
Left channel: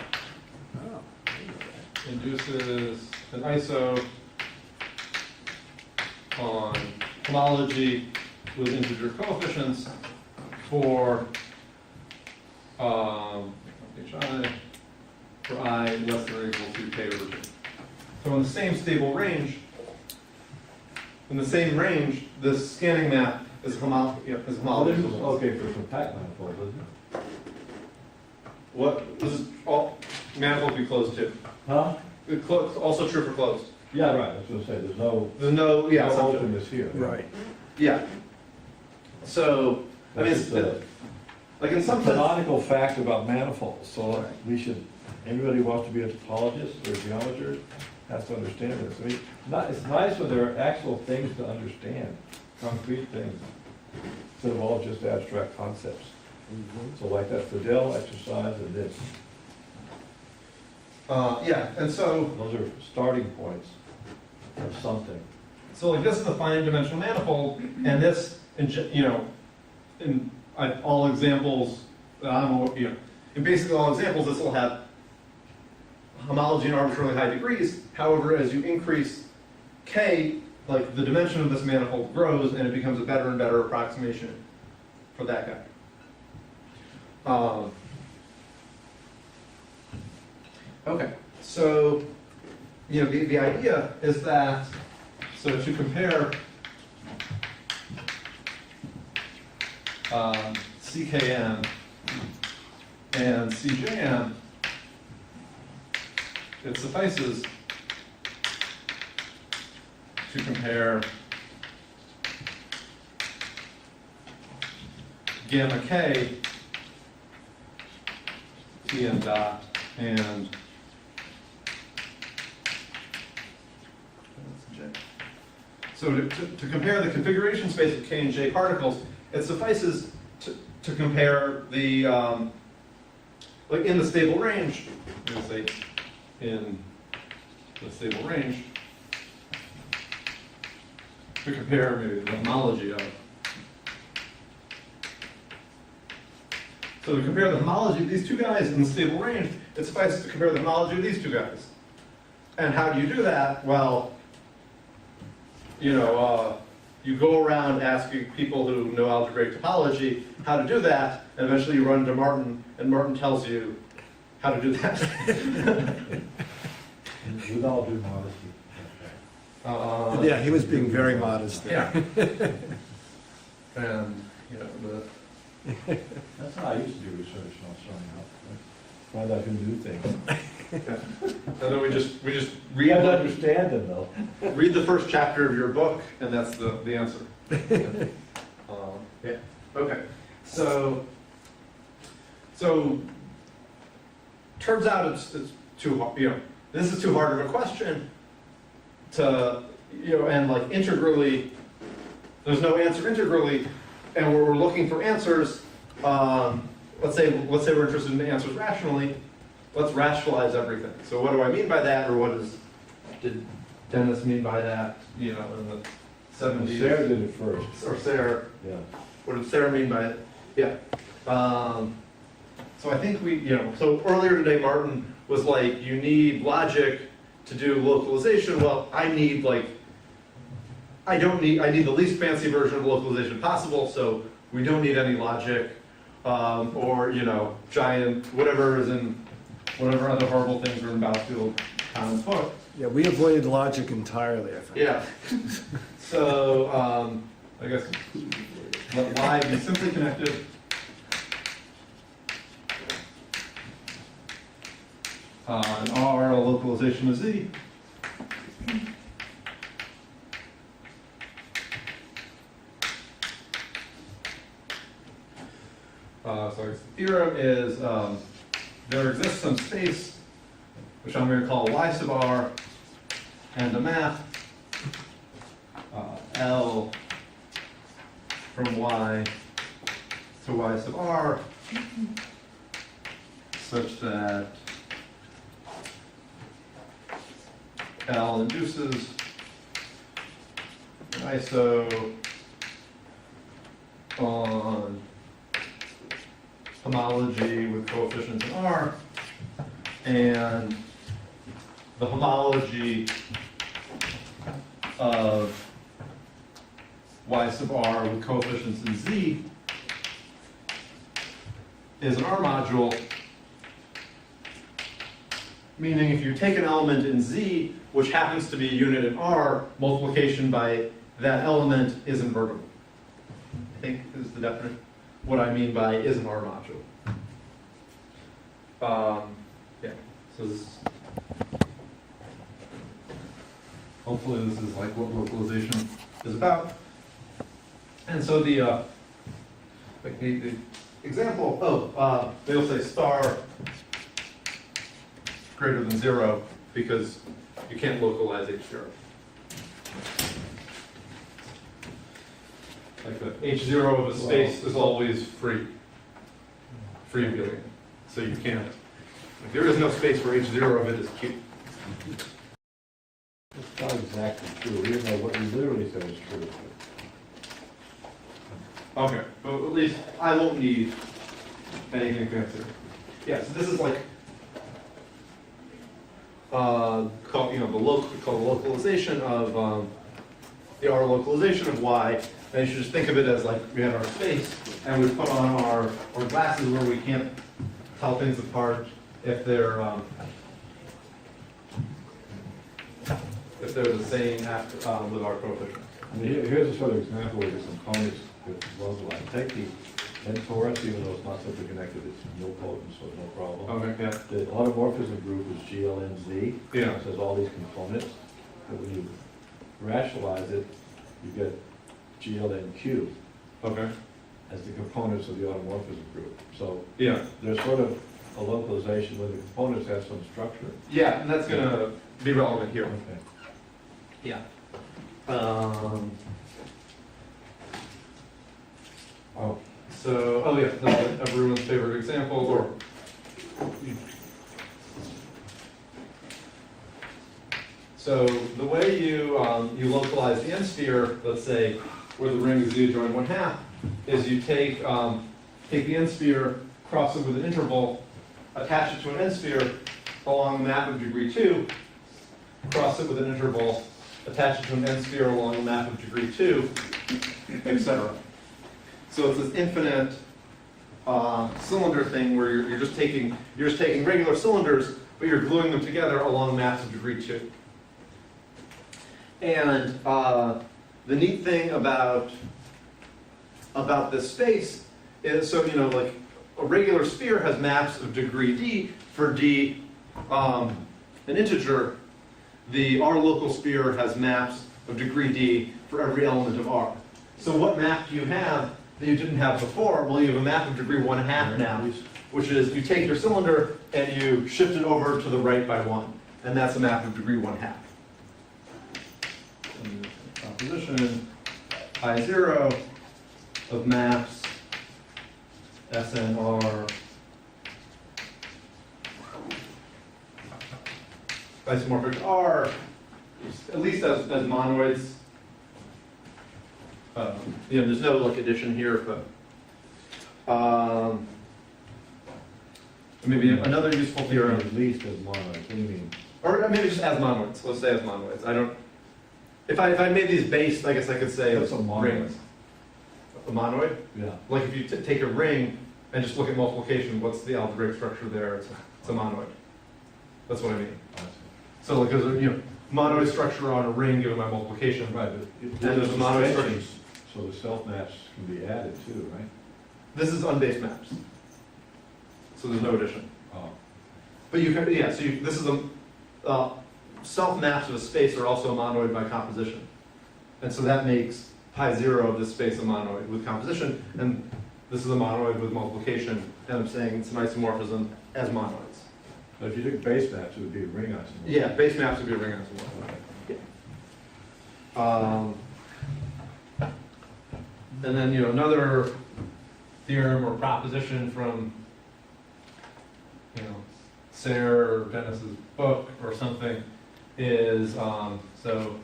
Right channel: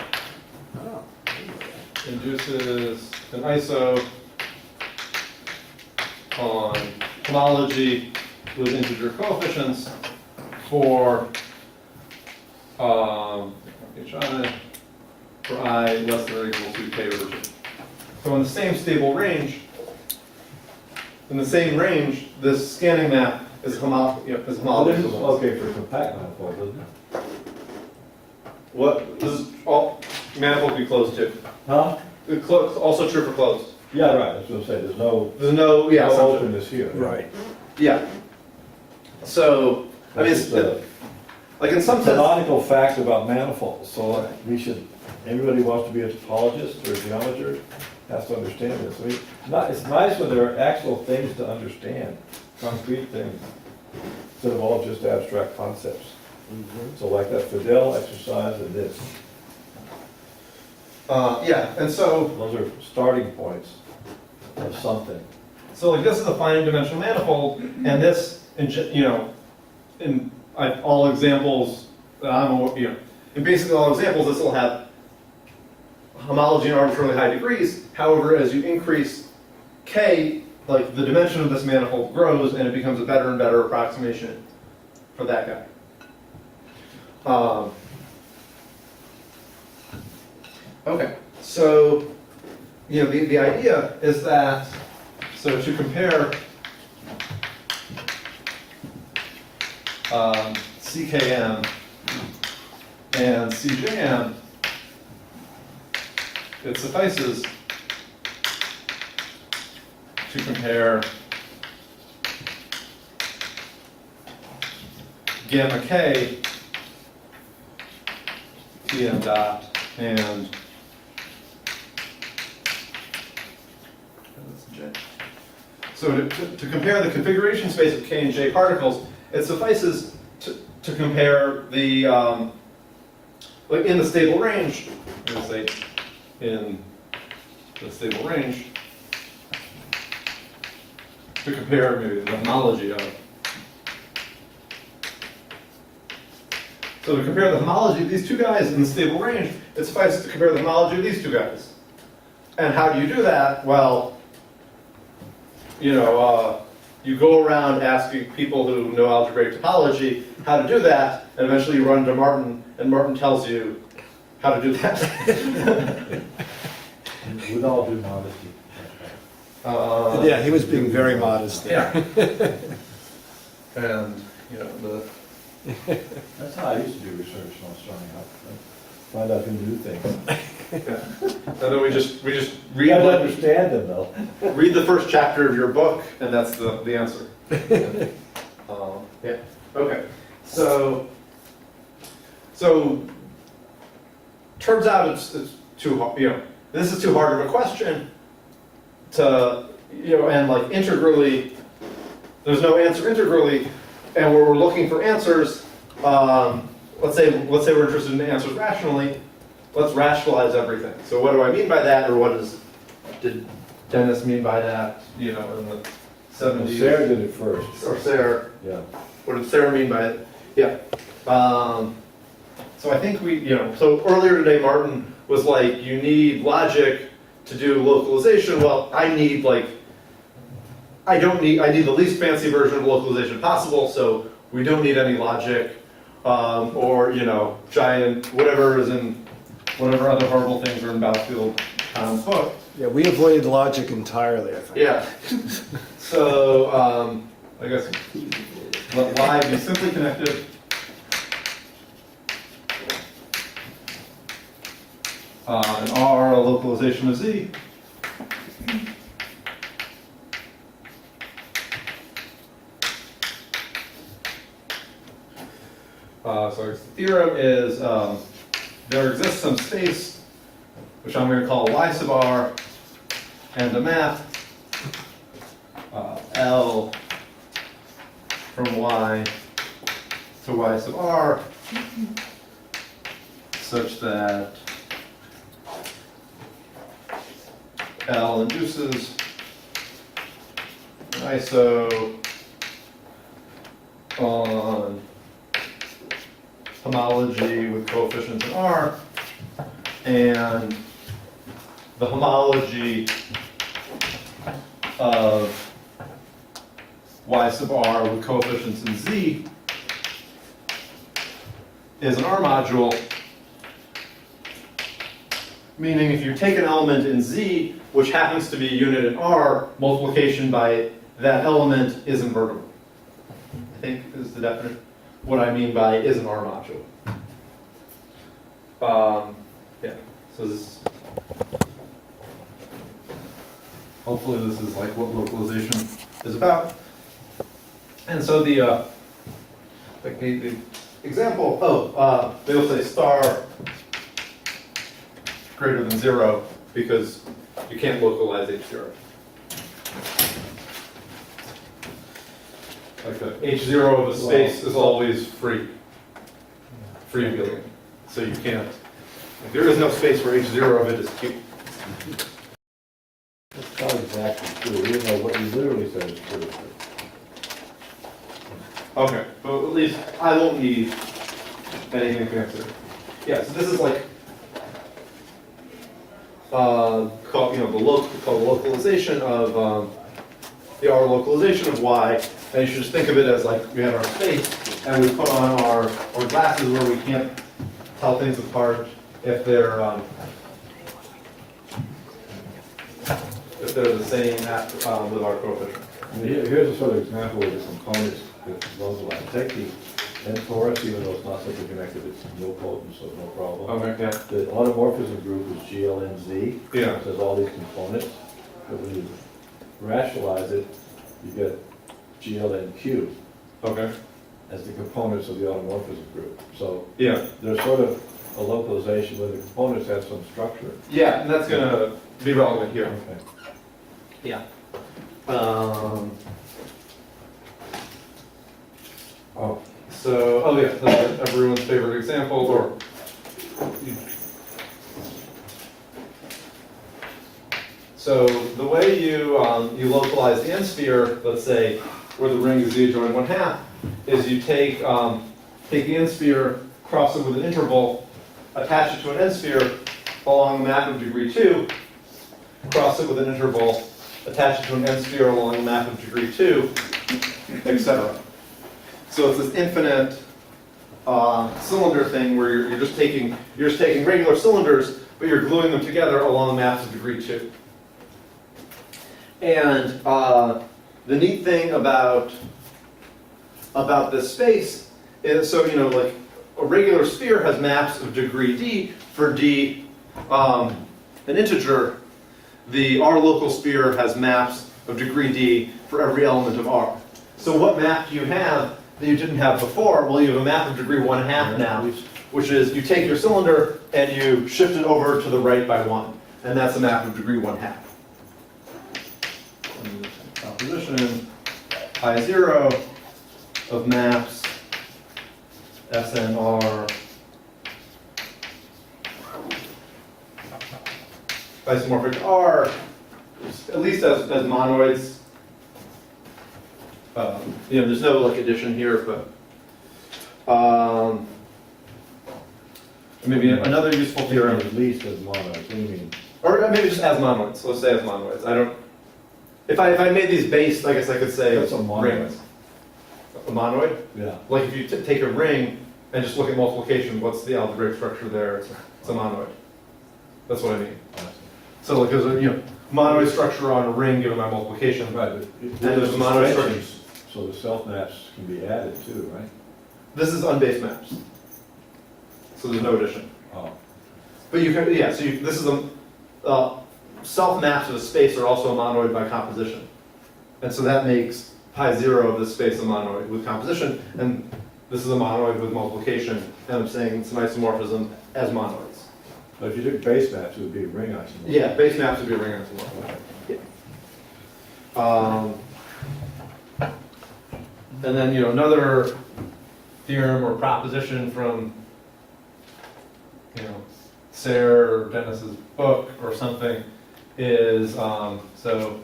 Oh. Induces an iso on homology with integer coefficients for I for I less than or equal to k over 2. So in the same stable range, this scanning map is Well, homology. this is okay for compact manifold, isn't it? What does all manifold be closed to? Huh? Also true for closed. Yeah, right, I was gonna say, there's no There's no assumption. openness here. Right. Yeah. So I mean, That's it's, the like in some sense, canonical fact about manifolds, so anybody who wants to be a topologist or a geometer has to understand this. I mean, it's nice when there are actual things to understand, concrete things, instead of all just abstract concepts. So like that Fidel exercise and this, yeah, and so those are starting points of something. like this is a finite dimensional manifold, and this, in all examples, in basically all examples, this will have homology in arbitrarily high degrees. However, as you increase k, like the dimension of this manifold grows, and it becomes a better and better approximation for that guy. Okay, so the idea is that to compare CKM and CJM, it suffices to compare gamma k, Tm dot, and J. So to compare the configuration space of k and j particles, it suffices to compare the, like in the stable range, I'm going to say in the stable range, to compare maybe the homology of. So to compare the homology of these two guys in the stable range, it suffices to compare the homology of these two guys. And how do you do that? Well, you go around asking people who know algebraic topology how to do that, and eventually you run into Martin, and Martin tells you how to do that. With all due modesty. Yeah, he was being very modest. Yeah. And, That's how I used to do research when I was starting out. Find out who knew things. And then we just You read gotta the, understand them though. read the first chapter of your book, and that's the answer. Yeah. Okay. So turns out it's too hard. This is too hard of a question to and like integrally. There's no answer integrally, and we're looking for answers. Let's say we're interested in answers rationally. Let's rationalize everything. So what do I mean by that, or did Dennis mean by that? In the 70s. Sarah did it first. Or Sarah. Yeah. What did Sarah mean by it? Yeah. So I think so earlier today, Martin was like, you need logic to do localization. Well, I need I need the least fancy version of localization possible, so we don't need any logic, or, giant, whatever other horrible things are in Battlefield book. Yeah, we avoided logic entirely, I think. Yeah. So, I guess, let Y be simply connected. And R a localization of Z. So the theorem is there exists some space, which I'm going to call Y sub R, and a map L from Y to Y sub R, such that L induces an iso on homology with coefficients in R, and the homology of Y sub R with coefficients in Z is an R module, meaning if you take an element in Z, which happens to be a unit in R, multiplication by that element is invertible. I think is the definition. What I mean by is an R module. Yeah, so this, hopefully this is like what localization is about. And so the example, they'll say star greater than 0 because you can't localize H0. Like the H0 of a space is always freewheeling. So you can't, like, there is no space where H0 of it is Q. That's not exactly true, even though what you literally said is true. Okay, but at least I won't need anything fancier. Yeah, so this is like called the localization of the R localization of Y, and you should just think of it as like we have our space and we put on our glasses where we can't tell things apart if they're the same with our coefficients. I mean, here's a sort of example where the components get localized. Take the N torus, even though it's not simply connected, it's nilpotent, so no problem. Okay, yeah. The automorphism group is GLNZ. Yeah. It has all these components, but when you rationalize it, you get GLNQ Okay. as the components of the automorphism group. So Yeah. there's sort of a localization where the components have some structure. Yeah, and that's gonna be relevant here. Okay. Yeah. Oh yeah, that's everyone's favorite example, or so the way you localize the n-sphere, let's say where the ring is Z adjoined 1/2, is you take the n-sphere, cross it with an interval, attach it to an n-sphere along a map of degree 2, cross it with an interval, attach it to an n-sphere along a map of degree 2, etc. So it's this infinite cylinder thing where you're just taking regular cylinders, but you're gluing them together along maps of degree 2. And the neat thing about this space And so, you know, like a regular sphere has maps of degree d for d, an integer. The R local sphere has maps of degree d for every element of R. So what map do you have that you didn't have before? Well, you have a map of degree 1/2 now, which is you take your cylinder and you shift it over to the right by 1. And that's a map of degree 1/2. And this composition, I0 of maps SNR isomorphic R, at least as monoids. You know, there's no like addition here, but maybe another useful theorem. At least as monoids, what do you mean? Or maybe just as monoids. Let's say as monoids. I don't. If I made these based, I guess I could say That's a monoid. rings. A monoid? Yeah. Like if you take a ring and just look at multiplication, what's the algebraic structure there? It's a monoid. That's what I mean. So like there's a monoid structure on a ring given by multiplication. Right, but And there's a monoid structure. so the self maps can be added too, right? This is unbased maps. So there's no addition. Oh. But you can, yeah, so this is a, self maps of a space are also a monoid by composition. And so that makes pi 0 of this space a monoid with composition, and this is a monoid with multiplication, and I'm saying it's an isomorphism as monoids. But if you took base maps, it would be a ring isomorphism. Yeah, base maps would be a ring isomorphism. Yeah. And then, another theorem or proposition from, Sayre or Dennis's book or something is, so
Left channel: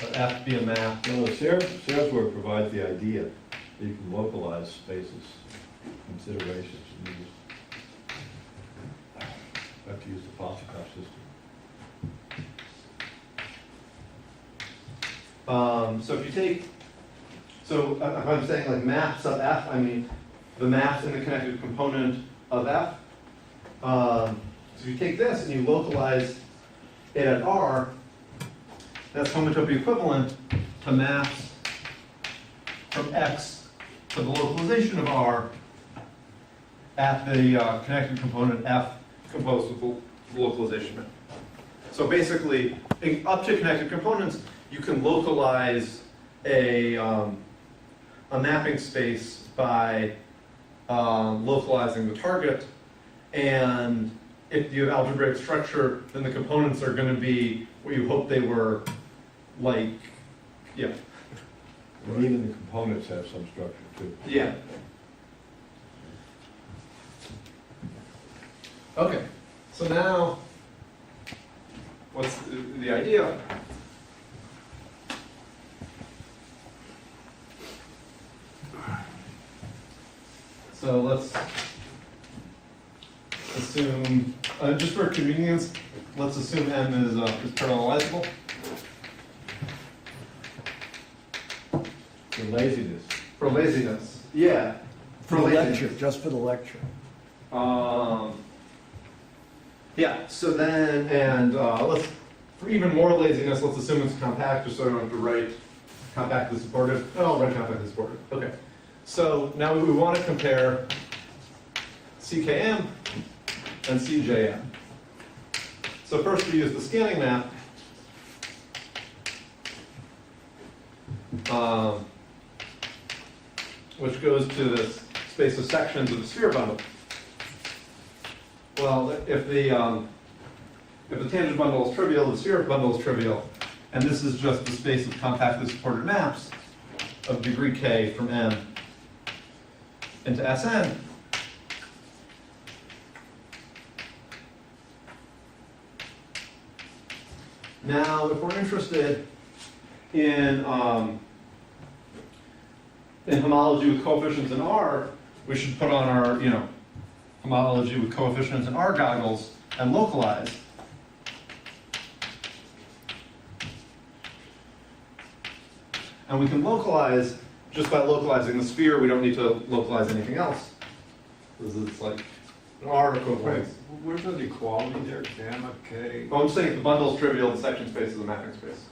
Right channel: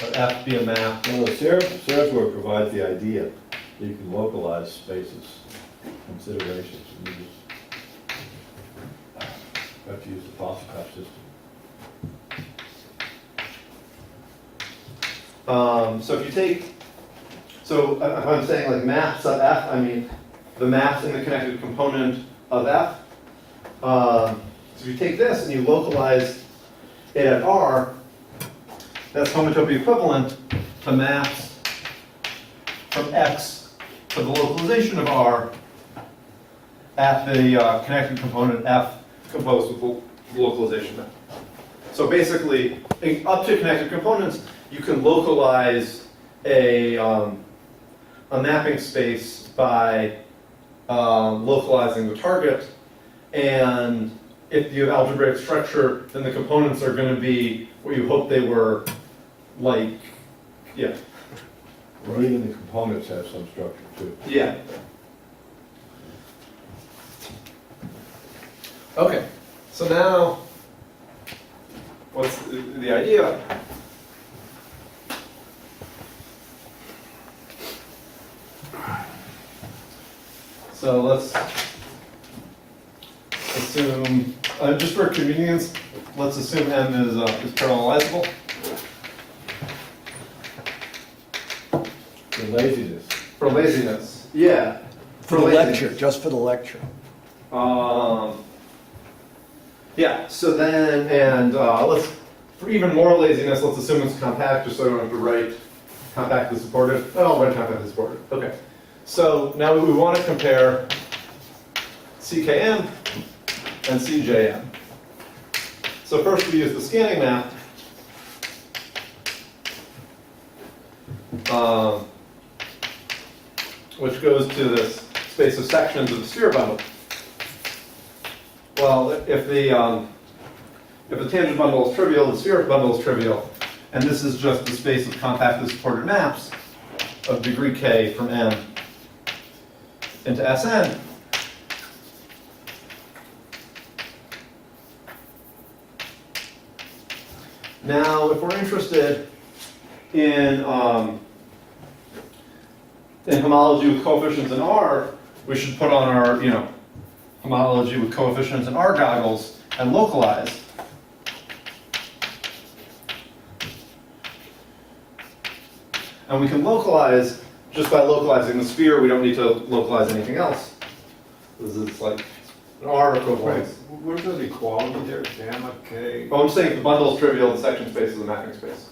let F be a map. Well, Sayre's work provides the idea that you can localize spaces, considerations, and you just have to use the Foster-Koch system. So if you take, so if I'm saying like map sub F, I mean the maps in the connected component of F. So if you take this and you localize it at R, that's homotopy equivalent to maps from X to the localization of R at the connected component F composed with the localization map. So basically, up to connected components, you can localize a mapping space by localizing the target, and if you have algebraic structure, then the components are going to be what you hope they were, like, yeah. And even the components have some structure too. Yeah. Okay, so now, what's the idea? So let's assume, just for convenience, let's assume M is parallelizable. For laziness. For laziness, yeah. For the lecture, just for the lecture. Yeah, so then, and let's, for even more laziness, let's assume it's compact, just so I don't have to write compactly supported. Oh, I'll write compactly supported. Okay. So now we want to compare CKM and CJM. So first we use the scanning map. Which goes to this space of sections of the sphere bundle. Well, if the tangent bundle is trivial, the sphere bundle is trivial, and this is just the space of compactly supported maps of degree k from M into Sn. Now, if we're interested in homology with coefficients in R, we should put on our, homology with coefficients in R goggles and localize. And we can localize just by localizing the sphere. We don't need to localize anything else. This is like an R Wait, equivalence. where's the equality there, gamma, k? Oh, I'm just saying if the bundle is trivial, the section space is a mapping space.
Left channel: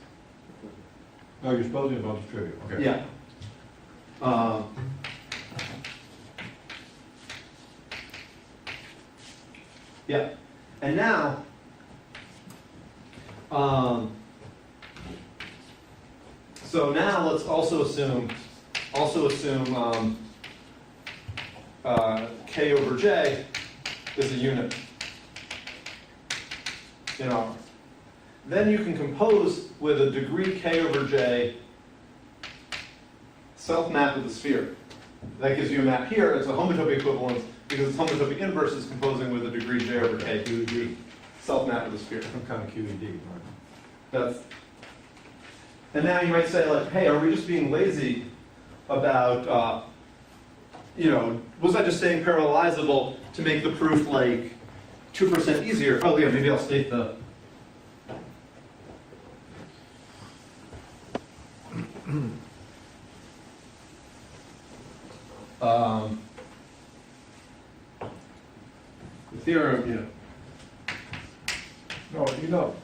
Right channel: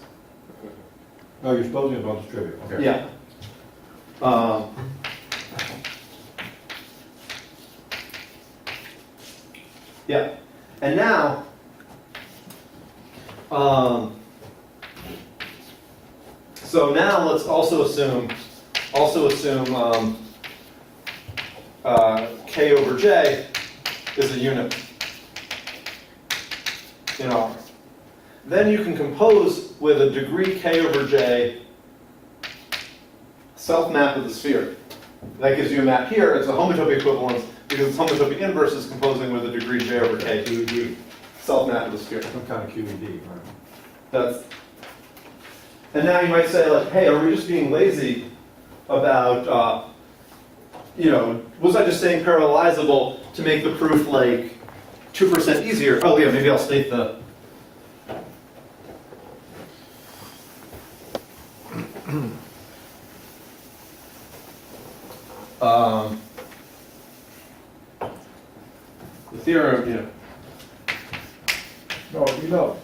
Oh, you're supposing a bundle's trivial, okay. Yeah. Yeah, and now, so now let's also assume K over J is a unit in R. Then you can compose with a degree K over J self-map of the sphere. That gives you a map here. It's a homotopy equivalence because its homotopy inverse is composing with a degree J over K. QED, Self-map of the sphere. some kind of QED, right? That's, and now you might say like, hey, are we just being lazy about, was I just saying parallelizable to make the proof like 2% easier? Oh yeah, maybe I'll state the, the theorem, No, you don't.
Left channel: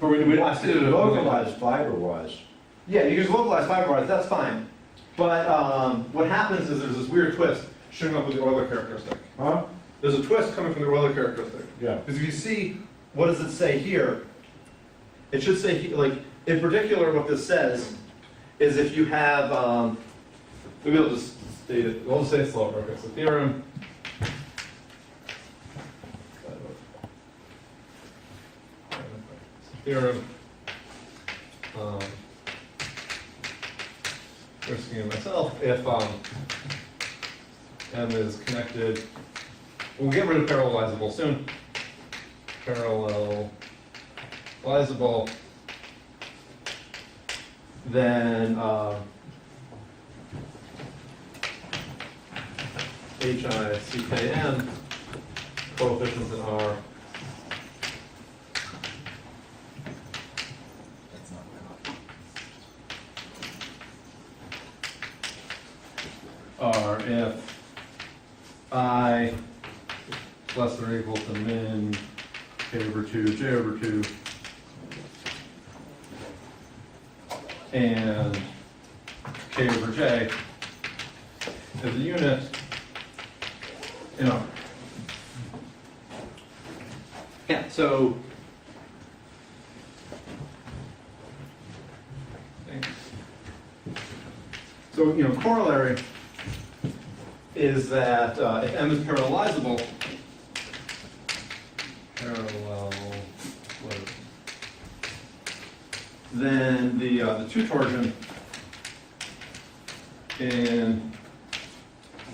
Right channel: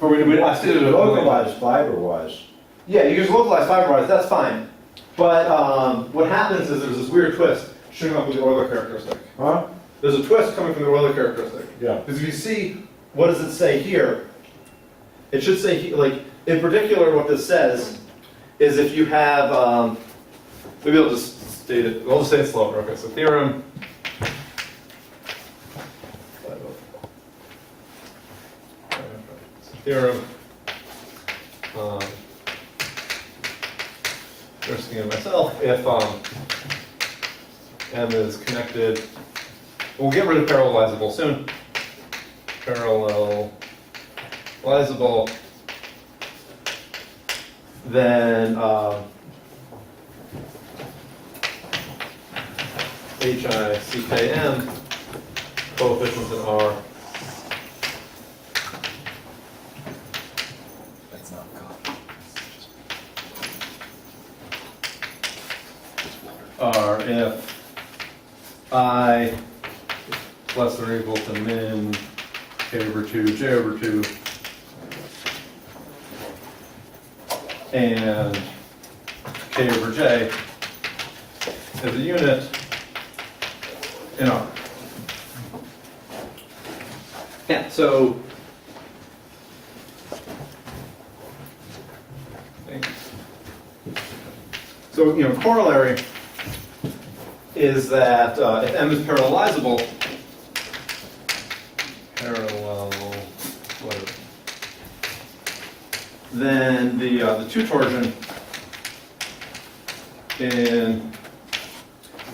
or I stated it Localized fiber-wise. Yeah, you can just localize fiber-wise, that's fine. But what happens is there's this weird twist showing up with the Euler characteristic. Huh? There's a twist coming from the Euler characteristic. Yeah. Because if you see, what does it say here? It should say, like, in particular, what this says is if you have, maybe I'll just state it, I'll just say it slower. Okay, so theorem. Theorem. First thing in myself, if M is connected, we'll get rid of parallelizable soon. Parallelizable, then HICKM, coefficients in R. Are if I less than or equal to min K over 2, J over 2, and K over J is a unit in R. Yeah, so corollary is that if M is parallelizable, then the two torsion in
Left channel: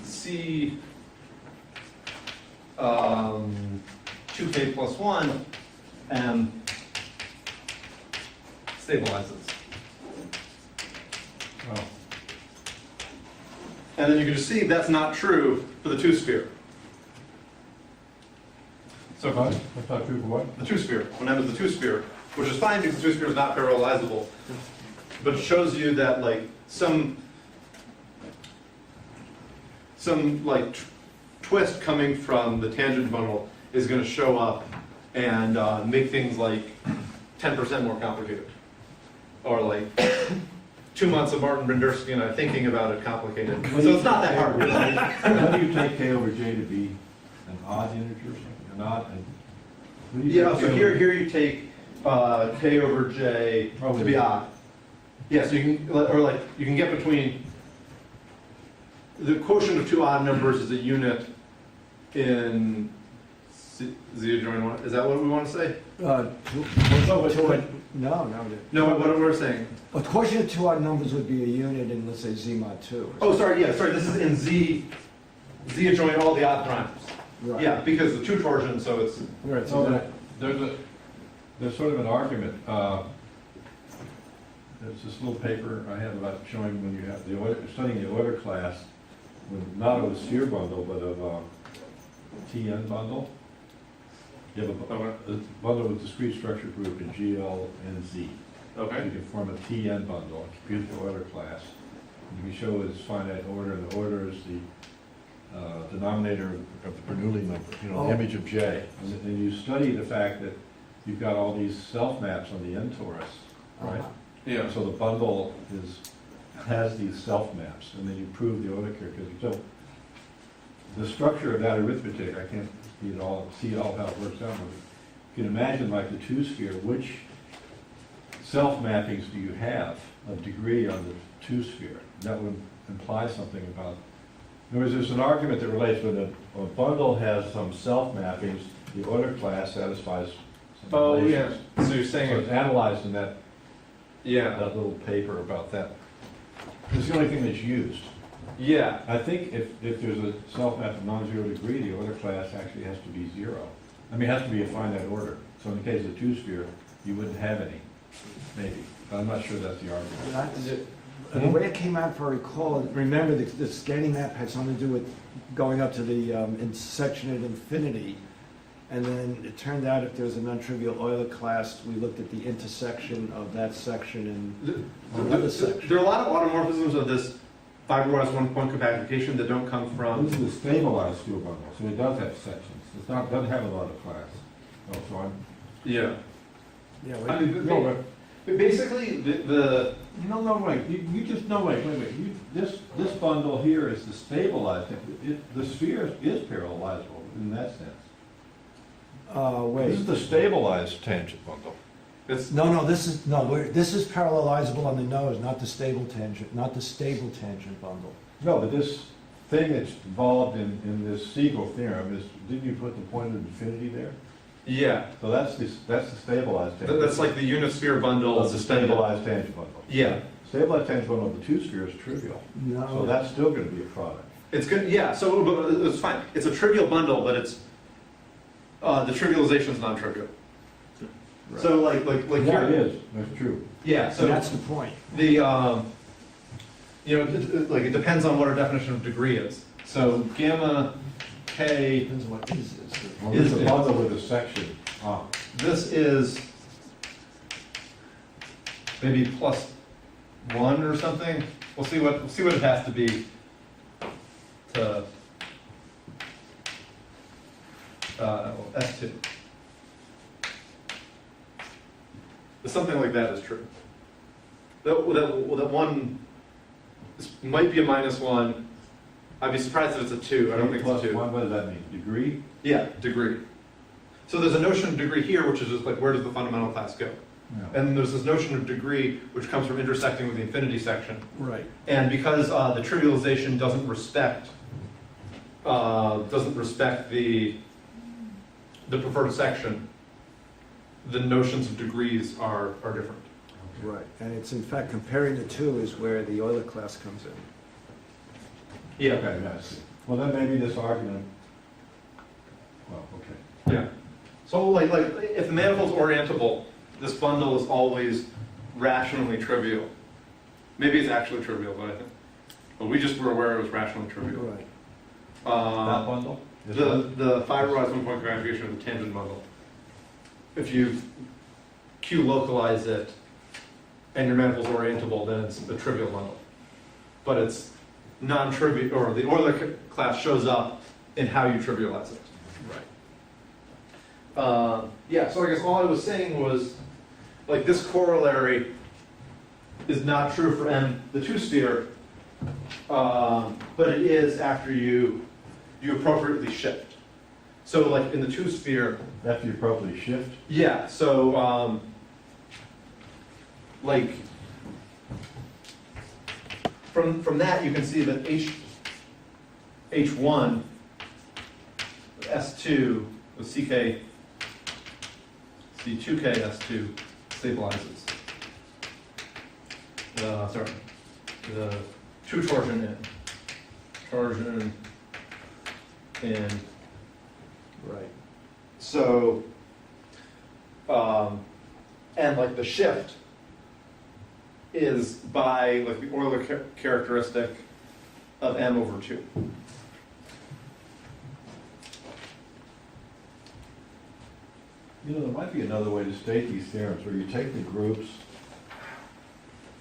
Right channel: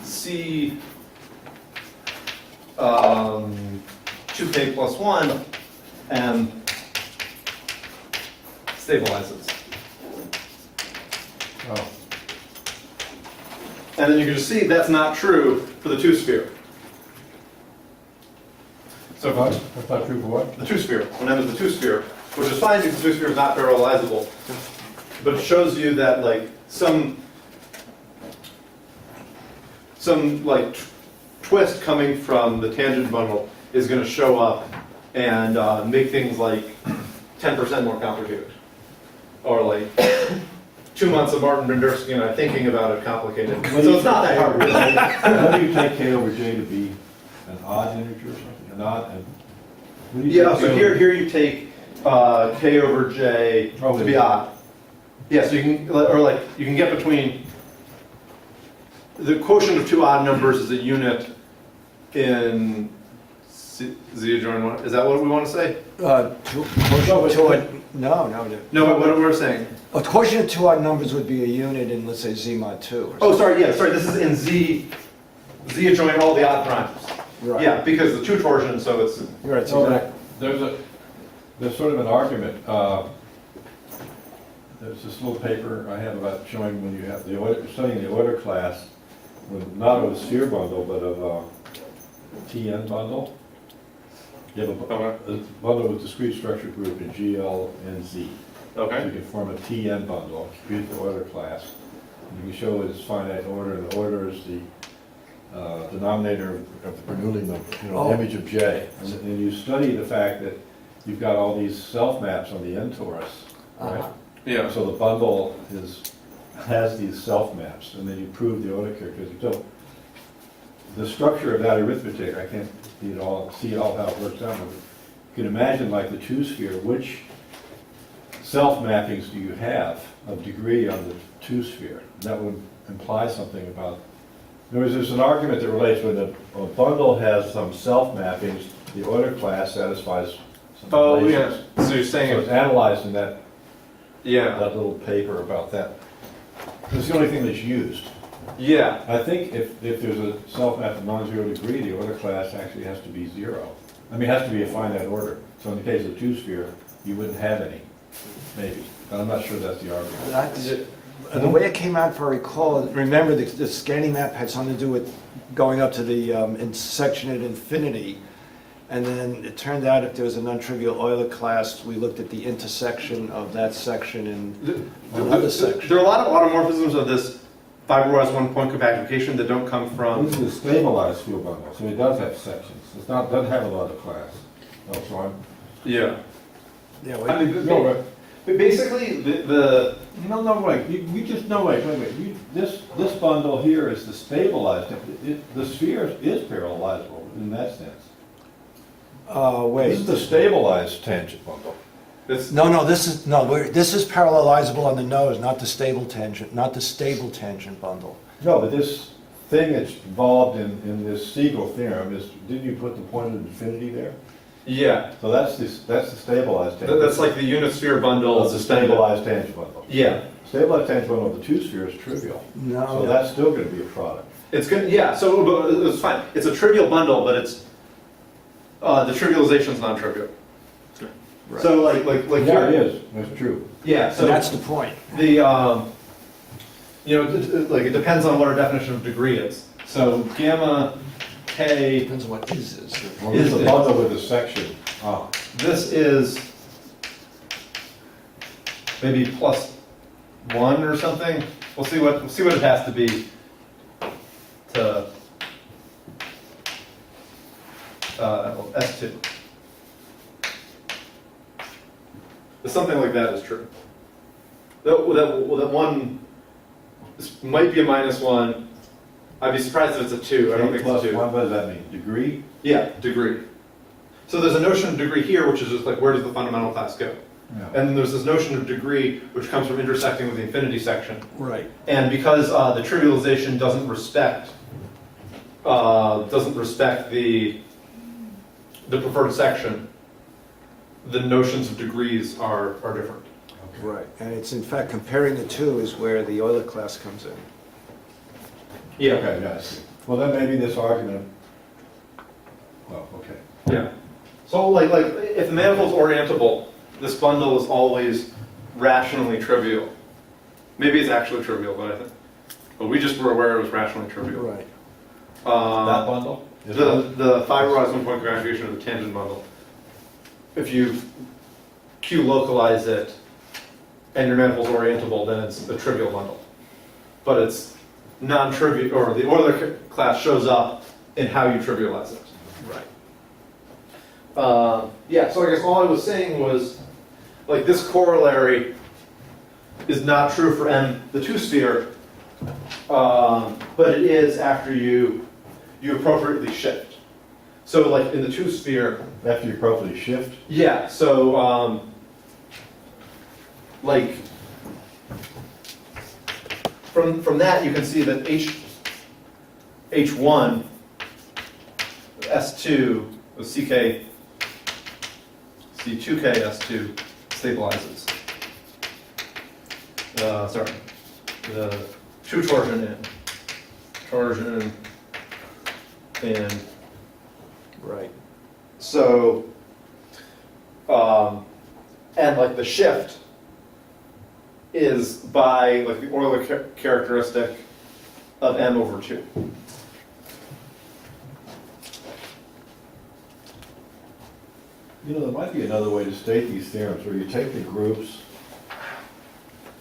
C 2K plus 1 M stabilizes. Oh, And then you can just see that's not true for the two sphere. So That's not true for what? the two sphere, when M is the two sphere, which is fine because the two sphere is not parallelizable, but it shows you that like some like twist coming from the tangent bundle is going to show up and make things like 10% more complicated, or like 2 months of Martin Bendersky and I thinking about it complicated. So it's not that hard. How do you take K over J to be an odd integer or something, an odd, and? what do you Yeah, take so K here over- you take K over J to be odd. Yeah, so you can, or like, you can get between, the quotient of two odd numbers is a unit in Z adjoin one. Is that what we want to say? No. No, what we're saying. A quotient of two odd numbers would be a unit in, let's say, Z mod 2. Oh, sorry, yeah, sorry, this is in Z adjoin all the odd primes. Right. Yeah, because the two torsion, so it's, Right, No, so but there's sort of an argument. There's this little paper I have about showing when you have the order, studying the order class, with not of a sphere bundle, but of a TN bundle. You have a bundle with discrete structure group in GL and Z. So you can form a TN bundle, a compute the order class. And you can show its finite order, and the order is the denominator of the Bernoulli number, the image of J. And you study the fact that you've got all these self-maps on the N torus, right? yeah. So the bundle has these self-maps, and then you prove the order characteristic. So the structure of that arithmetic, I can't see it all how it works out, but you can imagine like the two-sphere, which self-mappings do you have of degree on the two-sphere? That would imply something about, in other words, there's an argument that relates when a bundle has some self-mappings, the Euler class satisfies some Oh, yeah, relations. so you're So saying, it's analyzed in that yeah, little paper about that. It's the only thing that's used. yeah, I think if there's a self-map of non-zero degree, the Euler class actually has to be zero. I mean, it has to be a finite order. So in the case of the two-sphere, you wouldn't have any, maybe. But I'm not sure that's the argument. The way it came out, if I recall, remember the scanning map had something to do with going up to the intersection at infinity. And then it turned out if there was a non-trivial Euler class, we looked at the intersection of that section and another section. there are a lot of automorphisms of this fiberized one-point compactification that don't come from. This is a stabilized field bundle, so it does have sections. Doesn't have a lot of class. Oh, so I'm, Yeah. Yeah, I mean, no, but basically, wait. You just, no, wait. This bundle here is the stabilized. The sphere is parallelizable in that sense. wait. This is the stabilized tangent bundle. it's, This is parallelizable on the nose, not the stable tangent bundle. No, but this thing that's involved in this Siegel theorem is, didn't you put the point of infinity there? yeah, So that's the stabilized tangent. that's like the unit sphere bundle. Of the stabilized tangent bundle. Yeah, Stabilized tangent bundle of the two sphere is trivial. No. So that's still gonna be a product. it's good, yeah, so but it's fine. It's a trivial bundle, but it's, the trivialization is non-trivial. Right. So like Yeah, it here, is, that's true. yeah, So so that's the point. the, it depends on what our definition of degree is. So gamma k, Depends on what is. Well, this is a bundle with a section. Ah, this is maybe +1 or something. We'll see what it has to be to S2. But something like that is true. That one might be a -1. I'd be surprised if it's a 2. I don't think plus it's a 2. one, what does that mean? Degree? Yeah, degree. So there's a notion of degree here, which is just like, where does the fundamental class go? Yeah. And then there's this notion of degree, which comes from intersecting with the infinity section. Right. And because the trivialization doesn't respect the preferred section, the notions of degrees are different. Right, and it's in fact comparing the two is where the Euler class comes in. Yeah. Okay, yeah, I see. Well, then maybe this argument, well, okay. Yeah. So like if the manifold's orientable, this bundle is always rationally trivial. Maybe it's actually trivial, but we just were aware it was rationally trivial. Right. That bundle? Is The fiberized one-point gratification of the tangent bundle. If you Q-localize it and your manifold's orientable, then it's a trivial bundle. But it's non-trivial, or the Euler class shows up in how you trivialize it. Right. Yeah, so I guess all I was saying was, like, this corollary is not true for M, the two-sphere, but it is after you appropriately shift. So, like, in the two-sphere, After you appropriately shift? yeah, so, like, from that, you can see that H1, S2, CK, C2K, S2 stabilizes. Sorry, the two torsion in. Right. So, and like the shift is by like the Euler characteristic of M over 2. You know, there might be another way to state these theorems, where you take the groups,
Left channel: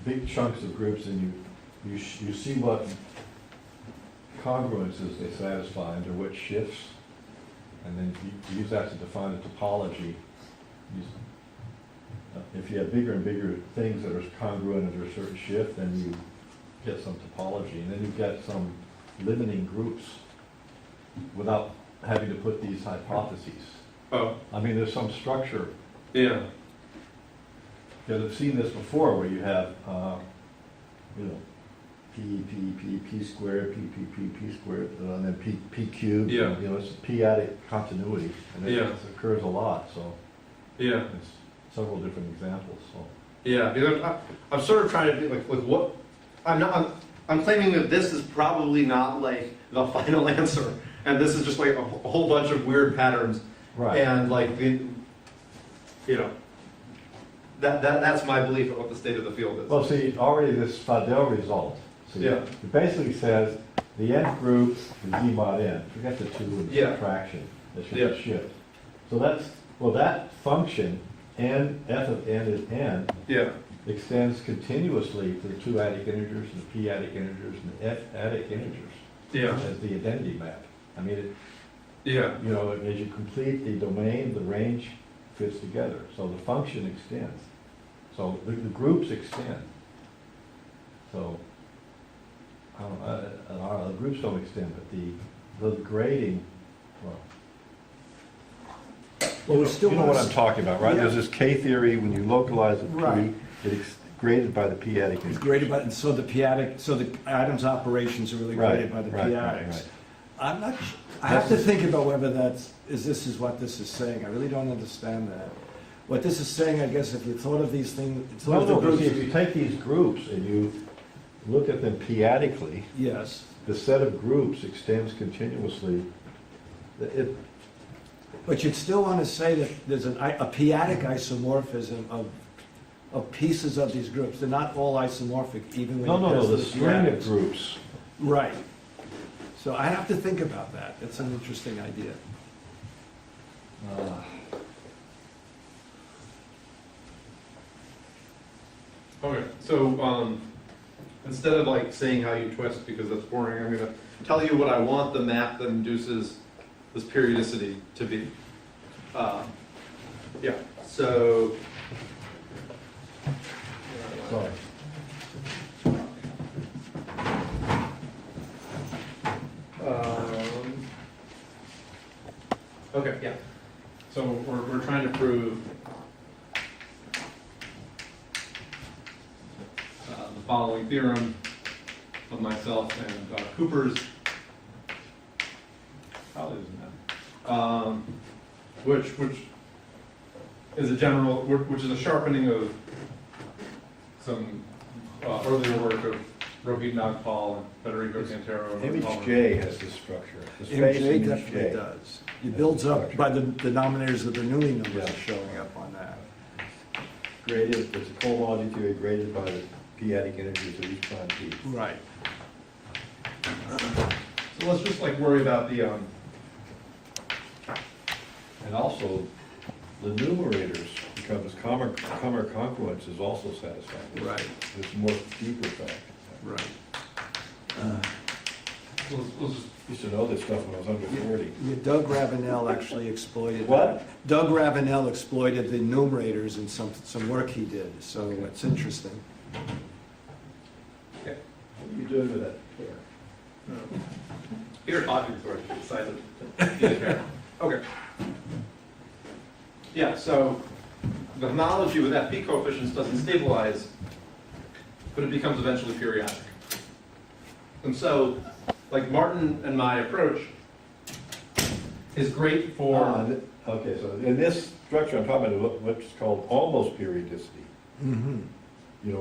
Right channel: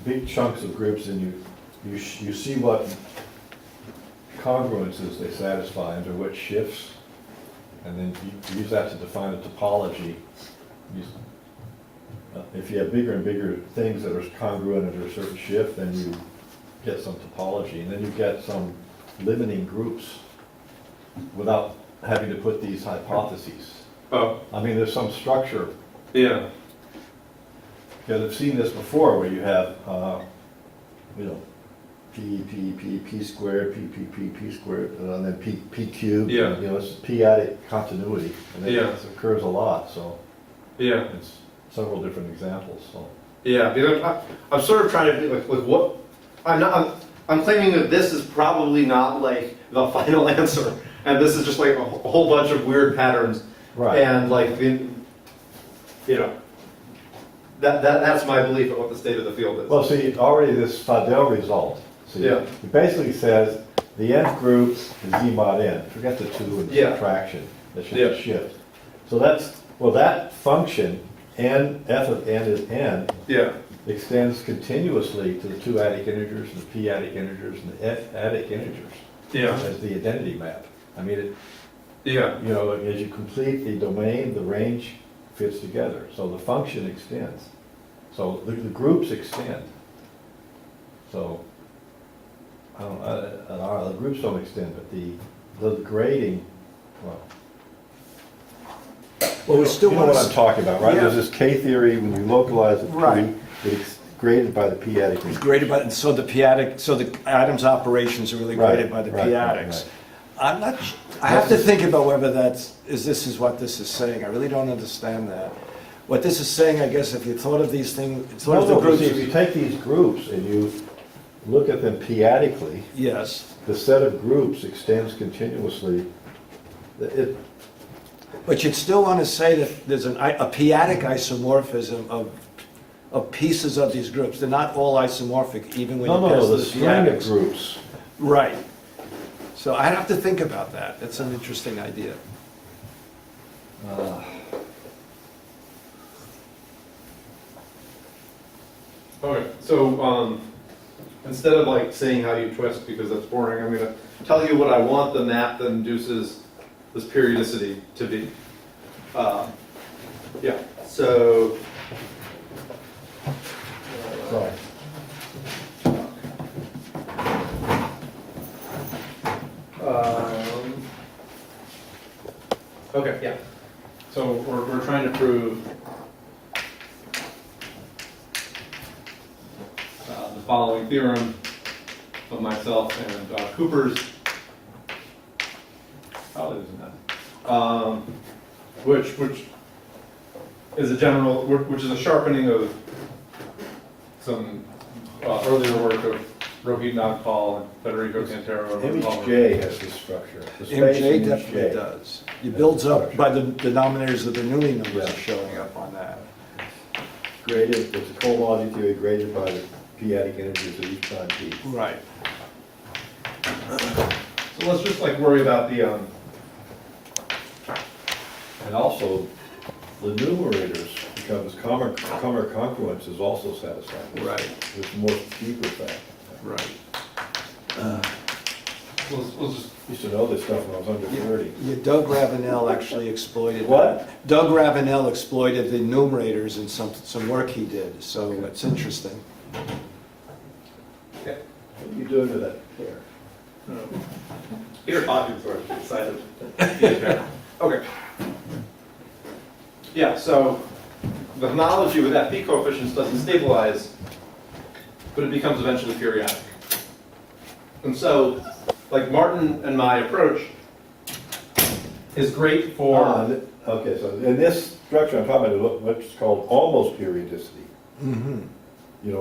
big chunks of groups, and you see what congruences they satisfy under which shifts, and then you use that to define a topology. If you have bigger and bigger things that are congruent under a certain shift, then you get some topology, and then you get some limiting groups. without having to put these hypotheses. Oh, I mean, there's some structure, yeah, because I've seen this before, where you have, P squared, P squared, and then P cubed. Yeah. It's p-adic continuity, and Yeah. it occurs a lot, so yeah. it's several different examples, so. Yeah, because I'm sort of trying to be like what, I'm claiming that this is probably not like the final answer, and this is just like a whole bunch of weird patterns. Right. And like, that's my belief of what the state of the field is. Well, see, already this Fadel result, see, Yeah. it basically says the nth group is Z mod n. Forget the 2 and the Yeah. subtraction, that's just Yeah. a shift. So that function, n, f of n is n, Yeah, extends continuously to the 2 adic integers, and the p adic integers, and the f adic integers yeah, as the identity map. I mean, yeah, as you complete the domain, the range fits together. So the function extends. So the groups extend. So, the groups don't extend, but the grading, well. Well, we still You know what want I'm talking about, right? Yeah. There's this K theory, when you localize it, Right. it's graded by the p-adic integers. graded by, so the p-adic, so the Adams operations are really Right, graded by the right, p-adics. right. I'm not, I have to think about whether this is what this is saying. I really don't understand that. What this is saying, I guess, if you thought of these things. But see, if you take these groups and you look at them p-adically, Yes, the set of groups extends continuously. but you'd still want to say that there's a p-adic isomorphism of pieces of these groups. They're not all isomorphic, even when you pass the string of p-adics. groups. Right. So I have to think about that. That's an interesting idea. okay, so, instead of like saying how you twist, because that's boring, I'm gonna tell you what I want the map that induces this periodicity to be. Yeah, so. Right. Okay, yeah. So we're trying to prove the following theorem of myself and Cooper's colleagues in that, which is a general, which is a sharpening of some earlier work of Rohit Nagpal and Federico Cantero. and Image Palmer. J has this structure. The space MJ image definitely J. does. It Yeah, builds up structure. by the denominators of the Newey numbers Yeah. showing up on that. Graded, it's a cohomology theory graded by the p-adic integers of each prime p. Right. So let's just like worry about the, And also, the numerators, because common congruence is also satisfied. Right. It's a more deeper fact. Right. let's just, Used to know this stuff when I was under 30. Yeah, Doug Ravenel actually exploited. What? Doug Ravenel exploited the numerators in some work he did, so it's interesting. What are you doing with that hair? Peter talking sort of excited. Okay. Yeah, so the homology with FP coefficients doesn't stabilize, but it becomes eventually periodic. And so, like Martin and my approach is great for, Okay, so in this structure, I'm talking about what's called almost periodicity. Mm-hmm.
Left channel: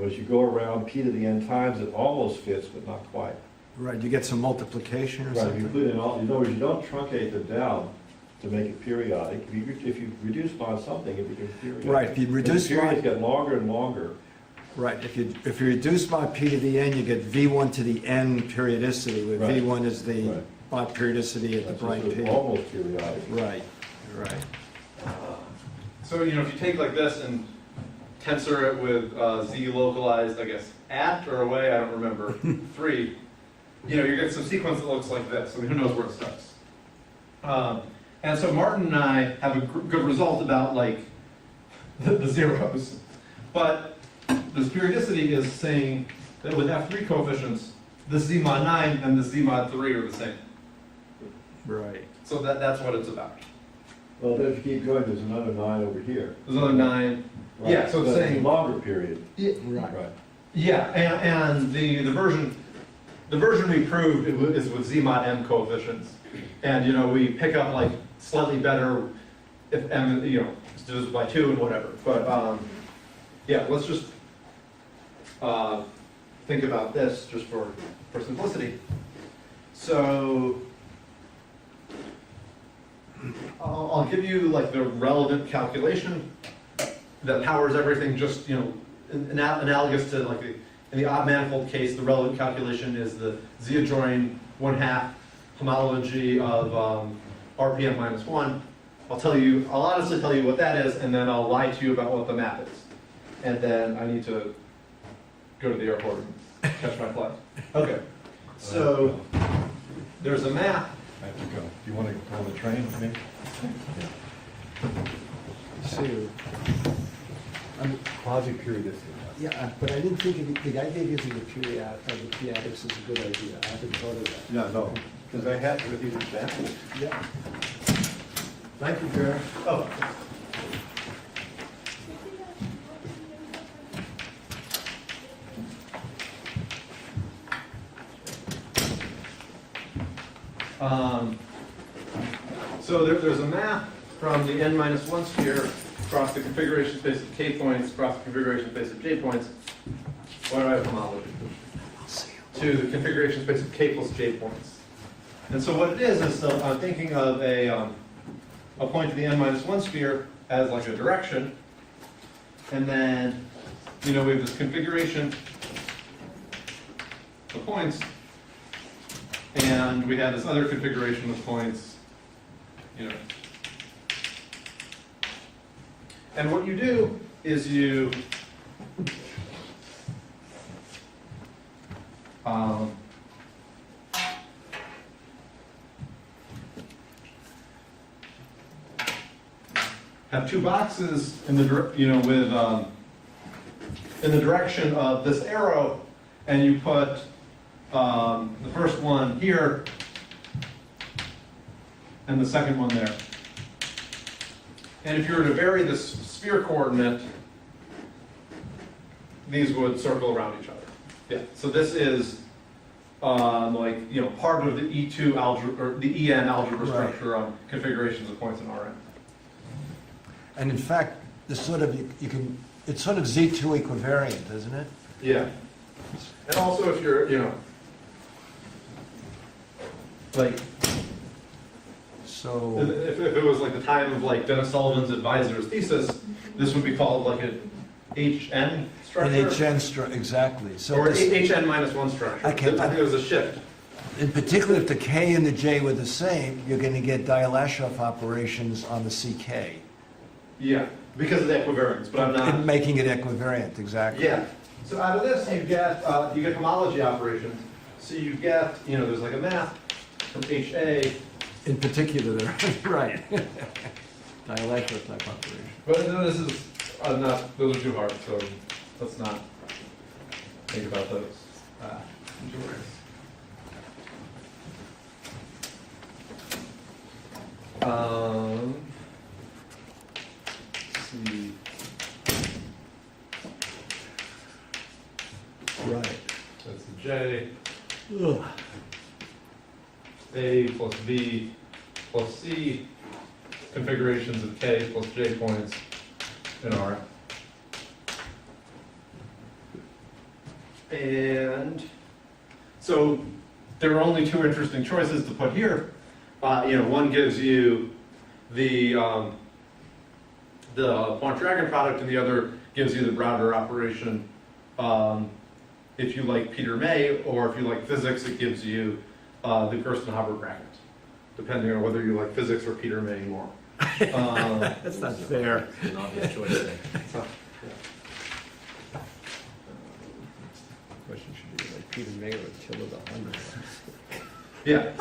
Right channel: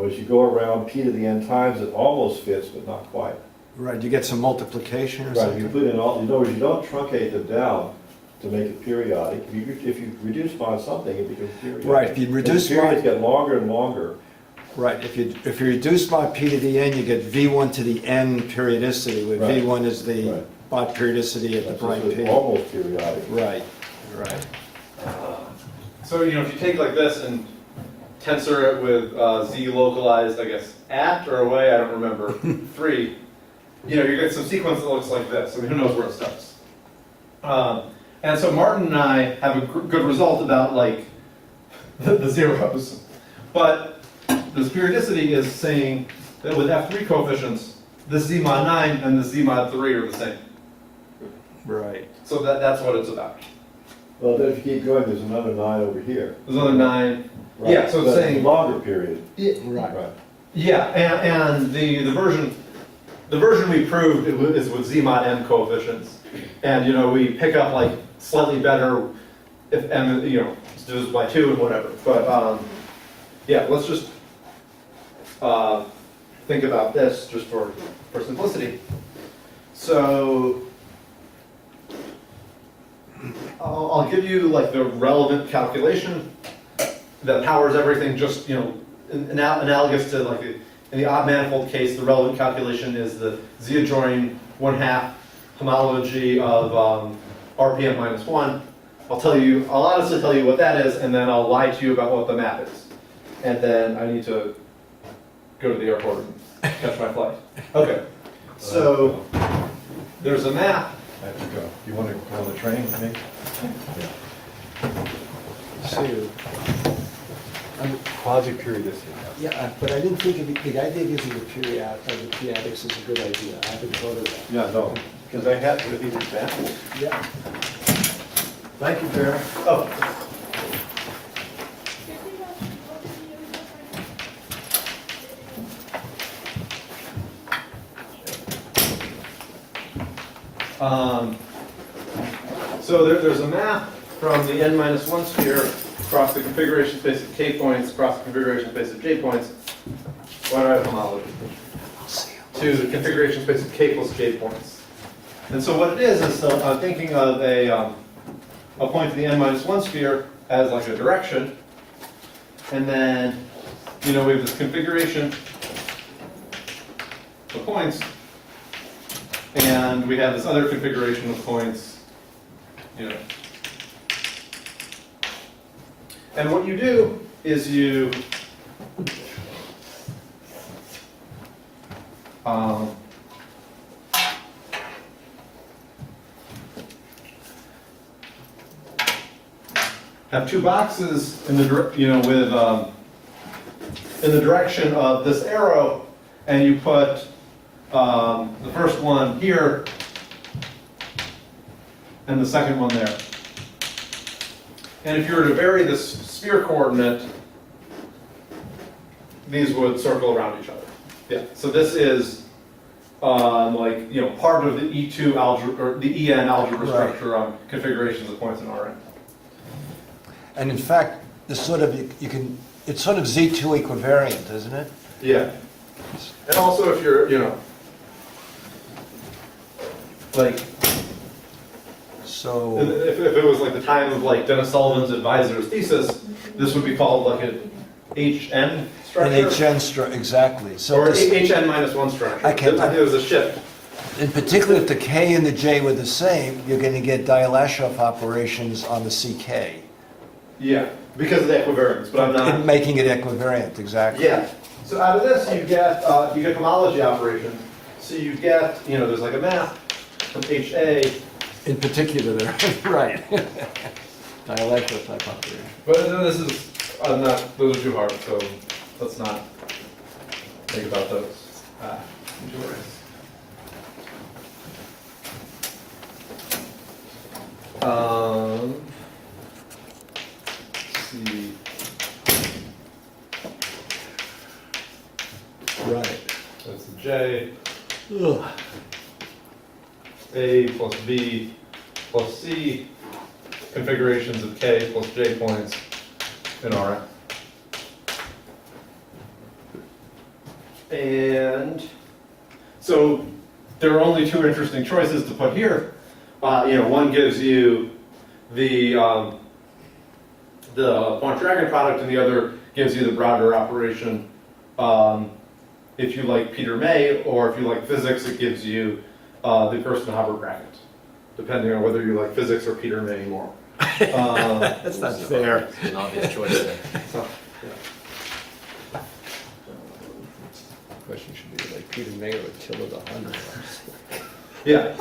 As you go around p to the n times, it almost fits, but not quite. Right, you get some multiplication or Right, if something? you put in all, in other words, you don't truncate them down to make it periodic. If you reduce by something, it becomes periodic. Right, if you But reduce the periods by- get longer and longer. Right, if you reduce by p to the n, you get v1 to the n periodicity, where Right. v1 is the Right. Bott periodicity of the So prime it's p. almost periodic. Right, right. so if you take like this and tensor it with z localized, I guess, at or away, I don't remember, 3, you get some sequence that looks like this. I mean, who knows where it starts. And so Martin and I have a good result about like the zeros. But this periodicity is saying that with F3 coefficients, this Z mod 9 and this Z mod 3 are the same. Right. So that's what it's about. Well, then if you keep going, there's another 9 over here. There's another 9. Right. Yeah, so it's That's a saying, longer period. Right. Right. yeah, and the version we proved is with Z mod M coefficients. And, you know, we pick up like slightly better if M, you know, divided by 2 and whatever. But, yeah, let's just think about this just for simplicity. So I'll give you like the relevant calculation that powers everything, just, you know, analogous to like in the odd manifold case, the relevant calculation is the Z adjoining 1/2 homology of RPM minus 1. I'll honestly tell you what that is, and then I'll lie to you about what the map is. And then I need to go to the airport and catch my flight. Okay, so there's a map. I have to go. Do you want to go on the train with me? Yeah. So, Quasi-periodicity. yeah, but I didn't think the idea of using the periodics is a good idea. I haven't thought of that. Yeah, no, because I had to be examples. Yeah. Thank you, Bear. Oh, so there's a map from the n-1 sphere across the configuration space of k points, across the configuration space of j points. Why do I have homology? To the configuration space of k plus j points. And so what it is I'm thinking of a point in the n-1 sphere as like a direction, and then, you know, we have this configuration of points, and we have this other configuration of points, you know. And what you do is you have two boxes in the with in the direction of this arrow, and you put the first one here and the second one there. And if you were to vary this sphere coordinate, these would circle around each other. Yeah. So this is like, you know, part of the E2 algebra or the EN algebra structure on configurations of points in Rn. And in fact, this sort of it's sort of Z2 equivariant, isn't it? Yeah. And also if you're, you know, like, So if it was like the time of like Dennis Sullivan's advisor's thesis, this would be called like an HN structure. exactly. So Or this- HN minus 1 structure. Okay. I think it was a shift. in particular, if the K and the J were the same, you're going to get Dirichlet operations on the CK. Yeah, because of the equivariance, but I'm not. Making it equivariant, exactly. Yeah. So out of this, you get homology operations. So you get, you know, there's like a map from HA. In particular, right. Dirichlet type operation. But this is not; those are too hard. So let's not think about those. Too worries. Let's see. Right. That's the J. Ugh. A plus B plus C configurations of K plus J points in Rn. And so there are only two interesting choices to put here. You know, one gives you the Pointryagin product, and the other gives you the Browder operation. If you like Peter May, or if you like physics, it gives you the Gersten-Haber bracket, depending on whether you like physics or Peter May more. That's not fair. It's an obvious choice there. So, Question should be like Peter May or Attila the Hun. yeah,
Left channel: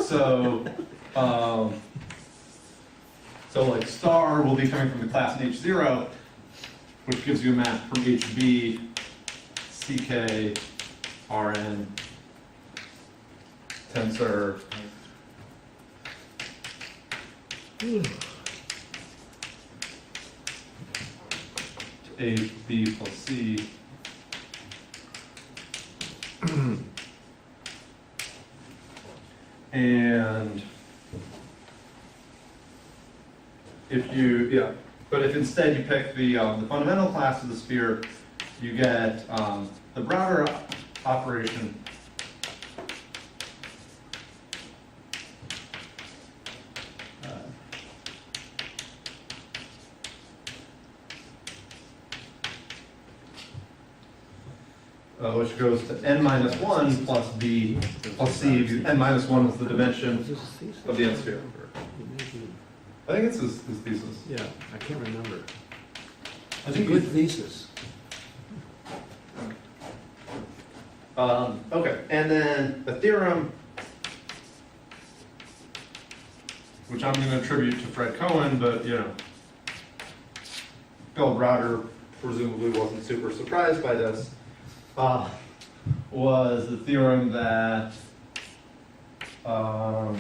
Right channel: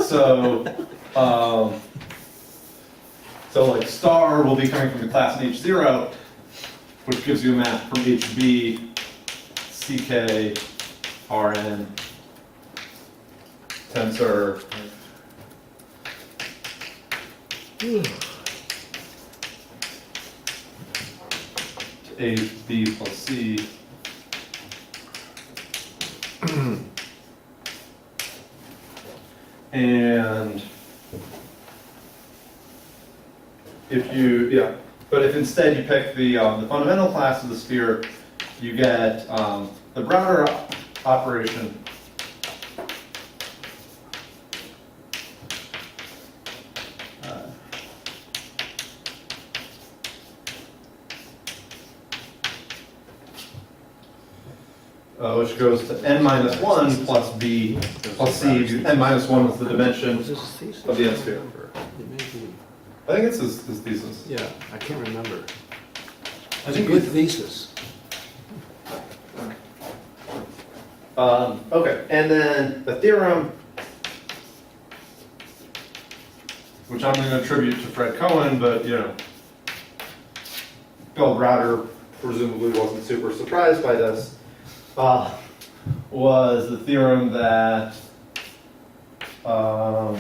so like star will be coming from the class in H0, which gives you a map from HB, CK, RN, tensor, A, B plus C. And if you, yeah, but if instead you pick the fundamental class of the sphere, you get the Browner operation. Which goes to n minus 1 plus b plus c. N minus 1 is the dimension of the n sphere. I think it's his thesis. Yeah, I can't remember. I think Good thesis. Okay, and then the theorem, which I'm going to attribute to Fred Cohen, but you know, Bill Browder presumably wasn't super surprised by this, was the theorem that I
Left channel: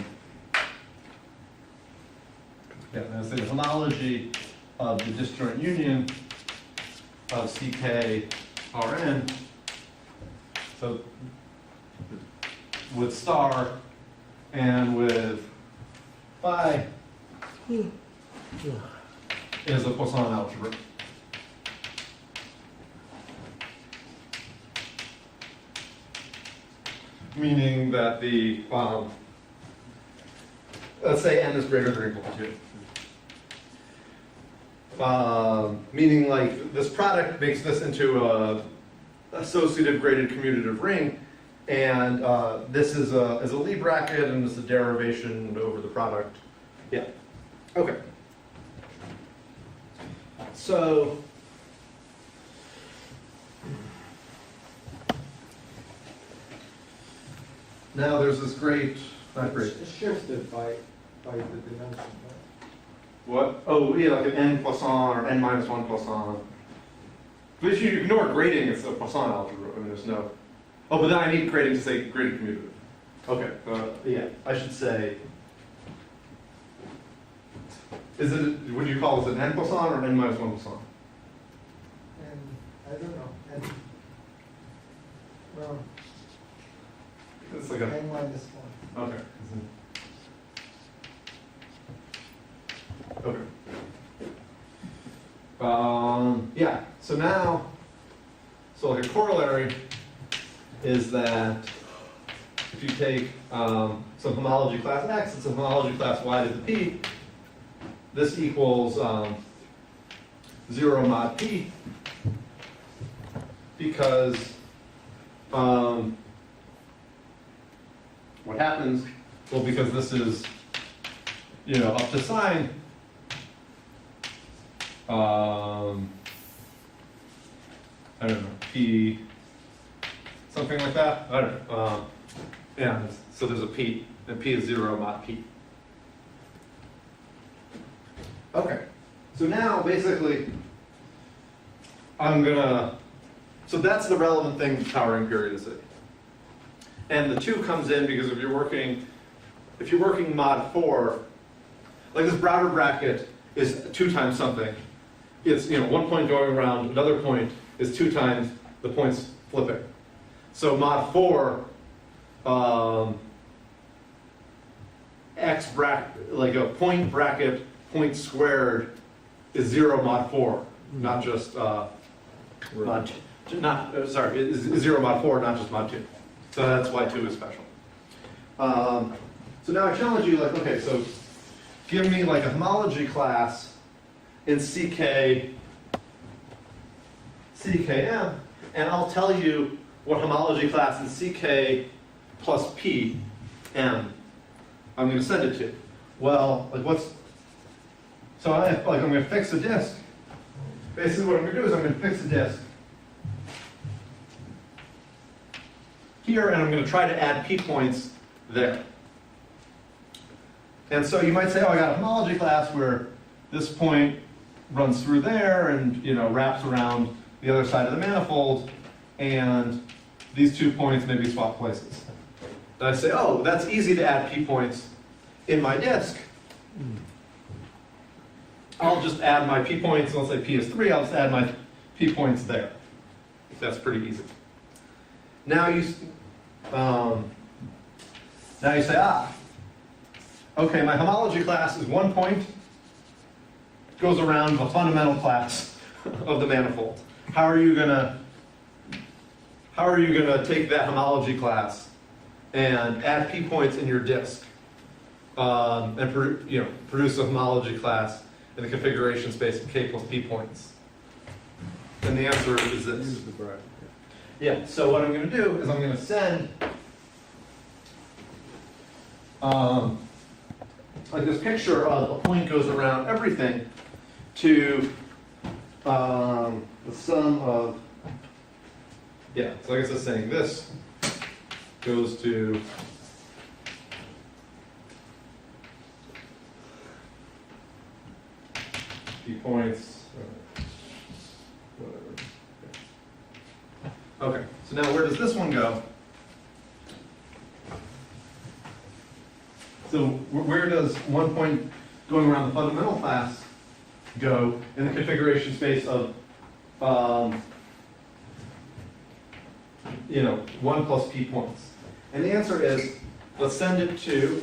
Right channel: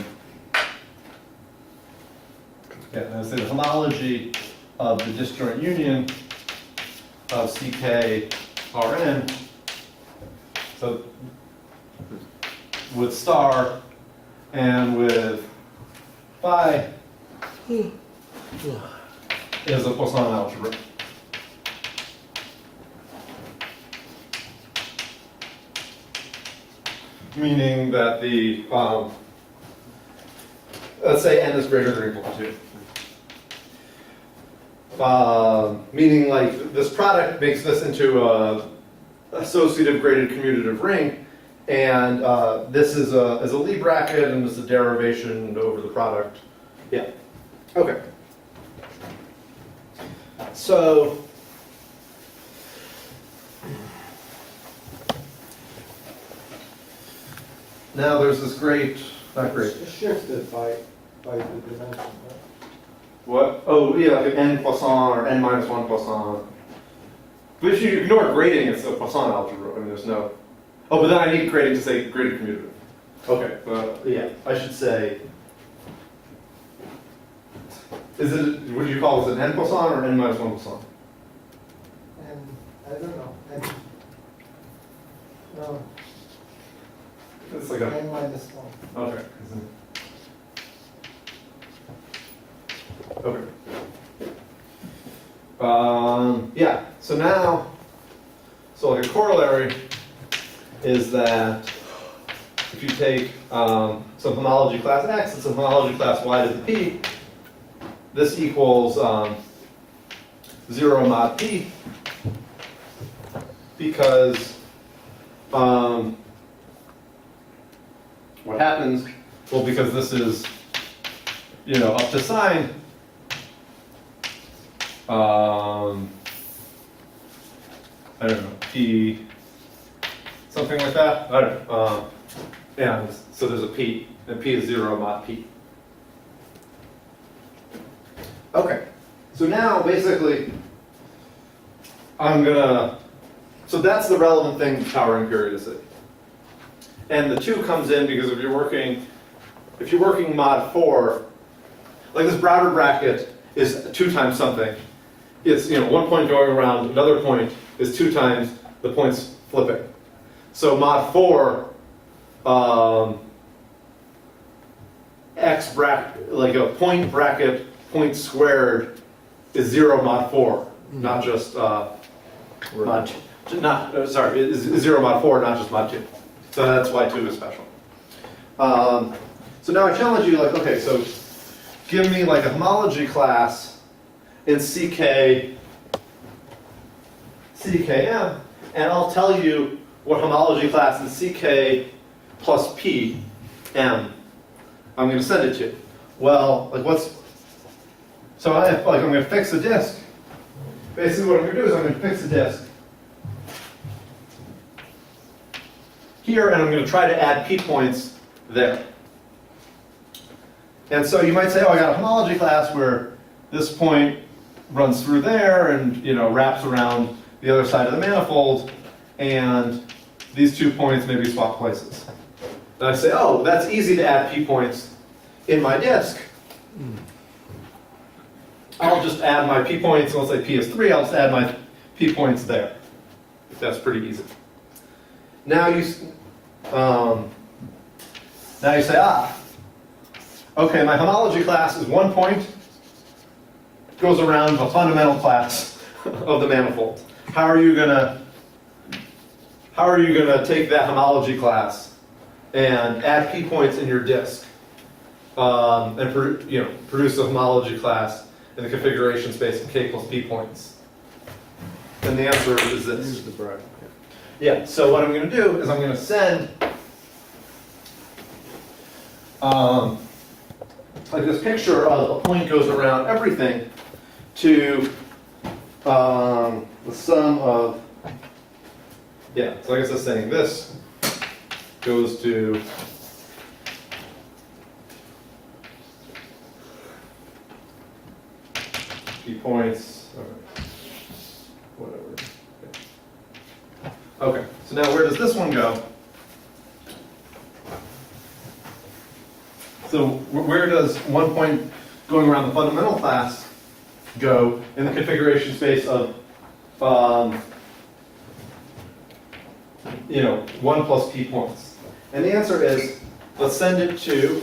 say the homology of the disjoint union of CK Rn. So with star and with phi is a Poisson algebra. Meaning that the, let's say n is greater than or equal to 2. Meaning like this product makes this into a associative graded commutative ring, and this is a Lie bracket, and this is a derivation over the product. Yeah. Okay. So now there's this great, not great. It's shifted by the dimension. What? Oh, yeah, like an n Poisson or n minus 1 Poisson. But if you ignore grading, it's a Poisson algebra. I mean, there's no. Oh, but then I need grading to say graded commutative. Okay, yeah, I should say. Is it? What do you call it? Is it n Poisson or n minus 1 Poisson? And I don't know. And, no, It's like a. n minus 1. Okay. Okay. Yeah, so now, so like a corollary is that if you take some homology class X and some homology class Y to the P, this equals 0 mod P, because what happens, well, because this is, you know, up to sign, I don't know, P, something like that, I don't know, and so there's a P, and P is 0 mod P. Okay, so now basically, so that's the relevant thing to powering periodicity. And the 2 comes in because if you're working mod 4, like this Browder bracket is 2 times something. It's, you know, 1 point going around, another point is 2 times the points flipping. So mod 4, X bracket, like a point bracket, point squared is 0 mod 4, not just mod 2. Sorry, is 0 mod 4, not just mod 2. So that's why 2 is special. So now I challenge you, like, okay, so give me like a homology class in CKM, and I'll tell you what homology class in CK plus PM I'm going to send it to. Well, like so I'm going to fix a disk. Basically what I'm going to do is I'm going to fix a disk here, and I'm going to try to add P points there. And so you might say, oh, I got a homology class where this point runs through there and, you know, wraps around the other side of the manifold, and these 2 points maybe swap places. And I say, oh, that's easy to add P points in my disk. I'll just add my p points, and let's say p is 3, I'll just add my p points there. That's pretty easy. Now you say, okay, my homology class is 1 point, goes around the fundamental class of the manifold. How are you gonna take that homology class and add p points in your disk and produce a homology class in the configuration space of k plus p points? And the answer is this. Use the bracket. Yeah, so what I'm going to do is I'm going to send like this picture of a point goes around everything to the sum of, yeah, so I guess it's saying this goes to p points, whatever. Okay, so now where does this one go? So where does 1 point going around the fundamental class go in the configuration space of, 1 plus p points? And the answer is, let's send it to,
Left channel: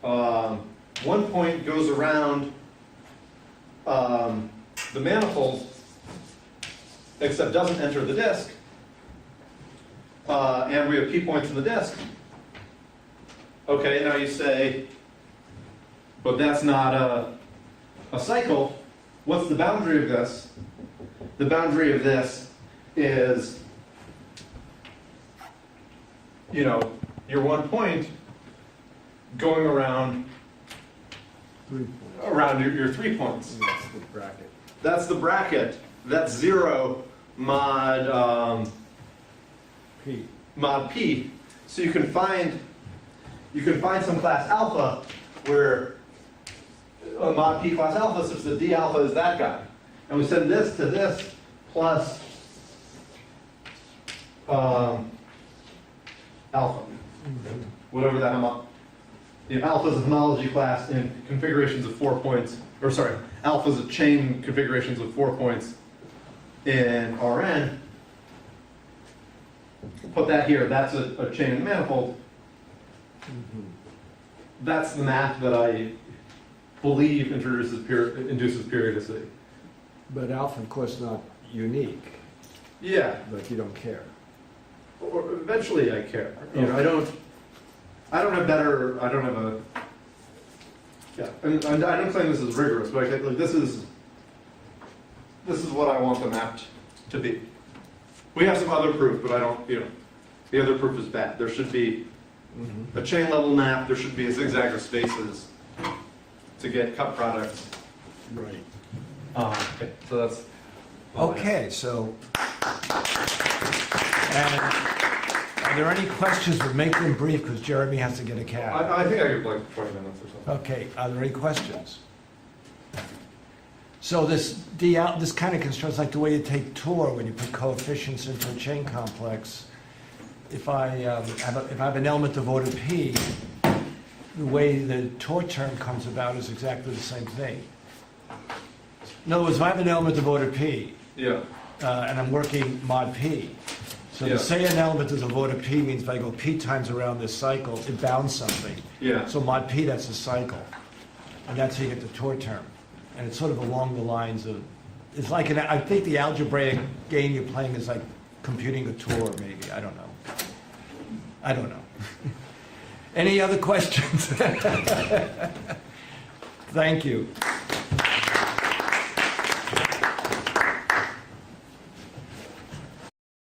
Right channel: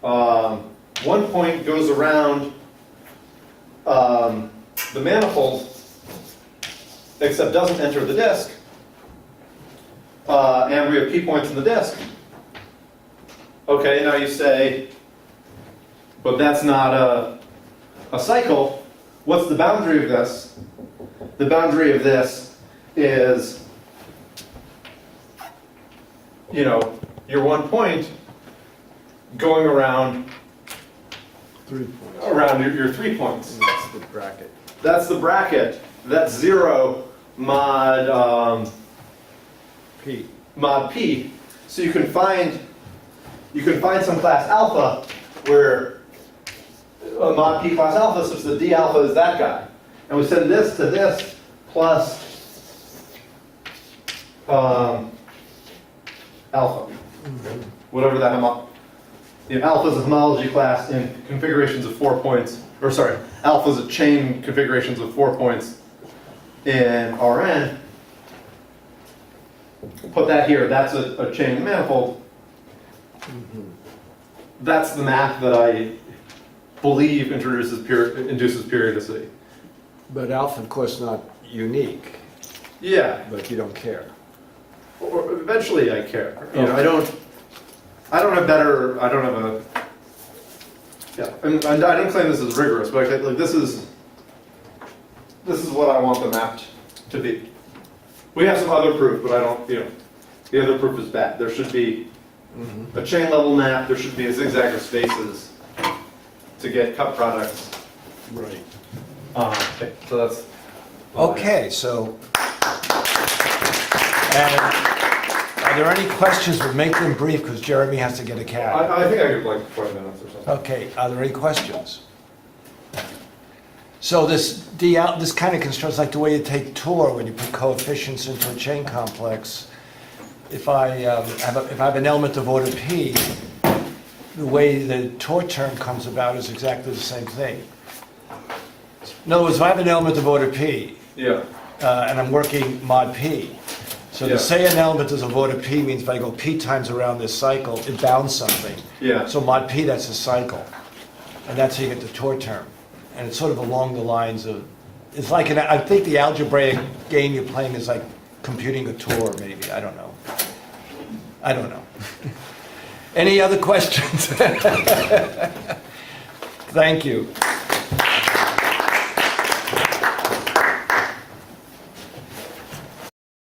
1 point goes around the manifold, except doesn't enter the disk, and we have p points in the disk. Okay, now you say, but that's not a cycle. What's the boundary of this? The boundary of this is, your 1 point going around 3 points. around your 3 points. And that's the bracket. That's the bracket. That's 0 mod P. mod p. So you can find some class alpha where a mod p class alpha such that d alpha is that guy, and we send this to this plus alpha, whatever that alpha is a homology class in configurations of 4 points, or sorry, alpha is a chain configurations of 4 points in Rn. Put that here, that's a chain manifold. That's the map that I believe induces periodicity. But alpha, of course, not unique, Yeah, but you don't care. or eventually I care. I don't have a, yeah, and I don't claim this is rigorous, but like this is what I want the map to be. We have some other proof, but I don't, the other proof is bad. There should be a chain level map, there should be a zigzag of spaces to get cut products. Right. Okay, so that's. all I have. Okay, so, and are there any questions? But make them brief, because Jeremy has to get a cab. I think I could like 20 minutes or something. Okay, are there any questions? So this kind of constructs like the way you take Tor when you put coefficients into a chain complex. If I have an element of order p, the way the Tor term comes about is exactly the same thing. In other words, if I have an element of order p, Yeah. and I'm working mod p, so Yeah. to say an element is of order p means if I go p times around this cycle, it bounds something. Yeah. So mod p, that's a cycle. And that's how you get the Tor term. And it's sort of along the lines of, it's like, I think the algebraic game you're playing is like computing a Tor, maybe, I don't know. I don't know. Any other questions? Thank you.